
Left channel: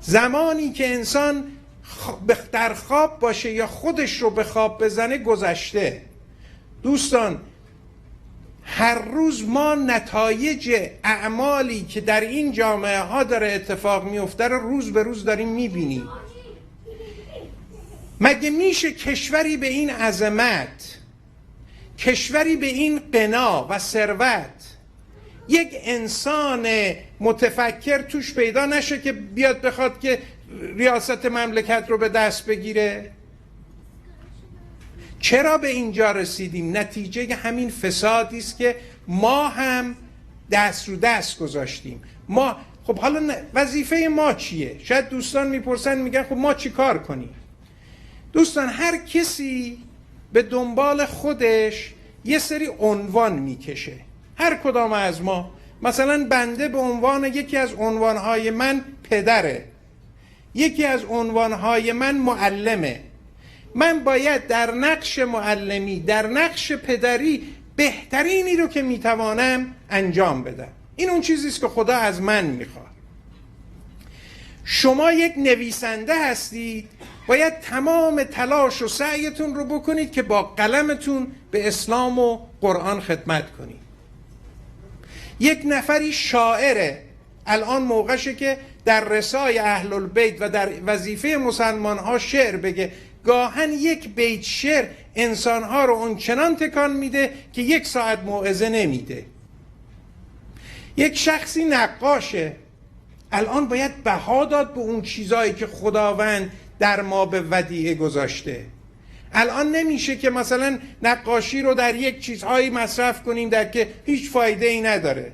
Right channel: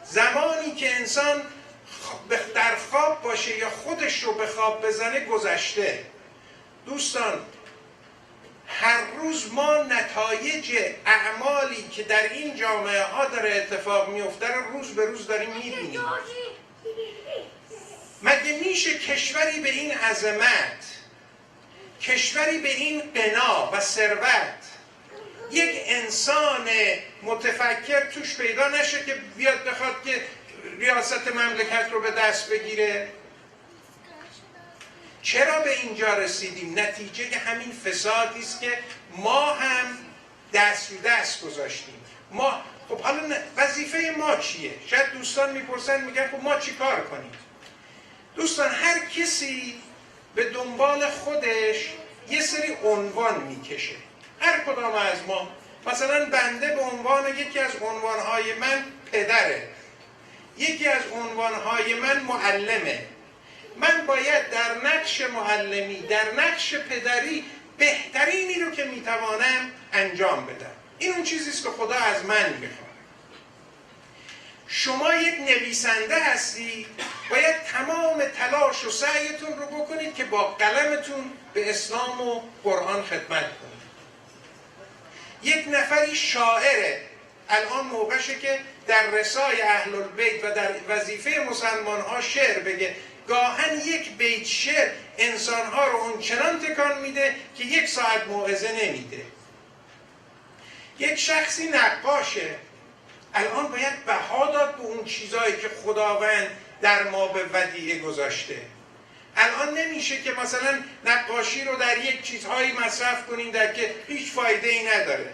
زمانی که انسان در خواب باشه یا خودش رو به خواب بزنه گذشته. دوستان، هر روز ما نتایج اعمالی که در این جامعه ها داره اتفاق میفته رو روز به روز داریم میبینیم. مگه میشه کشوری به این عظمت، کشوری به این غنا و ثروت، یک انسان متفکر توش پیدا نشه که بیاد بخواد که ریاست مملکت رو به دست بگیره؟ چرا به اینجا رسیدیم؟ نتیجه همین فسادی است که ما هم دست رو دست گذاشتیم. ما خب حالا وظیفه ما چیه؟ شاید دوستان میپرسن میگن خب ما چی کار کنیم؟ دوستان، هر کسی به دنبال خودش یه سری عنوان میکشه. هر کدام از ما، مثلا بنده به عنوان یکی از عنوانهای من پدره، یکی از عنوانهای من معلمه. من باید در نقش معلمی، در نقش پدری بهترینی رو که میتوانم انجام بدم. این اون چیزیست که خدا از من میخواد. شما یک نویسنده هستی، باید تمام تلاش و سعیتون رو بکنید که با قلمتون به اسلام و قرآن خدمت کنید. یک نفری شاعره، الان موقعشه که در رسای اهل البیت و در وظیفه مسلمان ها شعر بگه. گاهن یک بیت شعر انسانها رو اونچنان تکان میده که 1 ساعت موعظه نمیده. یک شخصی نقاشه، الان باید بها داد به اون چیزایی که خداوند در ما به ودیعه گذاشته. الان نمیشه که مثلا نقاشی رو در یک چیزهایی مصرف کنیم در که هیچ فایده ای نداره،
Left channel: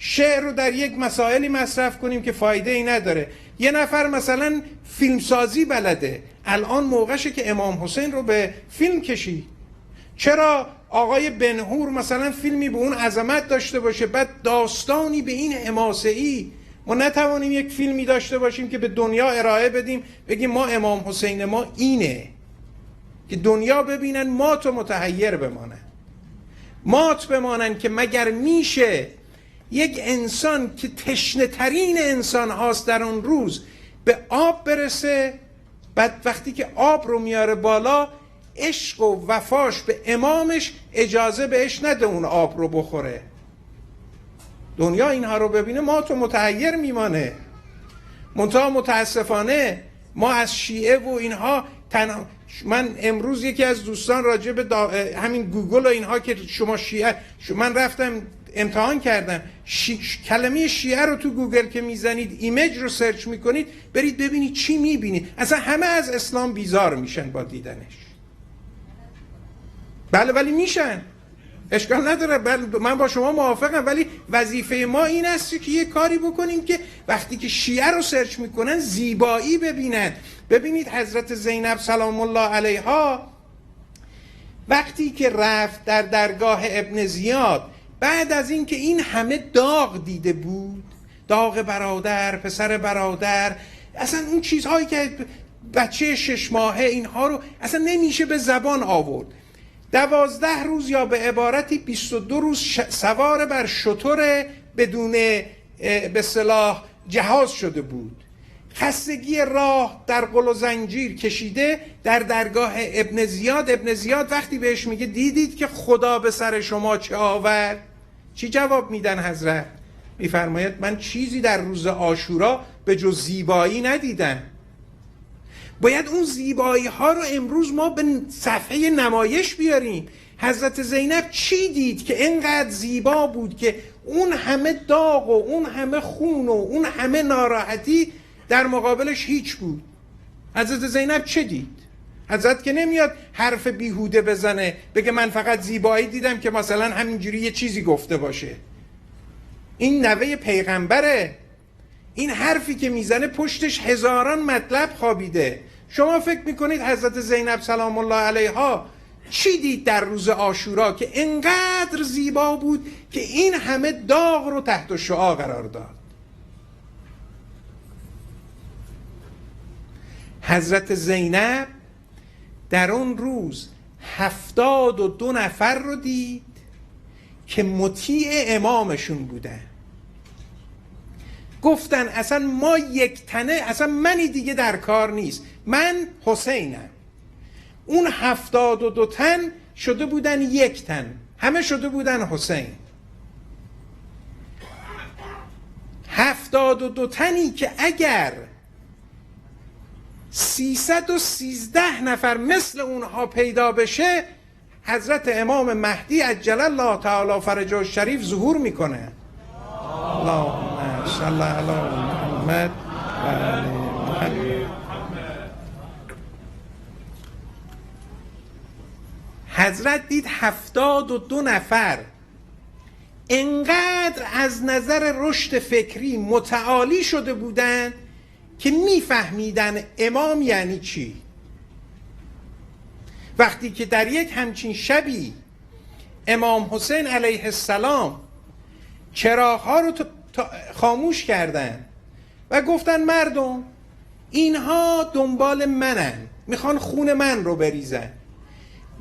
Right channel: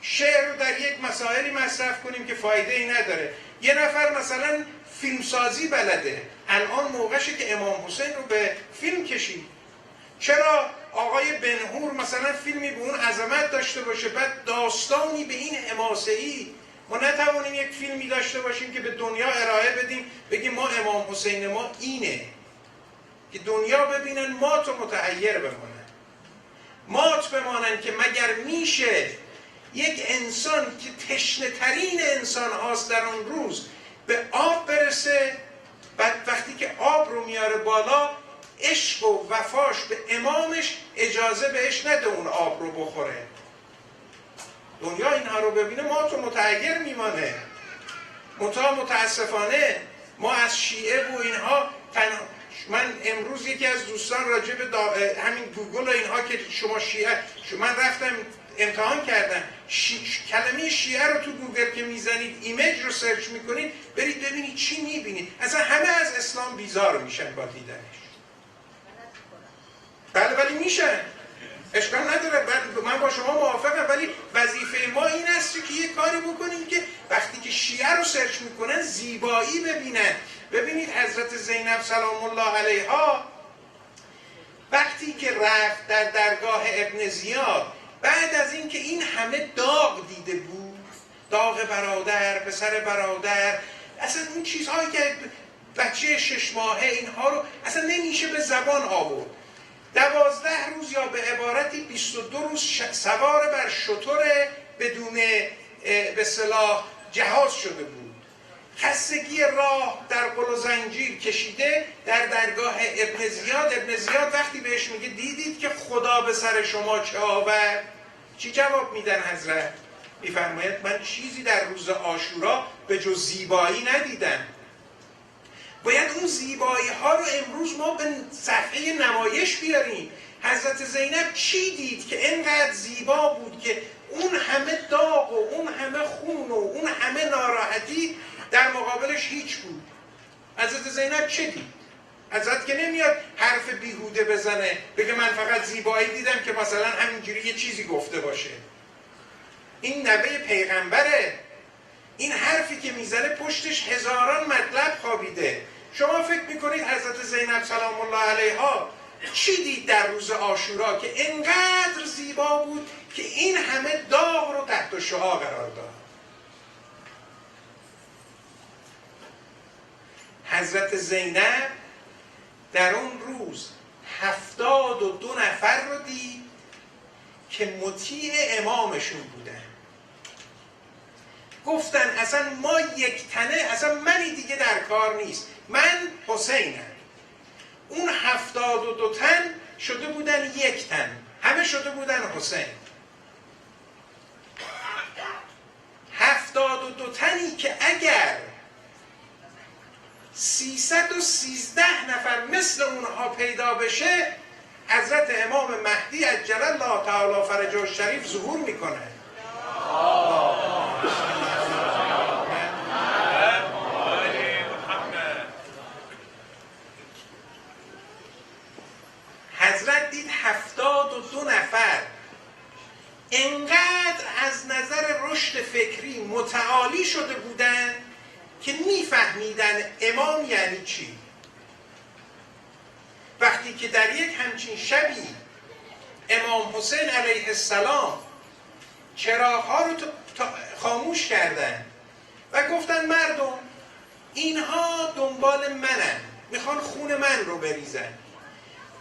شعر رو در یک مسائلی مصرف کنیم که فایده ای نداره. یه نفر مثلا فیلمسازی بلده، الان موقعشه که امام حسین رو به فیلم کشید. چرا آقای بنهور مثلا فیلمی به اون عظمت داشته باشه، بعد داستانی به این حماسه‌ای ما نتوانیم یک فیلمی داشته باشیم که به دنیا ارائه بدیم، بگیم ما امام حسین ما اینه، که دنیا ببینن مات و متحیر بمانن، مات بمانن که مگر میشه یک انسان که تشنه ترین انسان هاست در اون روز به آب برسه، بعد وقتی که آب رو میاره بالا، عشق و وفاش به امامش اجازه بهش نده اون آب رو بخوره. دنیا اینها رو ببینه مات و متحیر میمانه. منتها متاسفانه ما از شیعه و اینها من امروز یکی از دوستان راجع به همین گوگل و اینها که شما شیعه، من رفتم امتحان کردم، کلمه شیعه رو تو گوگل که میزنید، ایمیج رو سرچ میکنید، برید ببینید چی میبینید. اصلا همه از اسلام بیزار میشن با دیدنش. بله ولی میشن، اشکال نداره، من با شما موافقم، ولی وظیفه ما این است که یه کاری بکنیم که وقتی که شیعه رو سرچ میکنن زیبایی ببینن. ببینید حضرت زینب سلام الله علیها وقتی که رفت در درگاه ابن زیاد، بعد از اینکه این همه داغ دیده بود، داغ برادر، پسر برادر، اصلا اون چیزهایی که بچه 6 ماهه اینها رو اصلا نمیشه به زبان آورد. 12 روز یا به عبارتی 22 روز سوار بر شتر بدون به اصطلاح جهاز شده بود، خستگی راه در قل و زنجیر کشیده در درگاه ابن زیاد. ابن زیاد وقتی بهش میگه دیدید که خدا به سر شما چه آورد؟ چی جواب میدن حضرت؟ میفرماید من چیزی در روز عاشورا به جز زیبایی ندیدم. باید اون زیبایی ها رو امروز ما به صفحه نمایش بیاریم. حضرت زینب چی دید که اینقدر زیبا بود که اون همه داغ و اون همه خون و اون همه ناراحتی در مقابلش هیچ بود؟ حضرت زینب چه دید؟ حضرت که نمیاد حرف بیهوده بزنه بگه من فقط زیبایی دیدم که مثلا همینجوری یه چیزی گفته باشه. این نوه پیغمبره. این حرفی که میزنه پشتش هزاران مطلب خوابیده. شما فکر میکنید حضرت زینب سلام الله علیها چی دید در روز عاشورا که انقدر زیبا بود که این همه داغ رو تحت شعاع قرار داد؟ حضرت زینب در اون روز 72 نفر رو دید که مطیع امامشون بودن. گفتن اصلا ما یک تنه، اصلا منی دیگه در کار نیست، من حسینم. اون 72 تن شده بودن یک تن، همه شده بودن حسین. 72 تنی که اگر 313 نفر مثل اونها پیدا بشه، حضرت امام مهدی عجل الله تعالی فرجه الشریف ظهور میکنه. اللهم صل علی محمد. حضرت دید 72 نفر انقدر از نظر رشد فکری متعالی شده بودن که میفهمیدن امام یعنی چی. وقتی که در یک همچین شبی امام حسین علیه السلام چراغ‌ها رو خاموش کردن و گفتن مردم اینها دنبال منن، میخوان خون من رو بریزن،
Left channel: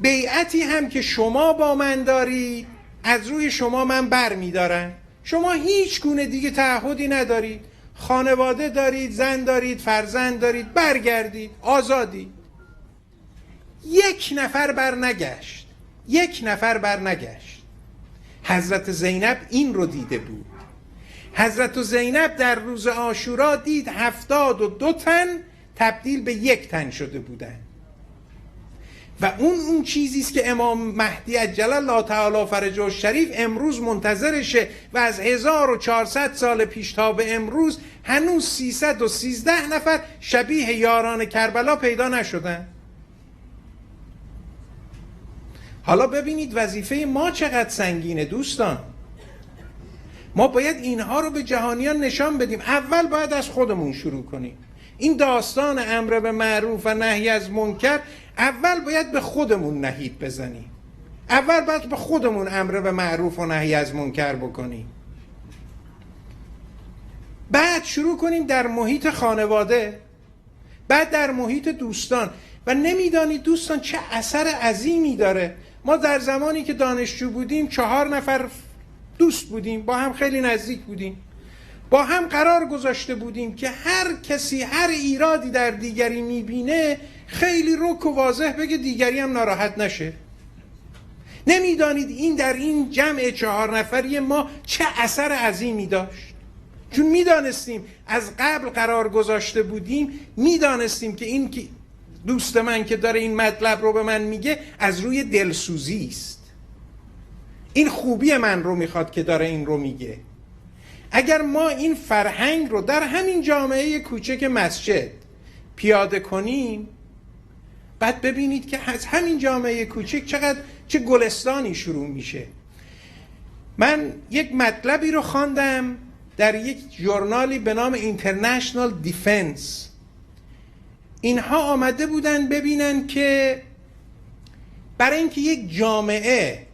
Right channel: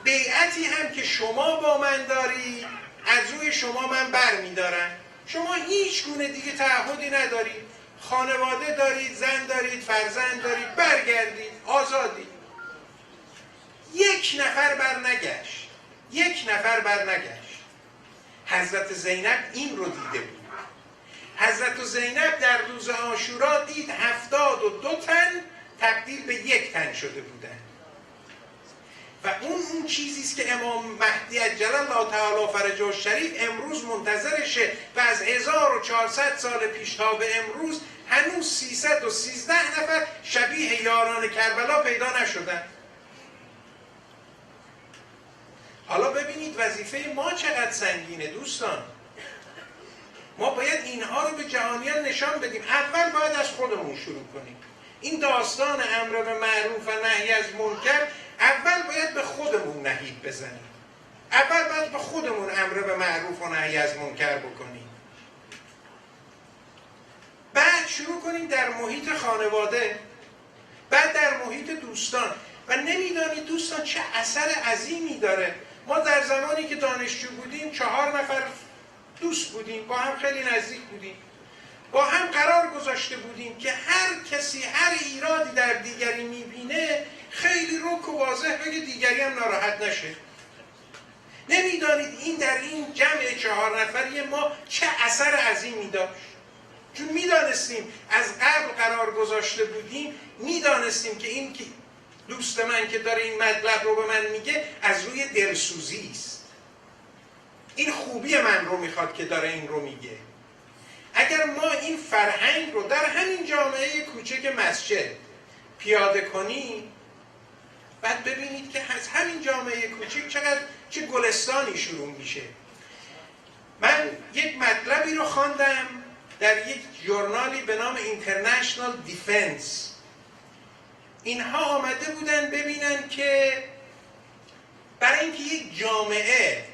بیعتی هم که شما با من دارید از روی شما من بر میدارم. شما هیچ گونه دیگه تعهدی ندارید، خانواده دارید، زن دارید، فرزند دارید، برگردید، آزادید. یک نفر بر نگشت، یک نفر بر نگشت. حضرت زینب این رو دیده بود. حضرت زینب در روز عاشورا دید 72 تن تبدیل به یک تن شده بودن. و اون چیزیست که امام مهدی عجل الله تعالی فرجه الشریف امروز منتظرشه و از 1400 سال پیش تا به امروز هنوز 313 نفر شبیه یاران کربلا پیدا نشدن. حالا ببینید وظیفه ما چقدر سنگینه دوستان. ما باید اینها رو به جهانیان نشان بدیم. اول باید از خودمون شروع کنیم. این داستان امر به معروف و نهی از منکر اول باید به خودمون نهید بزنیم. اول باید به خودمون امر به معروف و نهی از منکر بکنیم. بعد شروع کنیم در محیط خانواده، بعد در محیط دوستان. و نمیدانید دوستان چه اثر عظیمی داره. ما در زمانی که دانشجو بودیم 4 نفر دوست بودیم، با هم خیلی نزدیک بودیم، با هم قرار گذاشته بودیم که هر کسی هر ایرادی در دیگری میبینه خیلی رک و واضح بگه دیگری هم ناراحت نشه. نمیدانید این در این جمع 4 نفری ما چه اثر عظیمی داشت. چون میدانستیم از قبل قرار گذاشته بودیم، میدانستیم که این که دوست من که داره این مطلب رو به من میگه از روی دلسوزی است. این خوبی من رو میخواد که داره این رو میگه. اگر ما این فرهنگ رو در همین جامعه کوچک مسجد پیاده کنیم، بعد ببینید که از همین جامعه کوچک چه گلستانی شروع میشه. من یک مطلبی رو خواندم در یک ژورنالی به نام International Defense. اینها آمده بودن ببینن که برای اینکه یک جامعه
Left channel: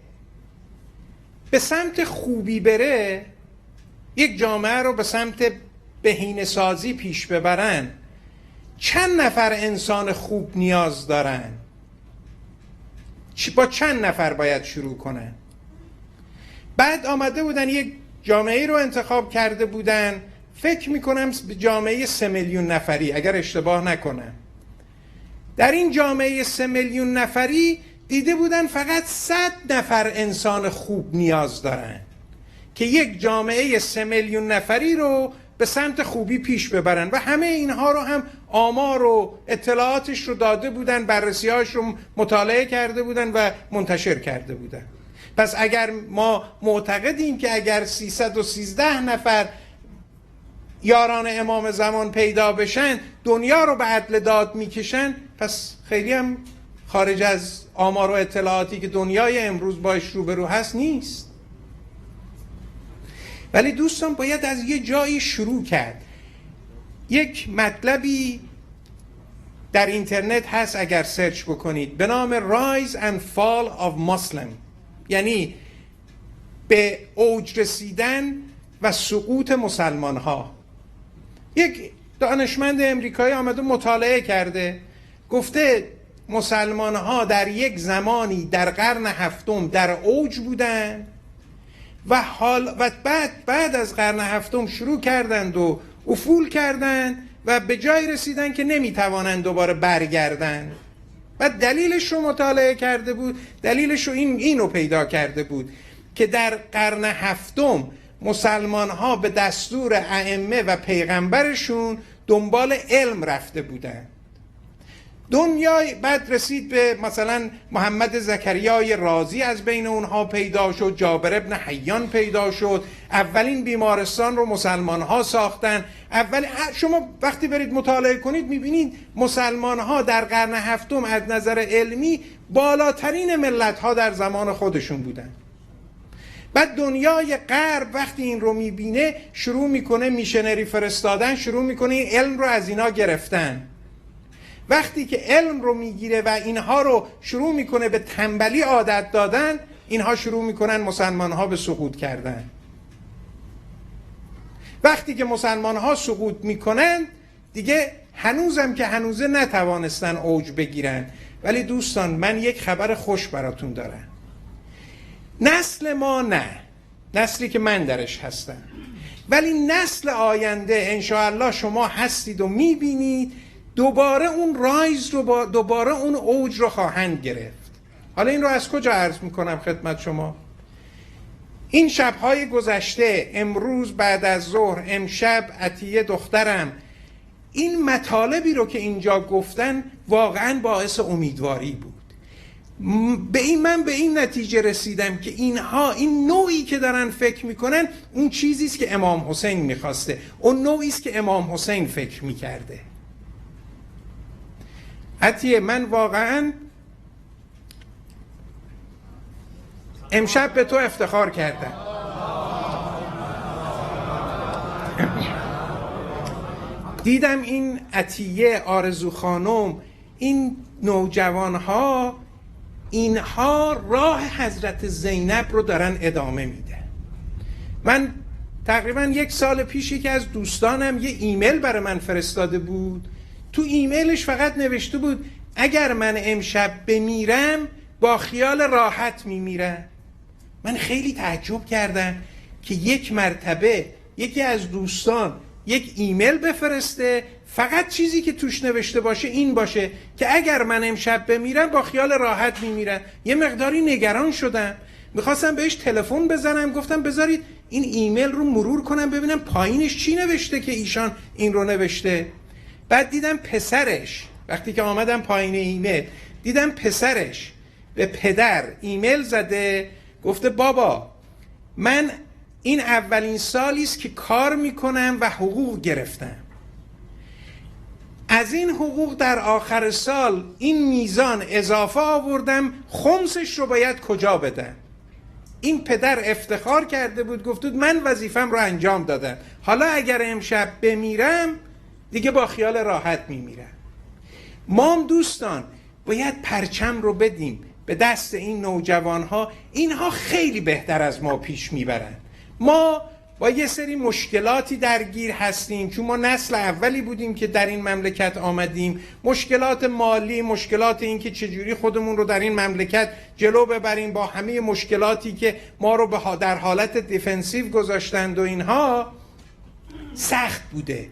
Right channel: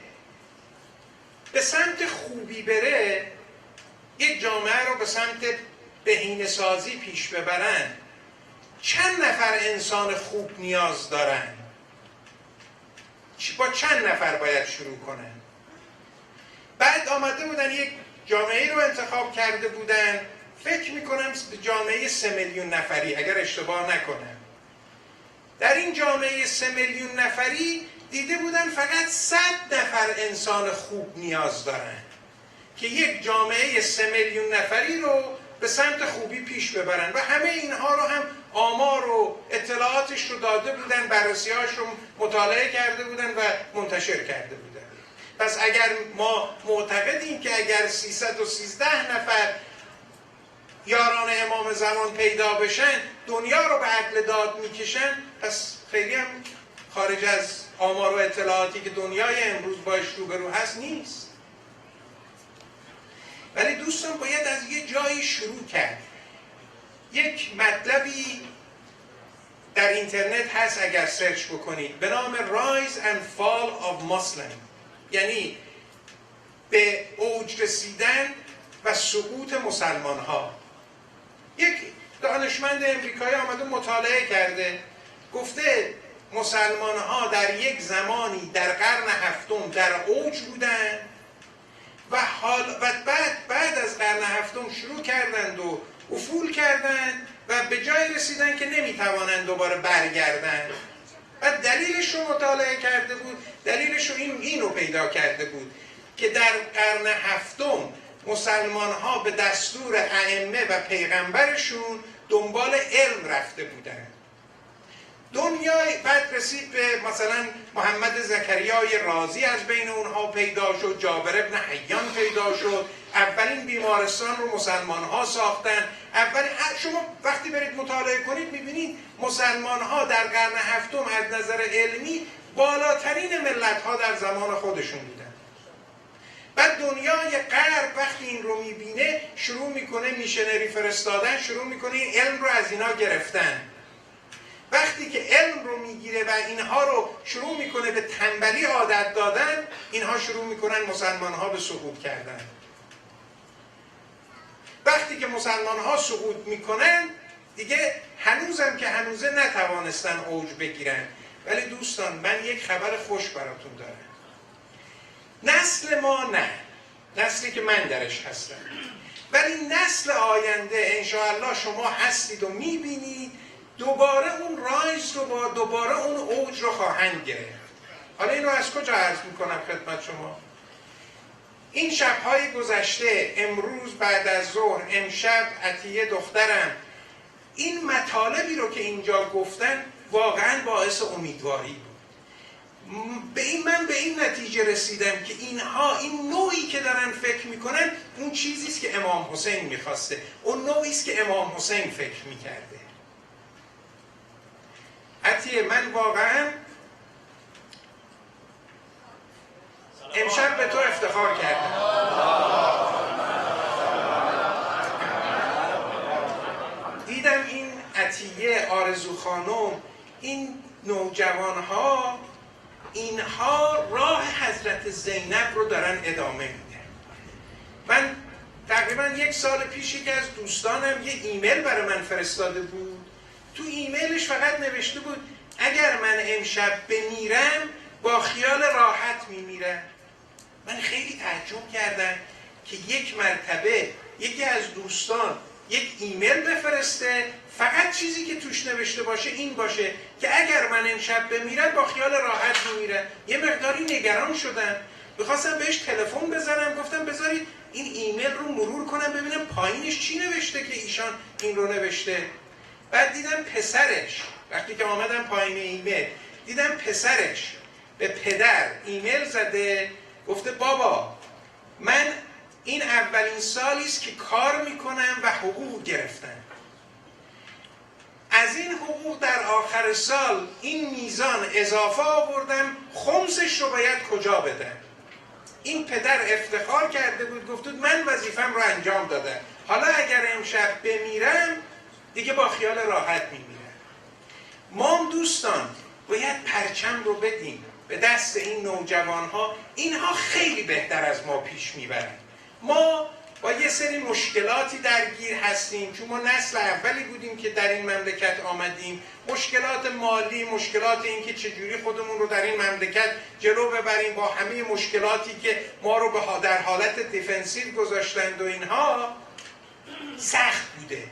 به سمت خوبی بره، یک جامعه رو به سمت بهینه‌سازی پیش ببرن، چند نفر انسان خوب نیاز دارن؟ با چند نفر باید شروع کنن؟ بعد آمده بودن یک جامعه رو انتخاب کرده بودن، فکر میکنم جامعه 3 میلیون نفری اگر اشتباه نکنم. در این جامعه 3 میلیون نفری دیده بودن فقط 100 نفر انسان خوب نیاز دارن. که یک جامعه 3 میلیون نفری رو به سمت خوبی پیش ببرن و همه اینها رو هم آمار و اطلاعاتش رو داده بودن، بررسی‌هاش رو مطالعه کرده بودن و منتشر کرده بودن. پس اگر ما معتقدیم که اگر 313 نفر یاران امام زمان پیدا بشن دنیا رو به عدل داد میکشن، پس خیلی هم خارج از آمار و اطلاعاتی که دنیای امروز باش روبرو هست نیست. ولی دوستان باید از یه جایی شروع کرد. یک مطلبی در اینترنت هست اگر سرچ بکنید به نام Rise and Fall of Muslim، یعنی به اوج رسیدن و سقوط مسلمان ها. یک دانشمند امریکایی آمده مطالعه کرده، گفته مسلمان ها در یک زمانی در قرن هفتم در اوج بودن و بعد از قرن هفتم شروع کردند و افول کردند و به جای رسیدن که نمیتوانند دوباره برگردند. و دلیلش رو مطالعه کرده بود، دلیلش رو اینو پیدا کرده بود که در قرن هفتم مسلمان ها به دستور ائمه و پیغمبرشون دنبال علم رفته بودن. دنیای بعد رسید به مثلا محمد زکریای رازی از بین اونها پیدا شد، جابر ابن حیان پیدا شد، اولین بیمارستان رو مسلمان ها ساختن. شما وقتی برید مطالعه کنید میبینید مسلمان ها در قرن هفتم از نظر علمی بالاترین ملت ها در زمان خودشون بودن. بعد دنیای غرب وقتی این رو میبینه شروع میکنه میشنری فرستادن، شروع میکنه این علم رو از اینا گرفتن. وقتی که علم رو میگیره و اینها رو شروع میکنه به تنبلی عادت دادن، اینها شروع میکنن مسلمان ها به سقوط کردن. وقتی که مسلمان ها سقوط میکنن دیگه هنوزم که هنوزه نتوانستن اوج بگیرن. ولی دوستان من یک خبر خوش براتون دارم. نسل ما نه، نسلی که من درش هستم، ولی نسل آینده انشاءالله شما هستید و میبینید دوباره اون رایز دوباره اون اوج رو خواهند گرفت. حالا این رو از کجا عرض میکنم خدمت شما؟ این شبهای گذشته، امروز بعد از ظهر، امشب عطیه دخترم این مطالبی رو که اینجا گفتن واقعا باعث امیدواری بود. من به این نتیجه رسیدم که اینها این نوعی که دارن فکر میکنن اون چیزی است که امام حسین میخواسته، اون نوعی است که امام حسین فکر میکرده. عطیه من واقعا امشب به تو افتخار کردم. دیدم این عطیه، آرزو خانم، این نوجوان ها اینها راه حضرت زینب رو دارن ادامه میده. من تقریبا 1 سال پیش یکی از دوستانم یه ایمیل برای من فرستاده بود. تو ایمیلش فقط نوشته بود اگر من امشب بمیرم با خیال راحت میمیرم. من خیلی تعجب کردم که یک مرتبه یکی از دوستان یک ایمیل بفرسته فقط چیزی که توش نوشته باشه این باشه که اگر من امشب بمیرم با خیال راحت میمیرم. یه مقداری نگران شدم، میخواستم بهش تلفن بزنم، گفتم بذارید این ایمیل رو مرور کنم ببینم پایینش چی نوشته که ایشان این رو نوشته. بعد دیدم پسرش، وقتی که آمدم پایین ایمیل دیدم پسرش به پدر ایمیل زده، گفته بابا من این اولین سالی است که کار میکنم و حقوق گرفتم. از این حقوق در آخر سال این میزان اضافه آوردم، خمسش رو باید کجا بدم؟ این پدر افتخار کرده بود، گفت بود من وظیفم رو انجام دادم، حالا اگر امشب بمیرم دیگه با خیال راحت میمیرم. ما دوستان باید پرچم رو بدیم به دست این نوجوان ها. اینها خیلی بهتر از ما پیش میبرن. ما با یه سری مشکلاتی درگیر هستیم چون ما نسل اولی بودیم که در این مملکت آمدیم. مشکلات مالی، مشکلات این که چجوری خودمون رو در این مملکت جلو ببریم با همه مشکلاتی که ما رو در حالت دیفنسیو گذاشتند و اینها سخت بوده.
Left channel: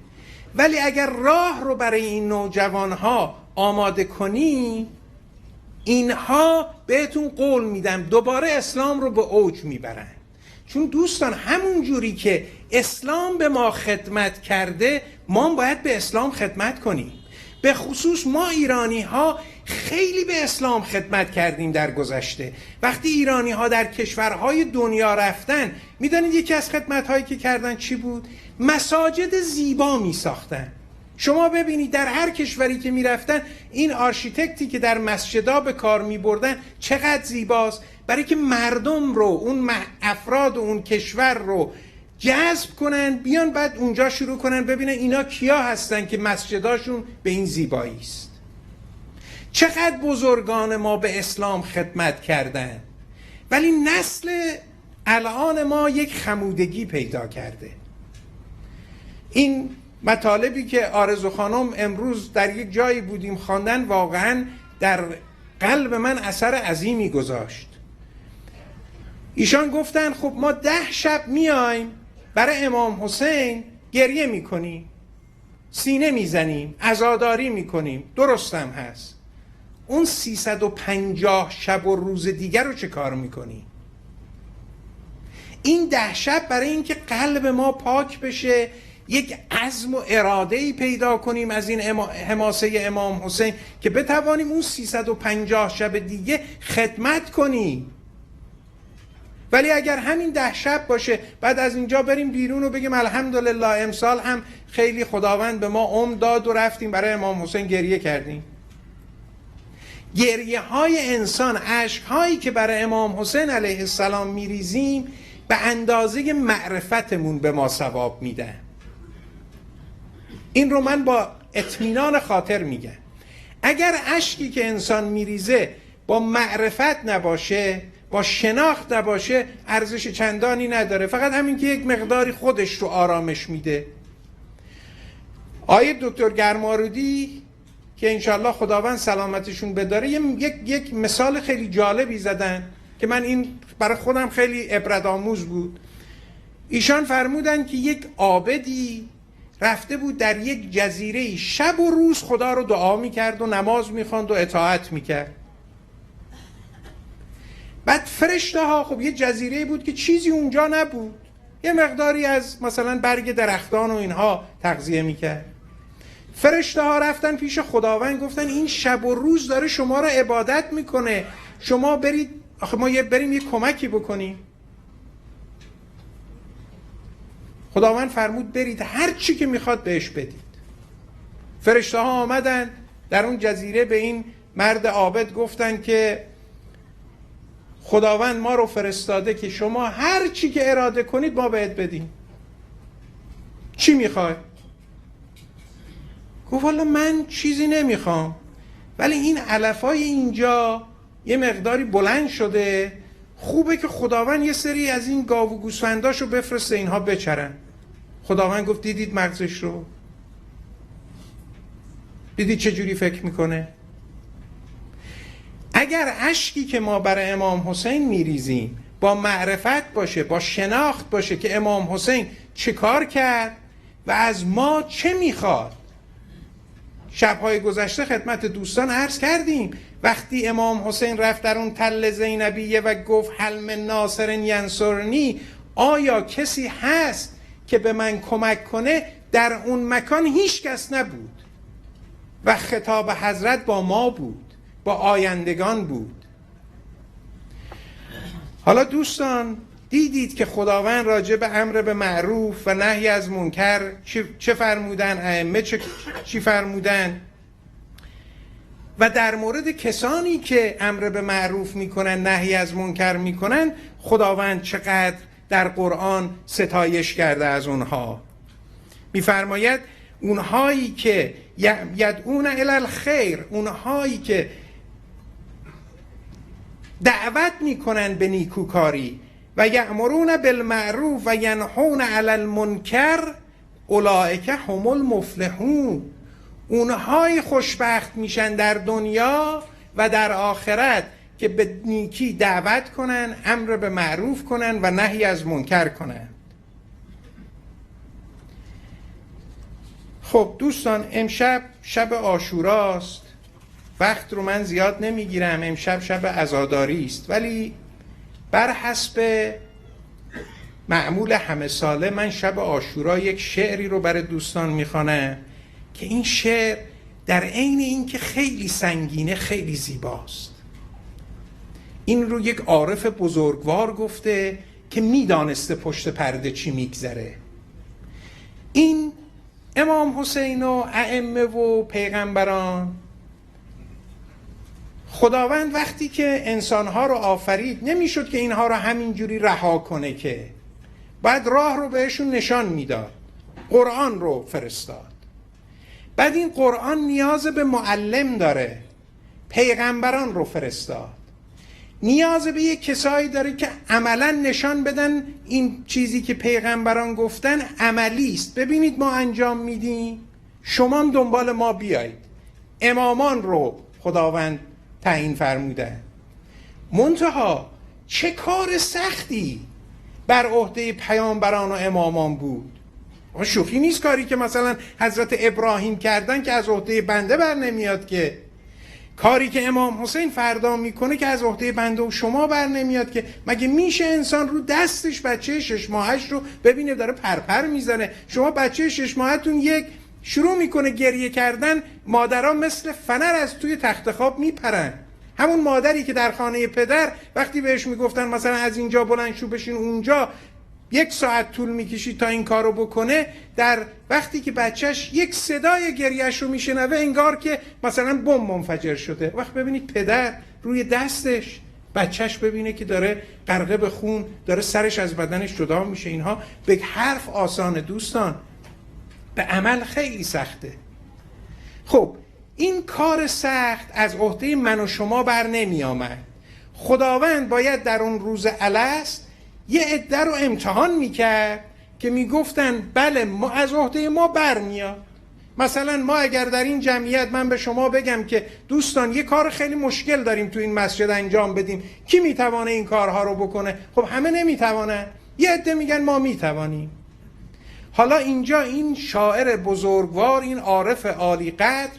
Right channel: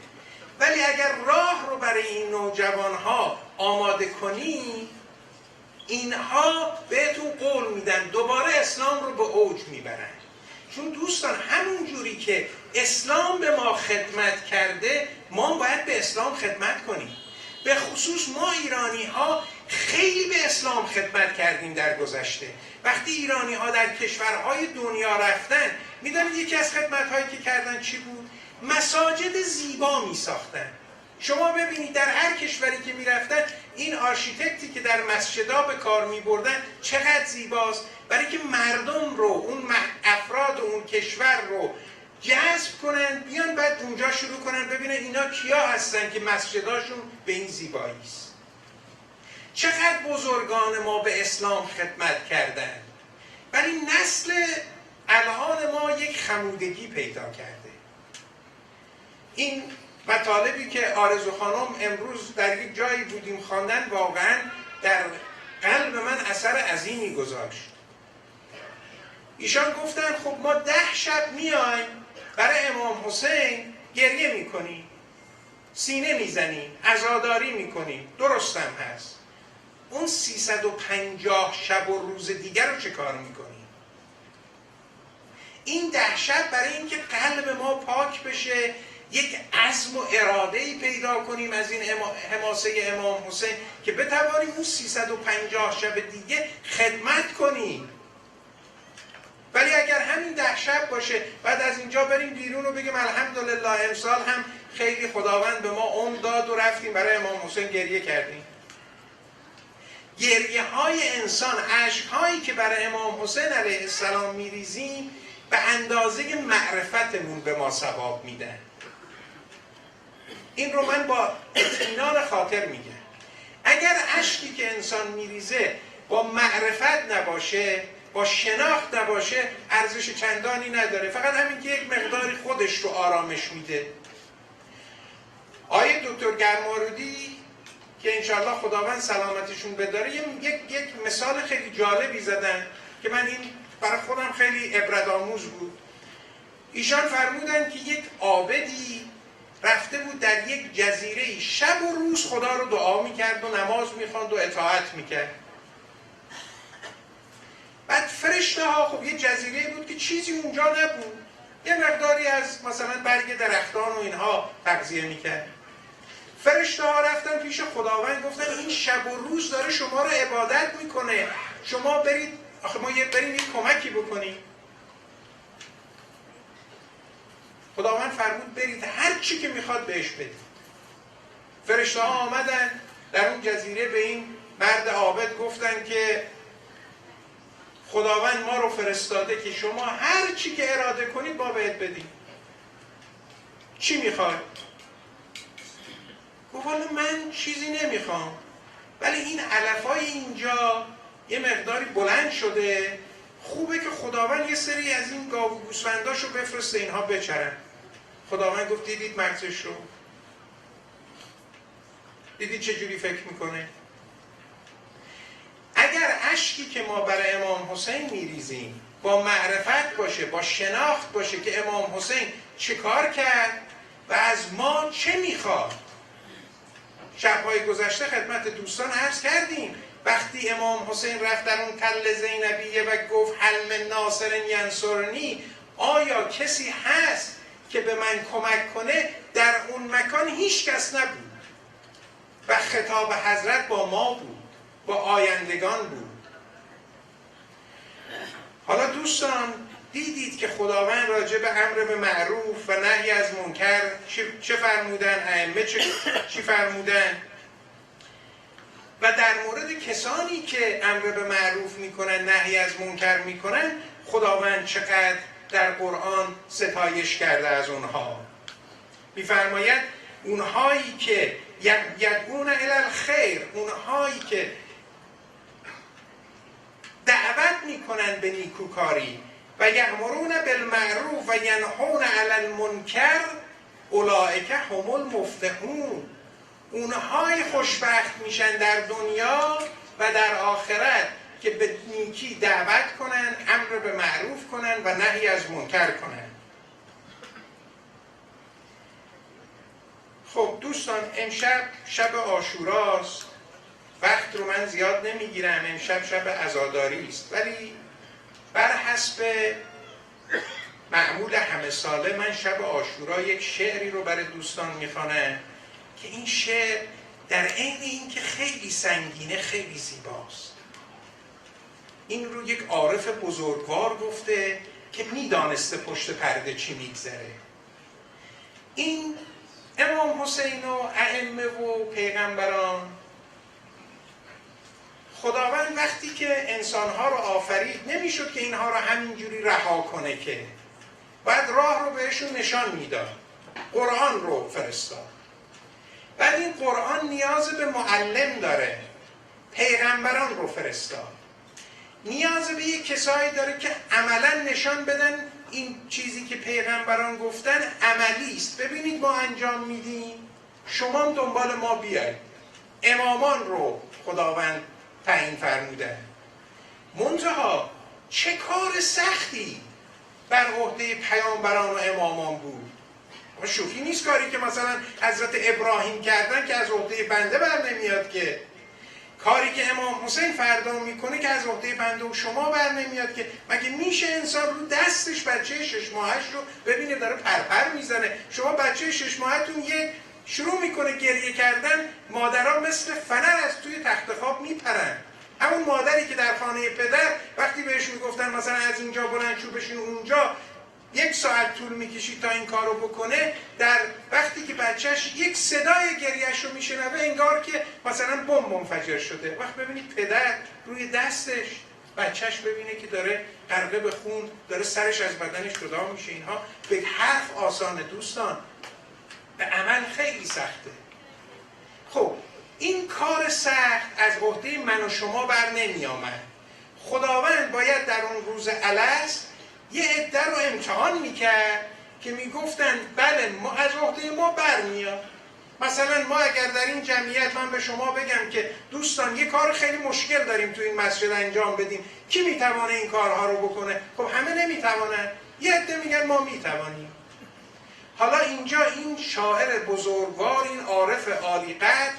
ولی اگر راه رو برای این نوجوان ها آماده کنیم، اینها بهتون قول میدم دوباره اسلام رو به اوج میبرن. چون دوستان همون جوری که اسلام به ما خدمت کرده، ما باید به اسلام خدمت کنیم. به خصوص ما ایرانی ها خیلی به اسلام خدمت کردیم در گذشته. وقتی ایرانی ها در کشورهای دنیا رفتن، میدونید یکی از خدمت هایی که کردن چی بود؟ مساجد زیبا می ساختن. شما ببینید در هر کشوری که می رفتن، این آرشیتکتی که در مسجدها به کار می بردن چقدر زیباست، برای که مردم رو، اون افراد اون کشور رو جذب کنن، بیان بعد اونجا شروع کنن ببینن اینا کیا هستن که مسجداشون به این زیبایی است. چقدر بزرگان ما به اسلام خدمت کردن، ولی نسل الان ما یک خمودگی پیدا کرده. این مطالبی که آرزو خانم امروز در یک جایی بودیم خواندن، واقعا در قلب من اثر عظیمی گذاشت. ایشان گفتن خب ما 10 شب میایم برای امام حسین گریه میکنیم، سینه میزنیم، عزاداری میکنیم، درستم هست. اون 350 شب و روز دیگر رو چه کار میکنیم؟ این 10 شب برای اینکه قلب ما پاک بشه، یک عزم و اراده‌ای پیدا کنیم از این حماسه امام حسین که بتوانیم اون 350 شب دیگه خدمت کنیم. ولی اگر همین 10 شب باشه، بعد از اینجا بریم بیرون و بگیم الحمدلله امسال هم خیلی خداوند به ما عمر داد و رفتیم برای امام حسین گریه کردیم. گریه های انسان، عشق هایی که برای امام حسین علیه السلام میریزیم، به اندازه معرفتمون به ما ثواب میدن. این رو من با اطمینان خاطر میگم. اگر اشکی که انسان میریزه با معرفت نباشه، با شناخت نباشه، ارزش چندانی نداره، فقط همین که یک مقداری خودش رو آرامش میده. آقای دکتر گرمارودی که انشالله خداوند سلامتشون بداره، یک مثال خیلی جالبی زدن که من این برای خودم خیلی عبرت آموز بود. ایشان فرمودن که یک عابدی رفته بود در یک جزیره، شب و روز خدا رو دعا میکرد و نماز میخواند و اطاعت میکرد. بعد فرشته ها، خب یه جزیره بود که چیزی اونجا نبود، یه مقداری از مثلا برگ درختان و اینها تغذیه میکرد. فرشته ها رفتن پیش خداوند، گفتن این شب و روز داره شما رو عبادت میکنه، شما برید، آخه ما بریم یه کمکی بکنیم. خداوند فرمود برید هر چی که میخواد بهش بدید. فرشته ها آمدن در اون جزیره به این مرد عابد گفتن که خداوند ما رو فرستاده که شما هر چی که اراده کنید ما بهت بدیم. چی میخوای؟ گفت والا من چیزی نمیخوام، ولی این علفای اینجا یه مقداری بلند شده، خوبه که خداوند یه سری از این گاو و گوسفنداشو بفرسته اینها بچرن. خداوند گفت دیدید مغزش رو؟ دیدید چجوری فکر میکنه؟ اگر اشکی که ما برای امام حسین میریزیم با معرفت باشه، با شناخت باشه که امام حسین چه کار کرد و از ما چه میخواد. شبهای گذشته خدمت دوستان عرض کردیم وقتی امام حسین رفت در اون تل زینبیه و گفت هل من ناصر ینصرنی، آیا کسی هست که به من کمک کنه؟ در اون مکان هیچ کس نبود و خطاب حضرت با ما بود، با آیندگان بود. حالا دوستان دیدید که خداوند راجع به امر به معروف و نهی از منکر چه فرمودن، ائمه چی فرمودن، و در مورد کسانی که امر به معروف میکنن نهی از منکر میکنن خداوند چقدر در قرآن ستایش کرده از اونها. میفرماید اونهایی که یدعون الی الخیر، اونهایی که دعوت میکنن به نیکوکاری و یأمرون بالمعروف و ینهون علی المنکر اولئک هم المفلحون، اونهای خوشبخت میشن در دنیا و در آخرت که به نیکی دعوت کنن، امر به معروف کنن و نهی از منکر کنن. خب دوستان امشب شب عاشوراست، وقت رو من زیاد نمیگیرم، امشب شب عزاداری است، ولی بر حسب معمول همه ساله من شب عاشورا یک شعری رو برای دوستان میخوانم که این شعر در عین اینکه خیلی سنگینه خیلی زیباست. این رو یک عارف بزرگوار گفته که میدانسته پشت پرده چی میگذره. این امام حسین و ائمه و پیغمبران، خداوند وقتی که انسانها رو آفرید نمیشد که اینها رو همینجوری رها کنه، که بعد راه رو بهشون نشان میداد، قرآن رو فرستاد. بعد این قرآن نیاز به معلم داره، پیغمبران رو فرستاد، نیاز به یک کسایی داره که عملا نشان بدن این چیزی که پیغمبران گفتن عملی است. ببینید ما انجام میدیم، شما هم دنبال ما بیایید. امامان رو خداوند تعیین فرموده، منتها چه کار سختی بر عهده پیامبران و امامان بود. شوخی نیست کاری که مثلا حضرت ابراهیم کردن که از عهده بنده بر نمیاد، که کاری که امام حسین فردا میکنه که از عهده بنده و شما بر نمیاد. که مگه میشه انسان رو دستش بچه 6 ماهش رو ببینه داره پرپر میزنه؟ شما بچه 6 ماهتون یک شروع میکنه گریه کردن، مادرها مثل فنر از توی تخت خواب میپرن. همون مادری که در خانه پدر وقتی بهش میگفتن مثلا از اینجا بلند شو بشین اونجا 1 ساعت طول میکشید تا این کارو بکنه، در وقتی که بچهش یک صدای گریهش رو میشنوه انگار که مثلا بمب منفجر شده. وقت ببینید پدر روی دستش بچهش ببینه که داره غرقه به خون، داره سرش از بدنش جدا میشه. اینها به حرف آسانه دوستان، به عمل خیلی سخته. خب این کار سخت از عهده من و شما بر نمی آمد. خداوند باید در اون روز الست یه عده رو امتحان میکرد که میگفتن بله ما از عهده ما برمیاد. مثلا ما اگر در این جمعیت من به شما بگم که دوستان یه کار خیلی مشکل داریم تو این مسجد انجام بدیم، کی میتوانه این کارها رو بکنه؟ خب همه نمیتوانن، یه عده میگن ما میتوانیم. حالا اینجا این شاعر بزرگوار، این عارف عالی قدر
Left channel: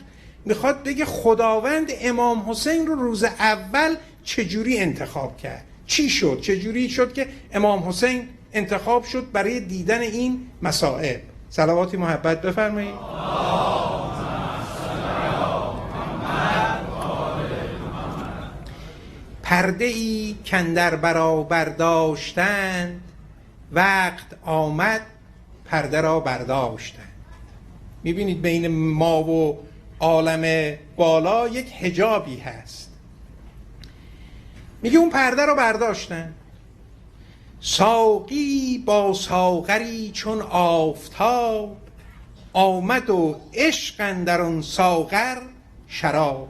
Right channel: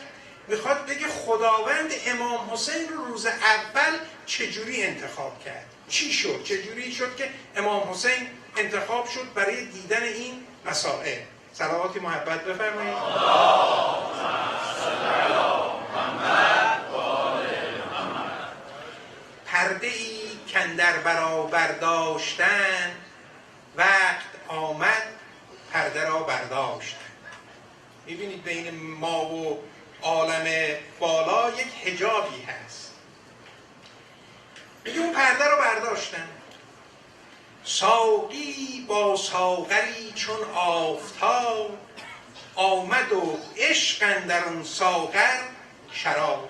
میخواد بگه خداوند امام حسین رو روز اول چجوری انتخاب کرد، چی شد، چجوری شد که امام حسین انتخاب شد برای دیدن این مسائل. صلواتی محبت بفرمایید. پرده ای کاندر برابر داشتن، وقت آمد پرده را برداشتن. میبینید بین ما و عالم بالا یک حجابی هست. میگه اون پرده رو برداشتن. ساقی با ساغری چون آفتاب، آمد و عشق اندر اون ساغر شراب.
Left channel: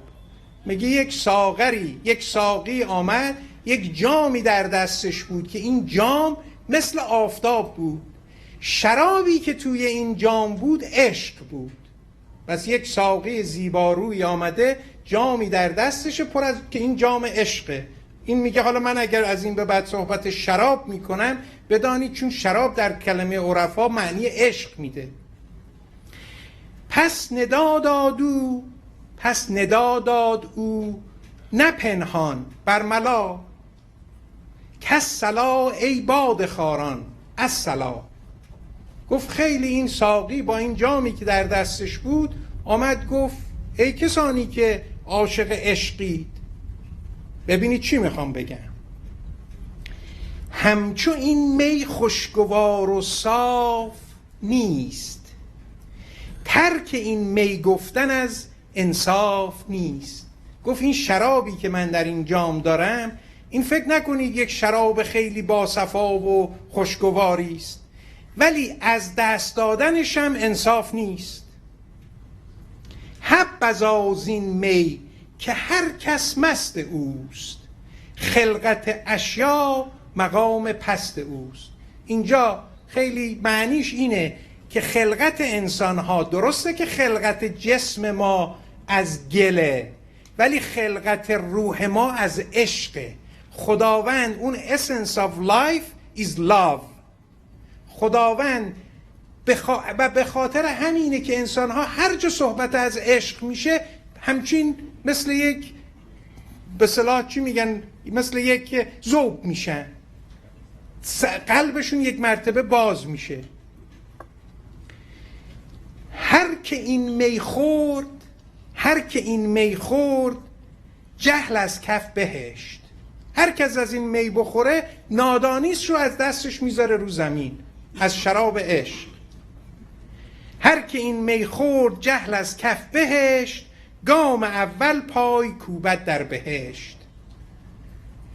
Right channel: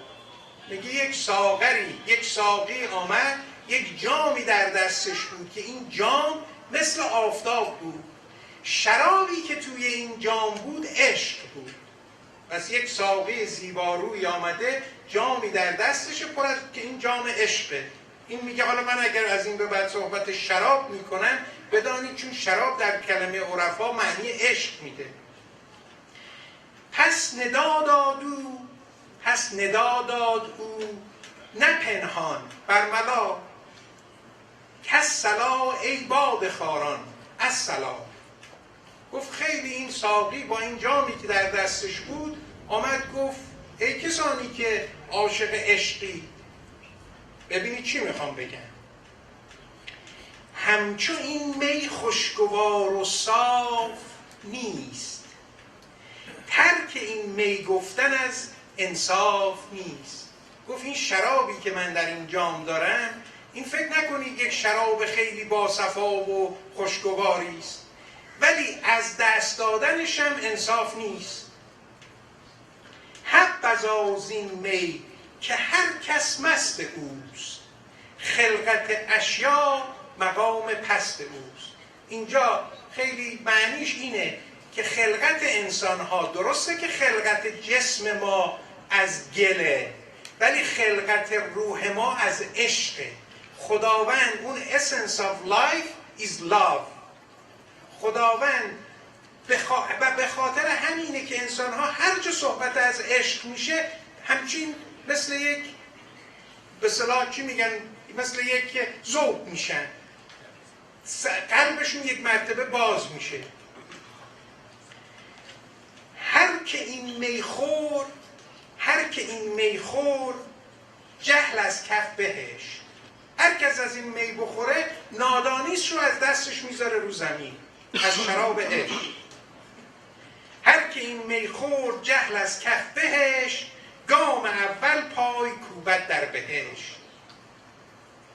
میگه یک ساغری، یک ساقی آمد، یک جامی در دستش بود که این جام مثل آفتاب بود. شرابی که توی این جام بود عشق بود. پس یک ساقی زیباروی آمده، جامی در دستش پر از که این جام عشقه. این میگه حالا من اگر از این به بعد صحبت شراب میکنم بدانید چون شراب در کلمه عرفا معنی عشق میده. پس ندا داد او نه پنهان برملا، کس صلا ای باد خاران از صلا. گفت خیلی این ساقی با این جامی که در دستش بود آمد گفت ای کسانی که عاشق عشقی، ببینید چی میخوام بگم. همچو این می خوشگوار و صاف نیست، ترک این می گفتن از انصاف نیست. گفت این شرابی که من در این جام دارم، این فکر نکنید یک شراب خیلی باصفا و خوشگواری است، ولی از دست دادنش هم انصاف نیست. حبذا زین می که هر کس مست اوست، خلقت اشیا مقام پست اوست. اینجا خیلی معنیش اینه که خلقت انسان ها درسته که خلقت جسم ما از گله، ولی خلقت روح ما از عشقه. خداوند اون essence of life is love. خداوند به خاطر همینه که انسان ها هر جا صحبت از عشق میشه همچین مثل یک، به اصطلاح چی میگن، مثل یک ذوق میشن. قلبشون یک مرتبه باز میشه. هر که این می خورد جهل از کف بهشت. هر کس از این می بخوره نادانیست رو از دستش میذاره رو زمین، از شراب عشق. هر که این می خورد جهل از کف بهشت، گام اول پای کوبد در بهشت.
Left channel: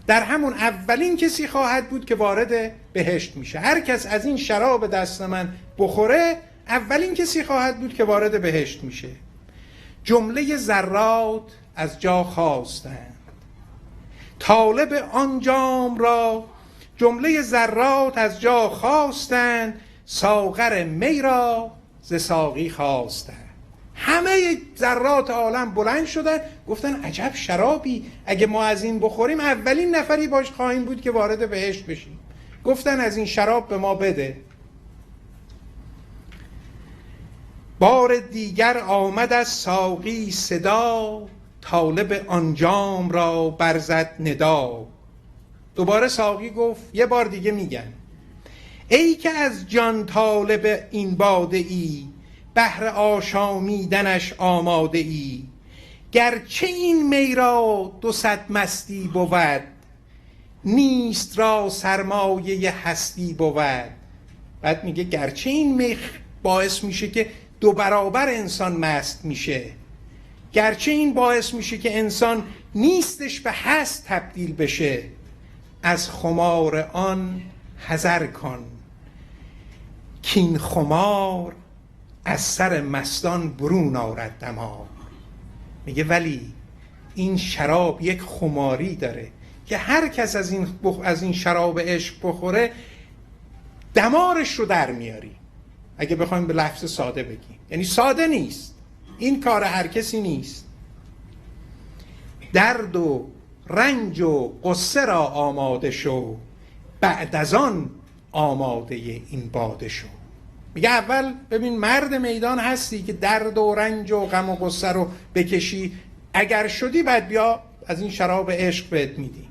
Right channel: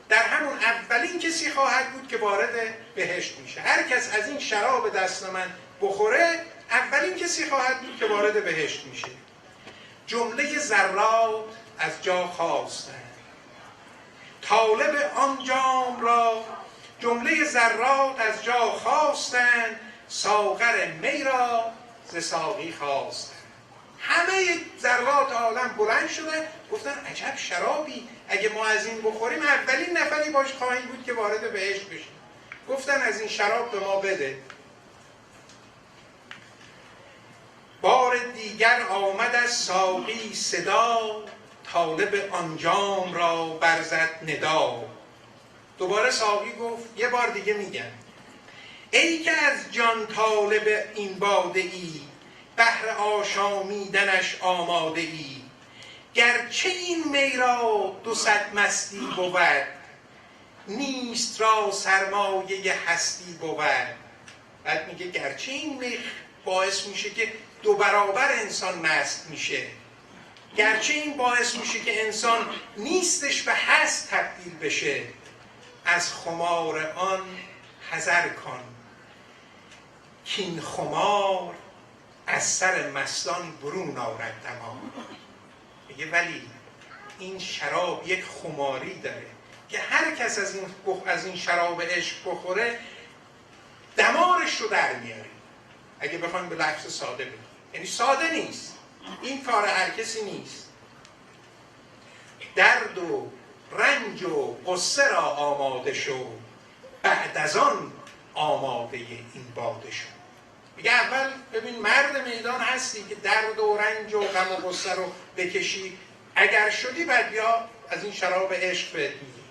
در همون اولین کسی خواهد بود که وارد بهشت میشه. هر کس از این شراب دست من بخوره اولین کسی خواهد بود که وارد بهشت میشه. جمله ذرات از جا خاستند طالب آن جام را، جمله ذرات از جا خواستند ساغر می را ز ساقی خواستند. همه ذرات عالم بلند شدن گفتن عجب شرابی، اگه ما از این بخوریم اولین نفری باش خواهیم بود که وارد بهشت بشیم. گفتن از این شراب به ما بده. بار دیگر آمد از ساقی صدا، طالب آن جام را برزد ندا. دوباره ساقی گفت یه بار دیگه میگم، ای که از جان طالب این باده ای، بهر آشامیدنش آماده ای. گرچه این می را 200 مستی بود، نیست را سرمایه هستی بود. بعد میگه گرچه این می باعث میشه که 2 برابر انسان مست میشه، گرچه این باعث میشه که انسان نیستش به هست تبدیل بشه، از خمار آن حذر کن کین خمار از سر مستان برون آرد دماغ. میگه ولی این شراب یک خماری داره که هر کس از این شراب عشق بخوره دمارش رو در میاری. اگه بخوایم به لفظ ساده بگیم، یعنی ساده نیست، این کار هر کسی نیست. درد و رنج و غصه را آماده شو، بعد از آن آماده این باده شو. میگه اول ببین مرد میدان هستی که درد و رنج و غم و غصه رو بکشی، اگر شدی بعد بیا از این شراب عشق بهت میدی.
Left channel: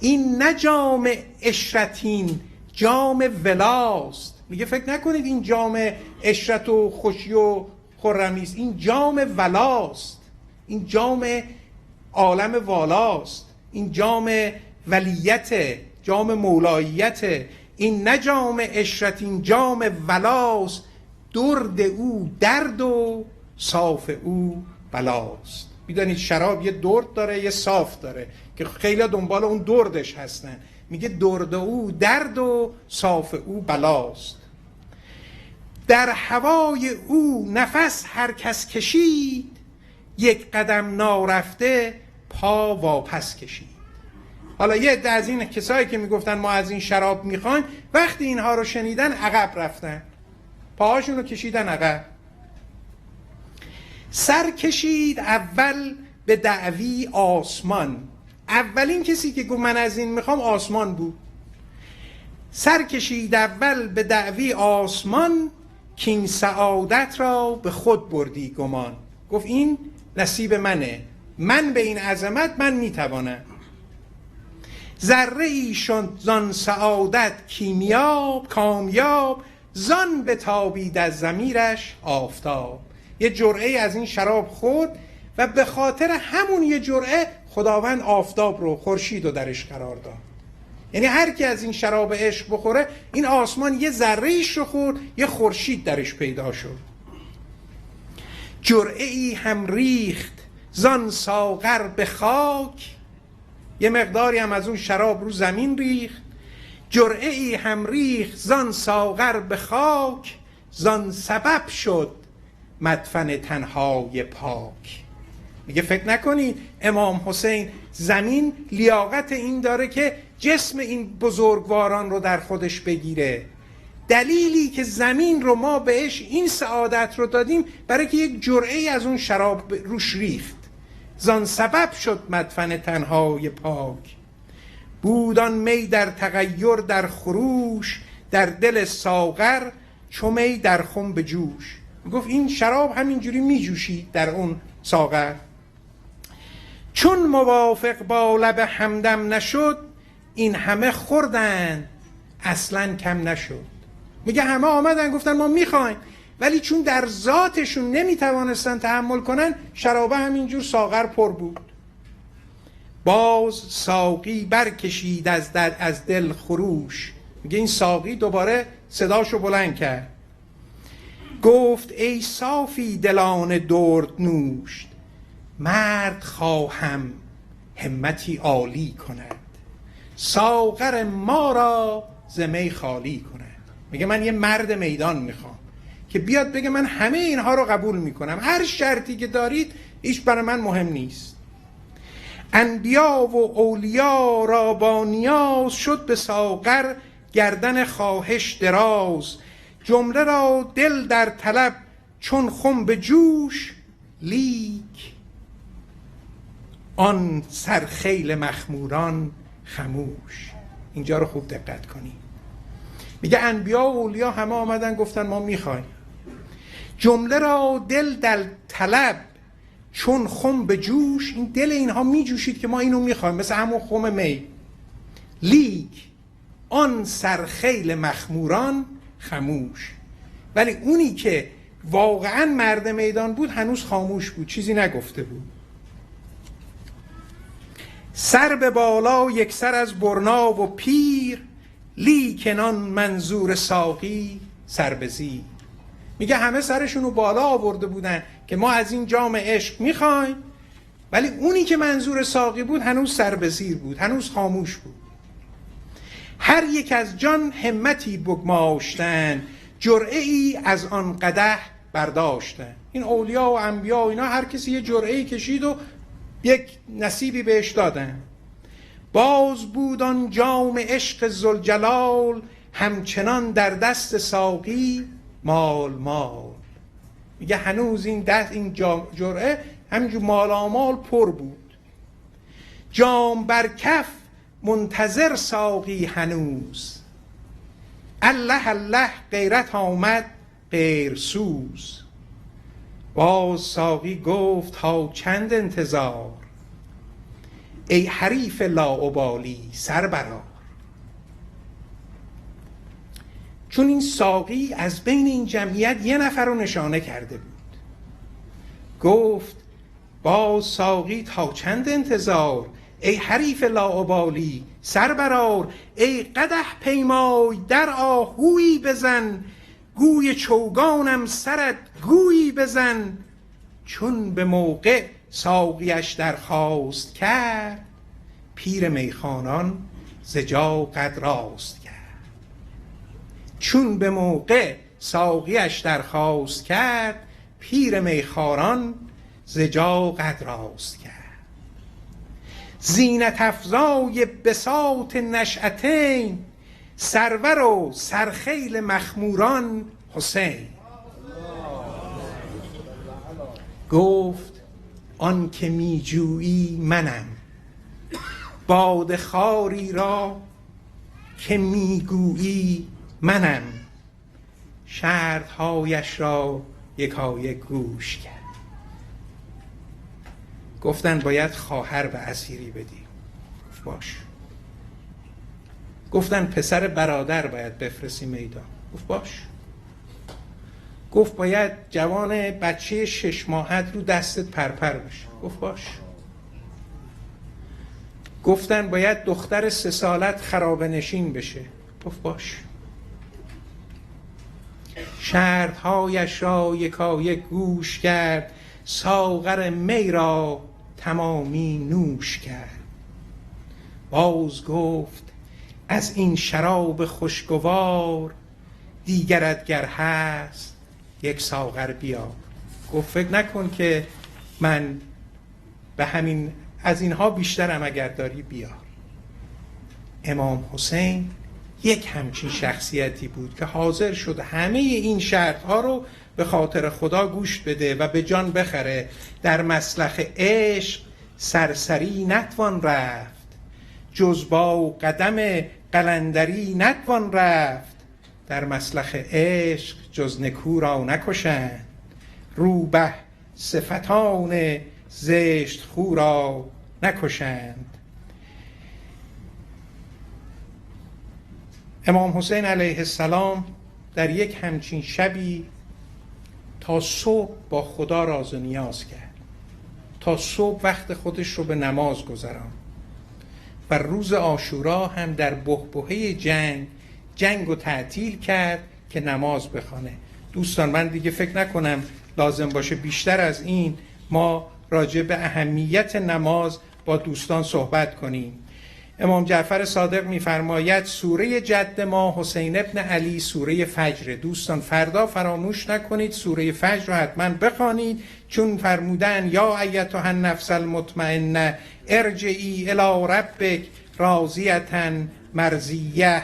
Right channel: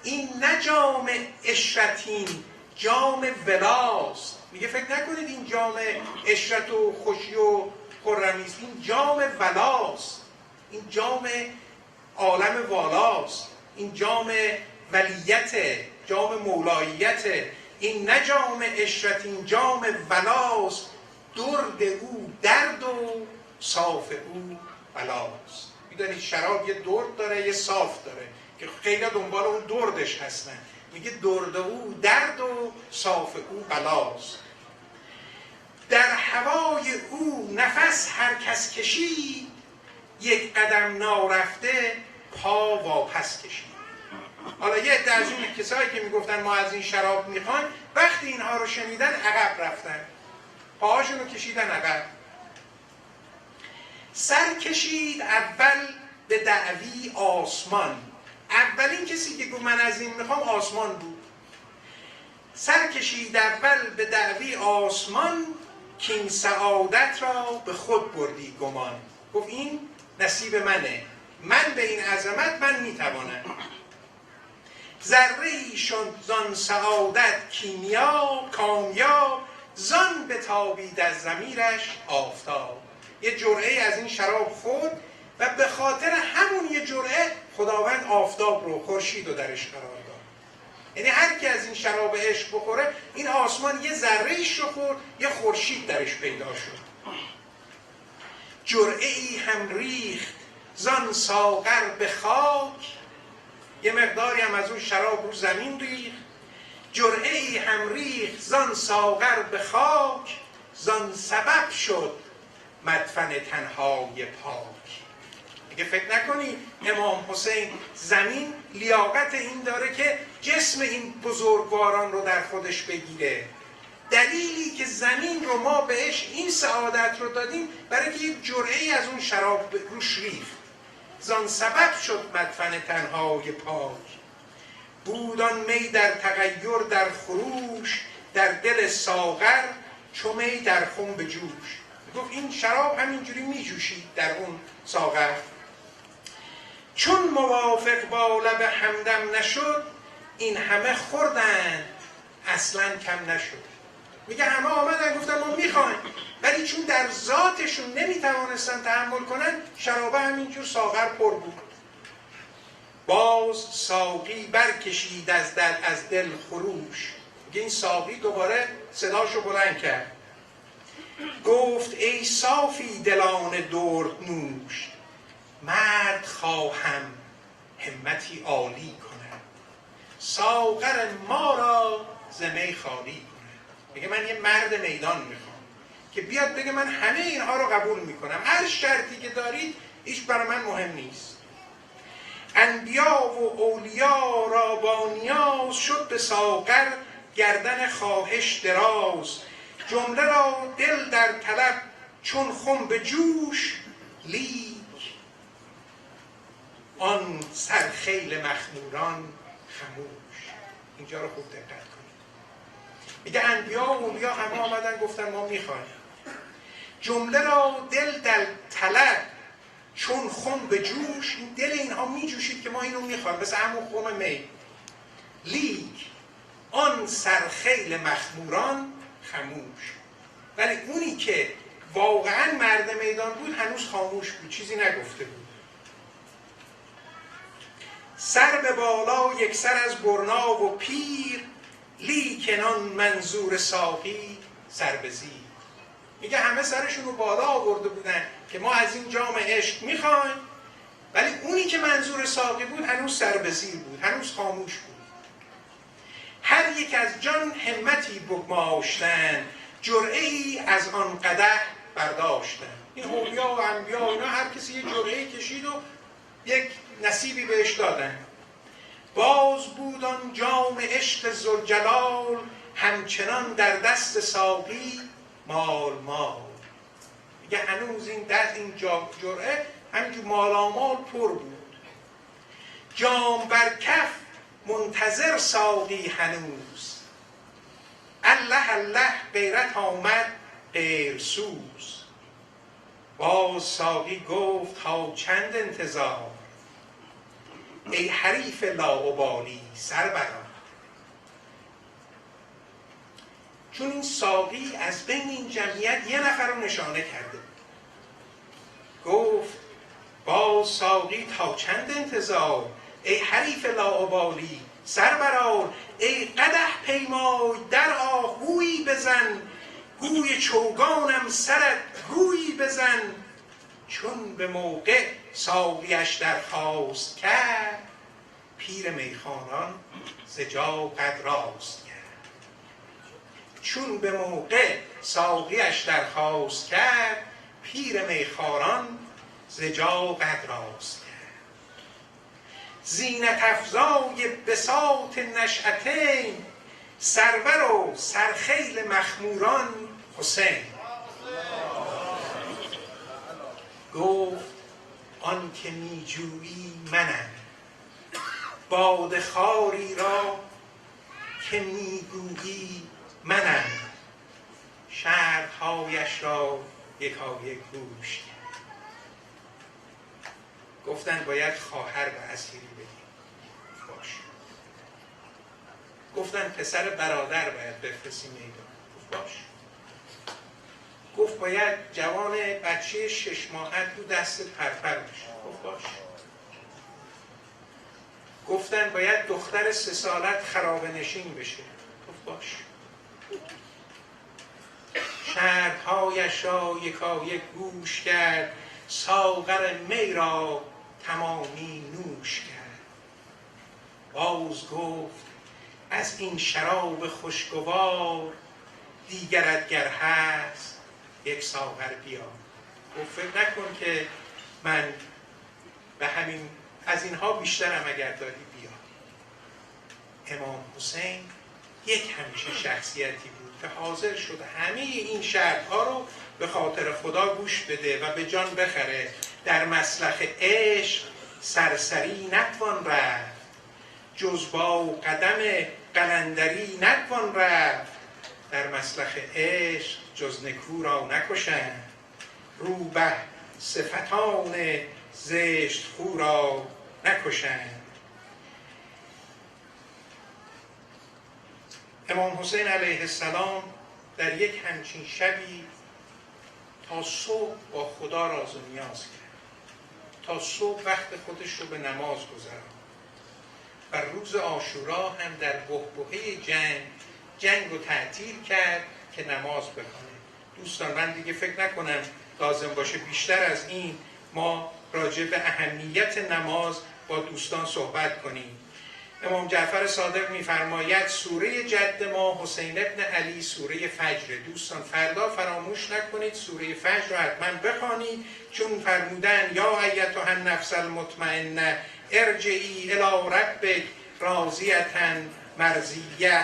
این نه جام عشرتین، جام ولاست. میگه فکر نکنید این جام عشرت و خوشی و خرمی است، این جام ولاست، این جام عالم والاست، این جام ولیت، جام مولاییت. این نه جام عشرت، این جام ولاست. درد او درد و صاف او بلاست. میدونید شراب یه درد داره یه صاف داره که خیلی دنبال اون دردش هستن. میگه درد او درد و صاف او بلاست. در هوای او نفس هر کس کشید، یک قدم نارفته پا واپس کشید. حالا یه عده از این کسایی که میگفتن ما از این شراب میخوایم، وقتی اینها رو شنیدن عقب رفتن، پاهاشون رو کشیدن عقب. سر کشید اول به دعوی آسمان. اولین کسی که گفت من از این میخوام آسمان بود. سر کشید اول به دعوی آسمان، که این سعادت را به خود بردی گمان. گفت این نصیب منه، من به این عظمت من میتوانم. ذره ایشون زان سعادت کیمیاب کامیاب، زان بتابید از ضمیرش آفتاب. یه جرعه از این شراب خورد و به خاطر همون یه جرعه خداوند آفتاب رو، خورشید رو درش قرار داد. یعنی هر کی از این شراب عشق بخوره، این آسمان یه ذره ایش رو خورد، یه خورشید درش پیدا شد. جرعه ای هم ریخت زان ساغر به خاک، یه مقداری هم از اون شراب رو زمین ریخت. جرعه ای هم ریخت زان ساغر به خاک، زان سبب شد مدفن تنهای پاک. میگه فکر نکنی امام حسین زمین لیاقت این داره که جسم این بزرگواران رو در خودش بگیره. دلیلی که زمین رو ما بهش این سعادت رو دادیم برای که یک جرعه از اون شراب روش ریخت. زان سبب شد مدفن تنهای پاک. بودان می در تغییر در خروش، در دل ساغر چو می در خم به جوش. گفت این شراب همینجوری می جوشید در اون ساغر. چون موافق با لب همدم نشد، این همه خوردن اصلا کم نشد. میگه همه آمدن گفتن ما میخوایم، ولی چون در ذاتشون نمیتوانستن تحمل کنن، شرابه همینجور ساغر پر بود. باز ساقی برکشید از دل خروش. میگه این ساقی دوباره صداشو بلند کرد، گفت ای صافی دلان درد نوش، مرد خواهم همتی عالی کند، ساغر ما را ز می خالی کند. میگه من یه مرد میدان میخوام که بیاد بگه من همه اینها رو قبول میکنم، هر شرطی که دارید هیچ برای من مهم نیست. انبیا و اولیا را با نیاز، شد به ساغر گردن خواهش دراز. جمله را دل در طلب چون خم به جوش، لیک آن سرخیل مخموران خموش. اینجا رو خوب دقت کنید. میگه انبیا و اولیا همه آمدن گفتن ما میخوایم. جمله را دل در طلب چون خم به جوش، این دل اینها میجوشید که ما اینو میخوایم، مثل همون خم می. لیک آن سرخیل مخموران خموش، ولی اونی که واقعا مرد میدان بود هنوز خاموش بود، چیزی نگفته بود. سر به بالا یک سر از برنا و پیر، لیکن آن منظور ساقی سر به زیر. میگه همه سرشون رو بالا آورده بودن که ما از این جام عشق میخوایم، ولی اونی که منظور ساقی بود هنوز سر به زیر بود، هنوز خاموش بود. هر یک از جان همتی بگماشتن، جرعه ای از آن قدح برداشتن. این اولیا و انبیا و اینا هر کسی یه جرعه ای کشید و یک نصیبی بهش دادن. باز بود آن جام عشق ذوالجلال، همچنان در دست ساقی مال مال. میگه هنوز این جرعه همینجور مالامال پر بود. جام بر کف منتظر ساقی هنوز، الله الله غیرت آمد غیرسوز. باز ساقی گفت ها چند انتظار، ای حریف لاابالی سر برآر. چون این ساقی از بین این جمعیت یه نفر رو نشانه کرده بود. گفت باز ساقی تا چند انتظار، ای حریف لاابالی سر برآر. ای قدح پیمای در آهویی بزن، گوی چوگانم سرت گویی بزن. چون به موقع ساقیش درخواست کرد، پیر میخوانان ز جا قد راست کرد. چون به موقع ساقیش درخواست کرد، پیر میخواران ز جا قد راست کرد. زینت افزای بساط نشأتین، سرور و سرخیل مخموران حسین. گفت آن که می جویی منم، باده خواری را که می گویی منم. شرطهایش را یکایک گوش کرد. گفتن باید خواهر به اسیری بدی. باش. گفتن پسر برادر باید بفرستی میدان. گفت باش. گفت باید جوان بچه 6 ماهت رو دستت پرپر بشه. گفت باش. گفتن باید دختر 3 سالت خرابه نشین بشه. گفت باش. شرطهایش را یکایک گوش کرد، ساغر می را تمامی نوش کرد. باز گفت از این شراب خوشگوار، دیگرت گر هست یک ساغر بیا. گفت فکر نکن که من به همین از اینها بیشترم، اگر داری بیا. امام حسین یک همچین شخصیتی بود که حاضر شد همه این شرطها رو به خاطر خدا گوش بده و به جان بخره. در مسلخ عشق سرسری نتوان رفت، جز با قدم قلندری نتوان رفت. در مسلخ عشق جز نکو را نکشند، روبه صفتان زشت خو را نکشند. امام حسین علیه السلام در یک همچین شبی تا صبح با خدا راز و نیاز کرد، تا صبح وقت خودش رو به نماز گذراند و روز عاشورا هم در بحبوحه جنگ رو تعطیل کرد که نماز بخوانه. دوستان من دیگه فکر نکنم لازم باشه بیشتر از این ما راجع به اهمیت نماز با دوستان صحبت کنیم. امام جعفر صادق می‌فرماید سوره جد ما حسین ابن علی سوره فجر. دوستان فردا فراموش نکنید سوره فجر رو حتما بخوانید، چون فرمودن یا ایتها النفس المطمئنه ارجعی الی ربک راضیة مرضیه.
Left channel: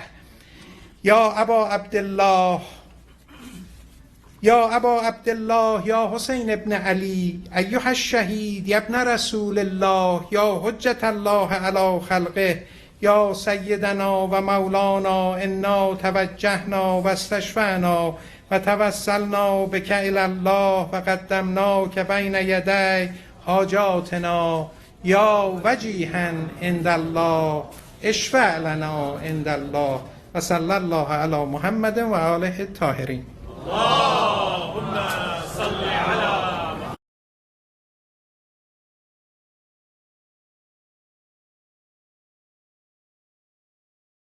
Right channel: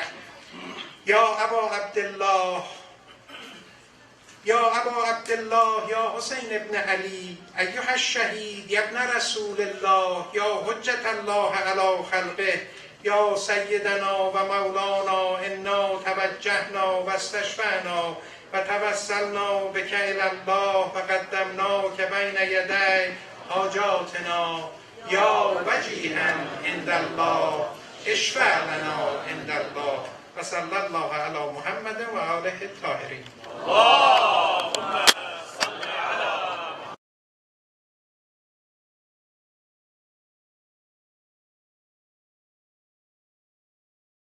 یا ابا عبدالله یا حسین ابن علی ایها الشهید یا ابن رسول الله یا حجت الله علی خلقه یا سیدنا و مولانا انا توجهنا و استشفعنا و توسلنا بک الی الله و قدمناک بین یدی حاجاتنا یا وجیها عند الله اشفع لنا عند الله و صلی الله علی محمد و آله الطاهرین.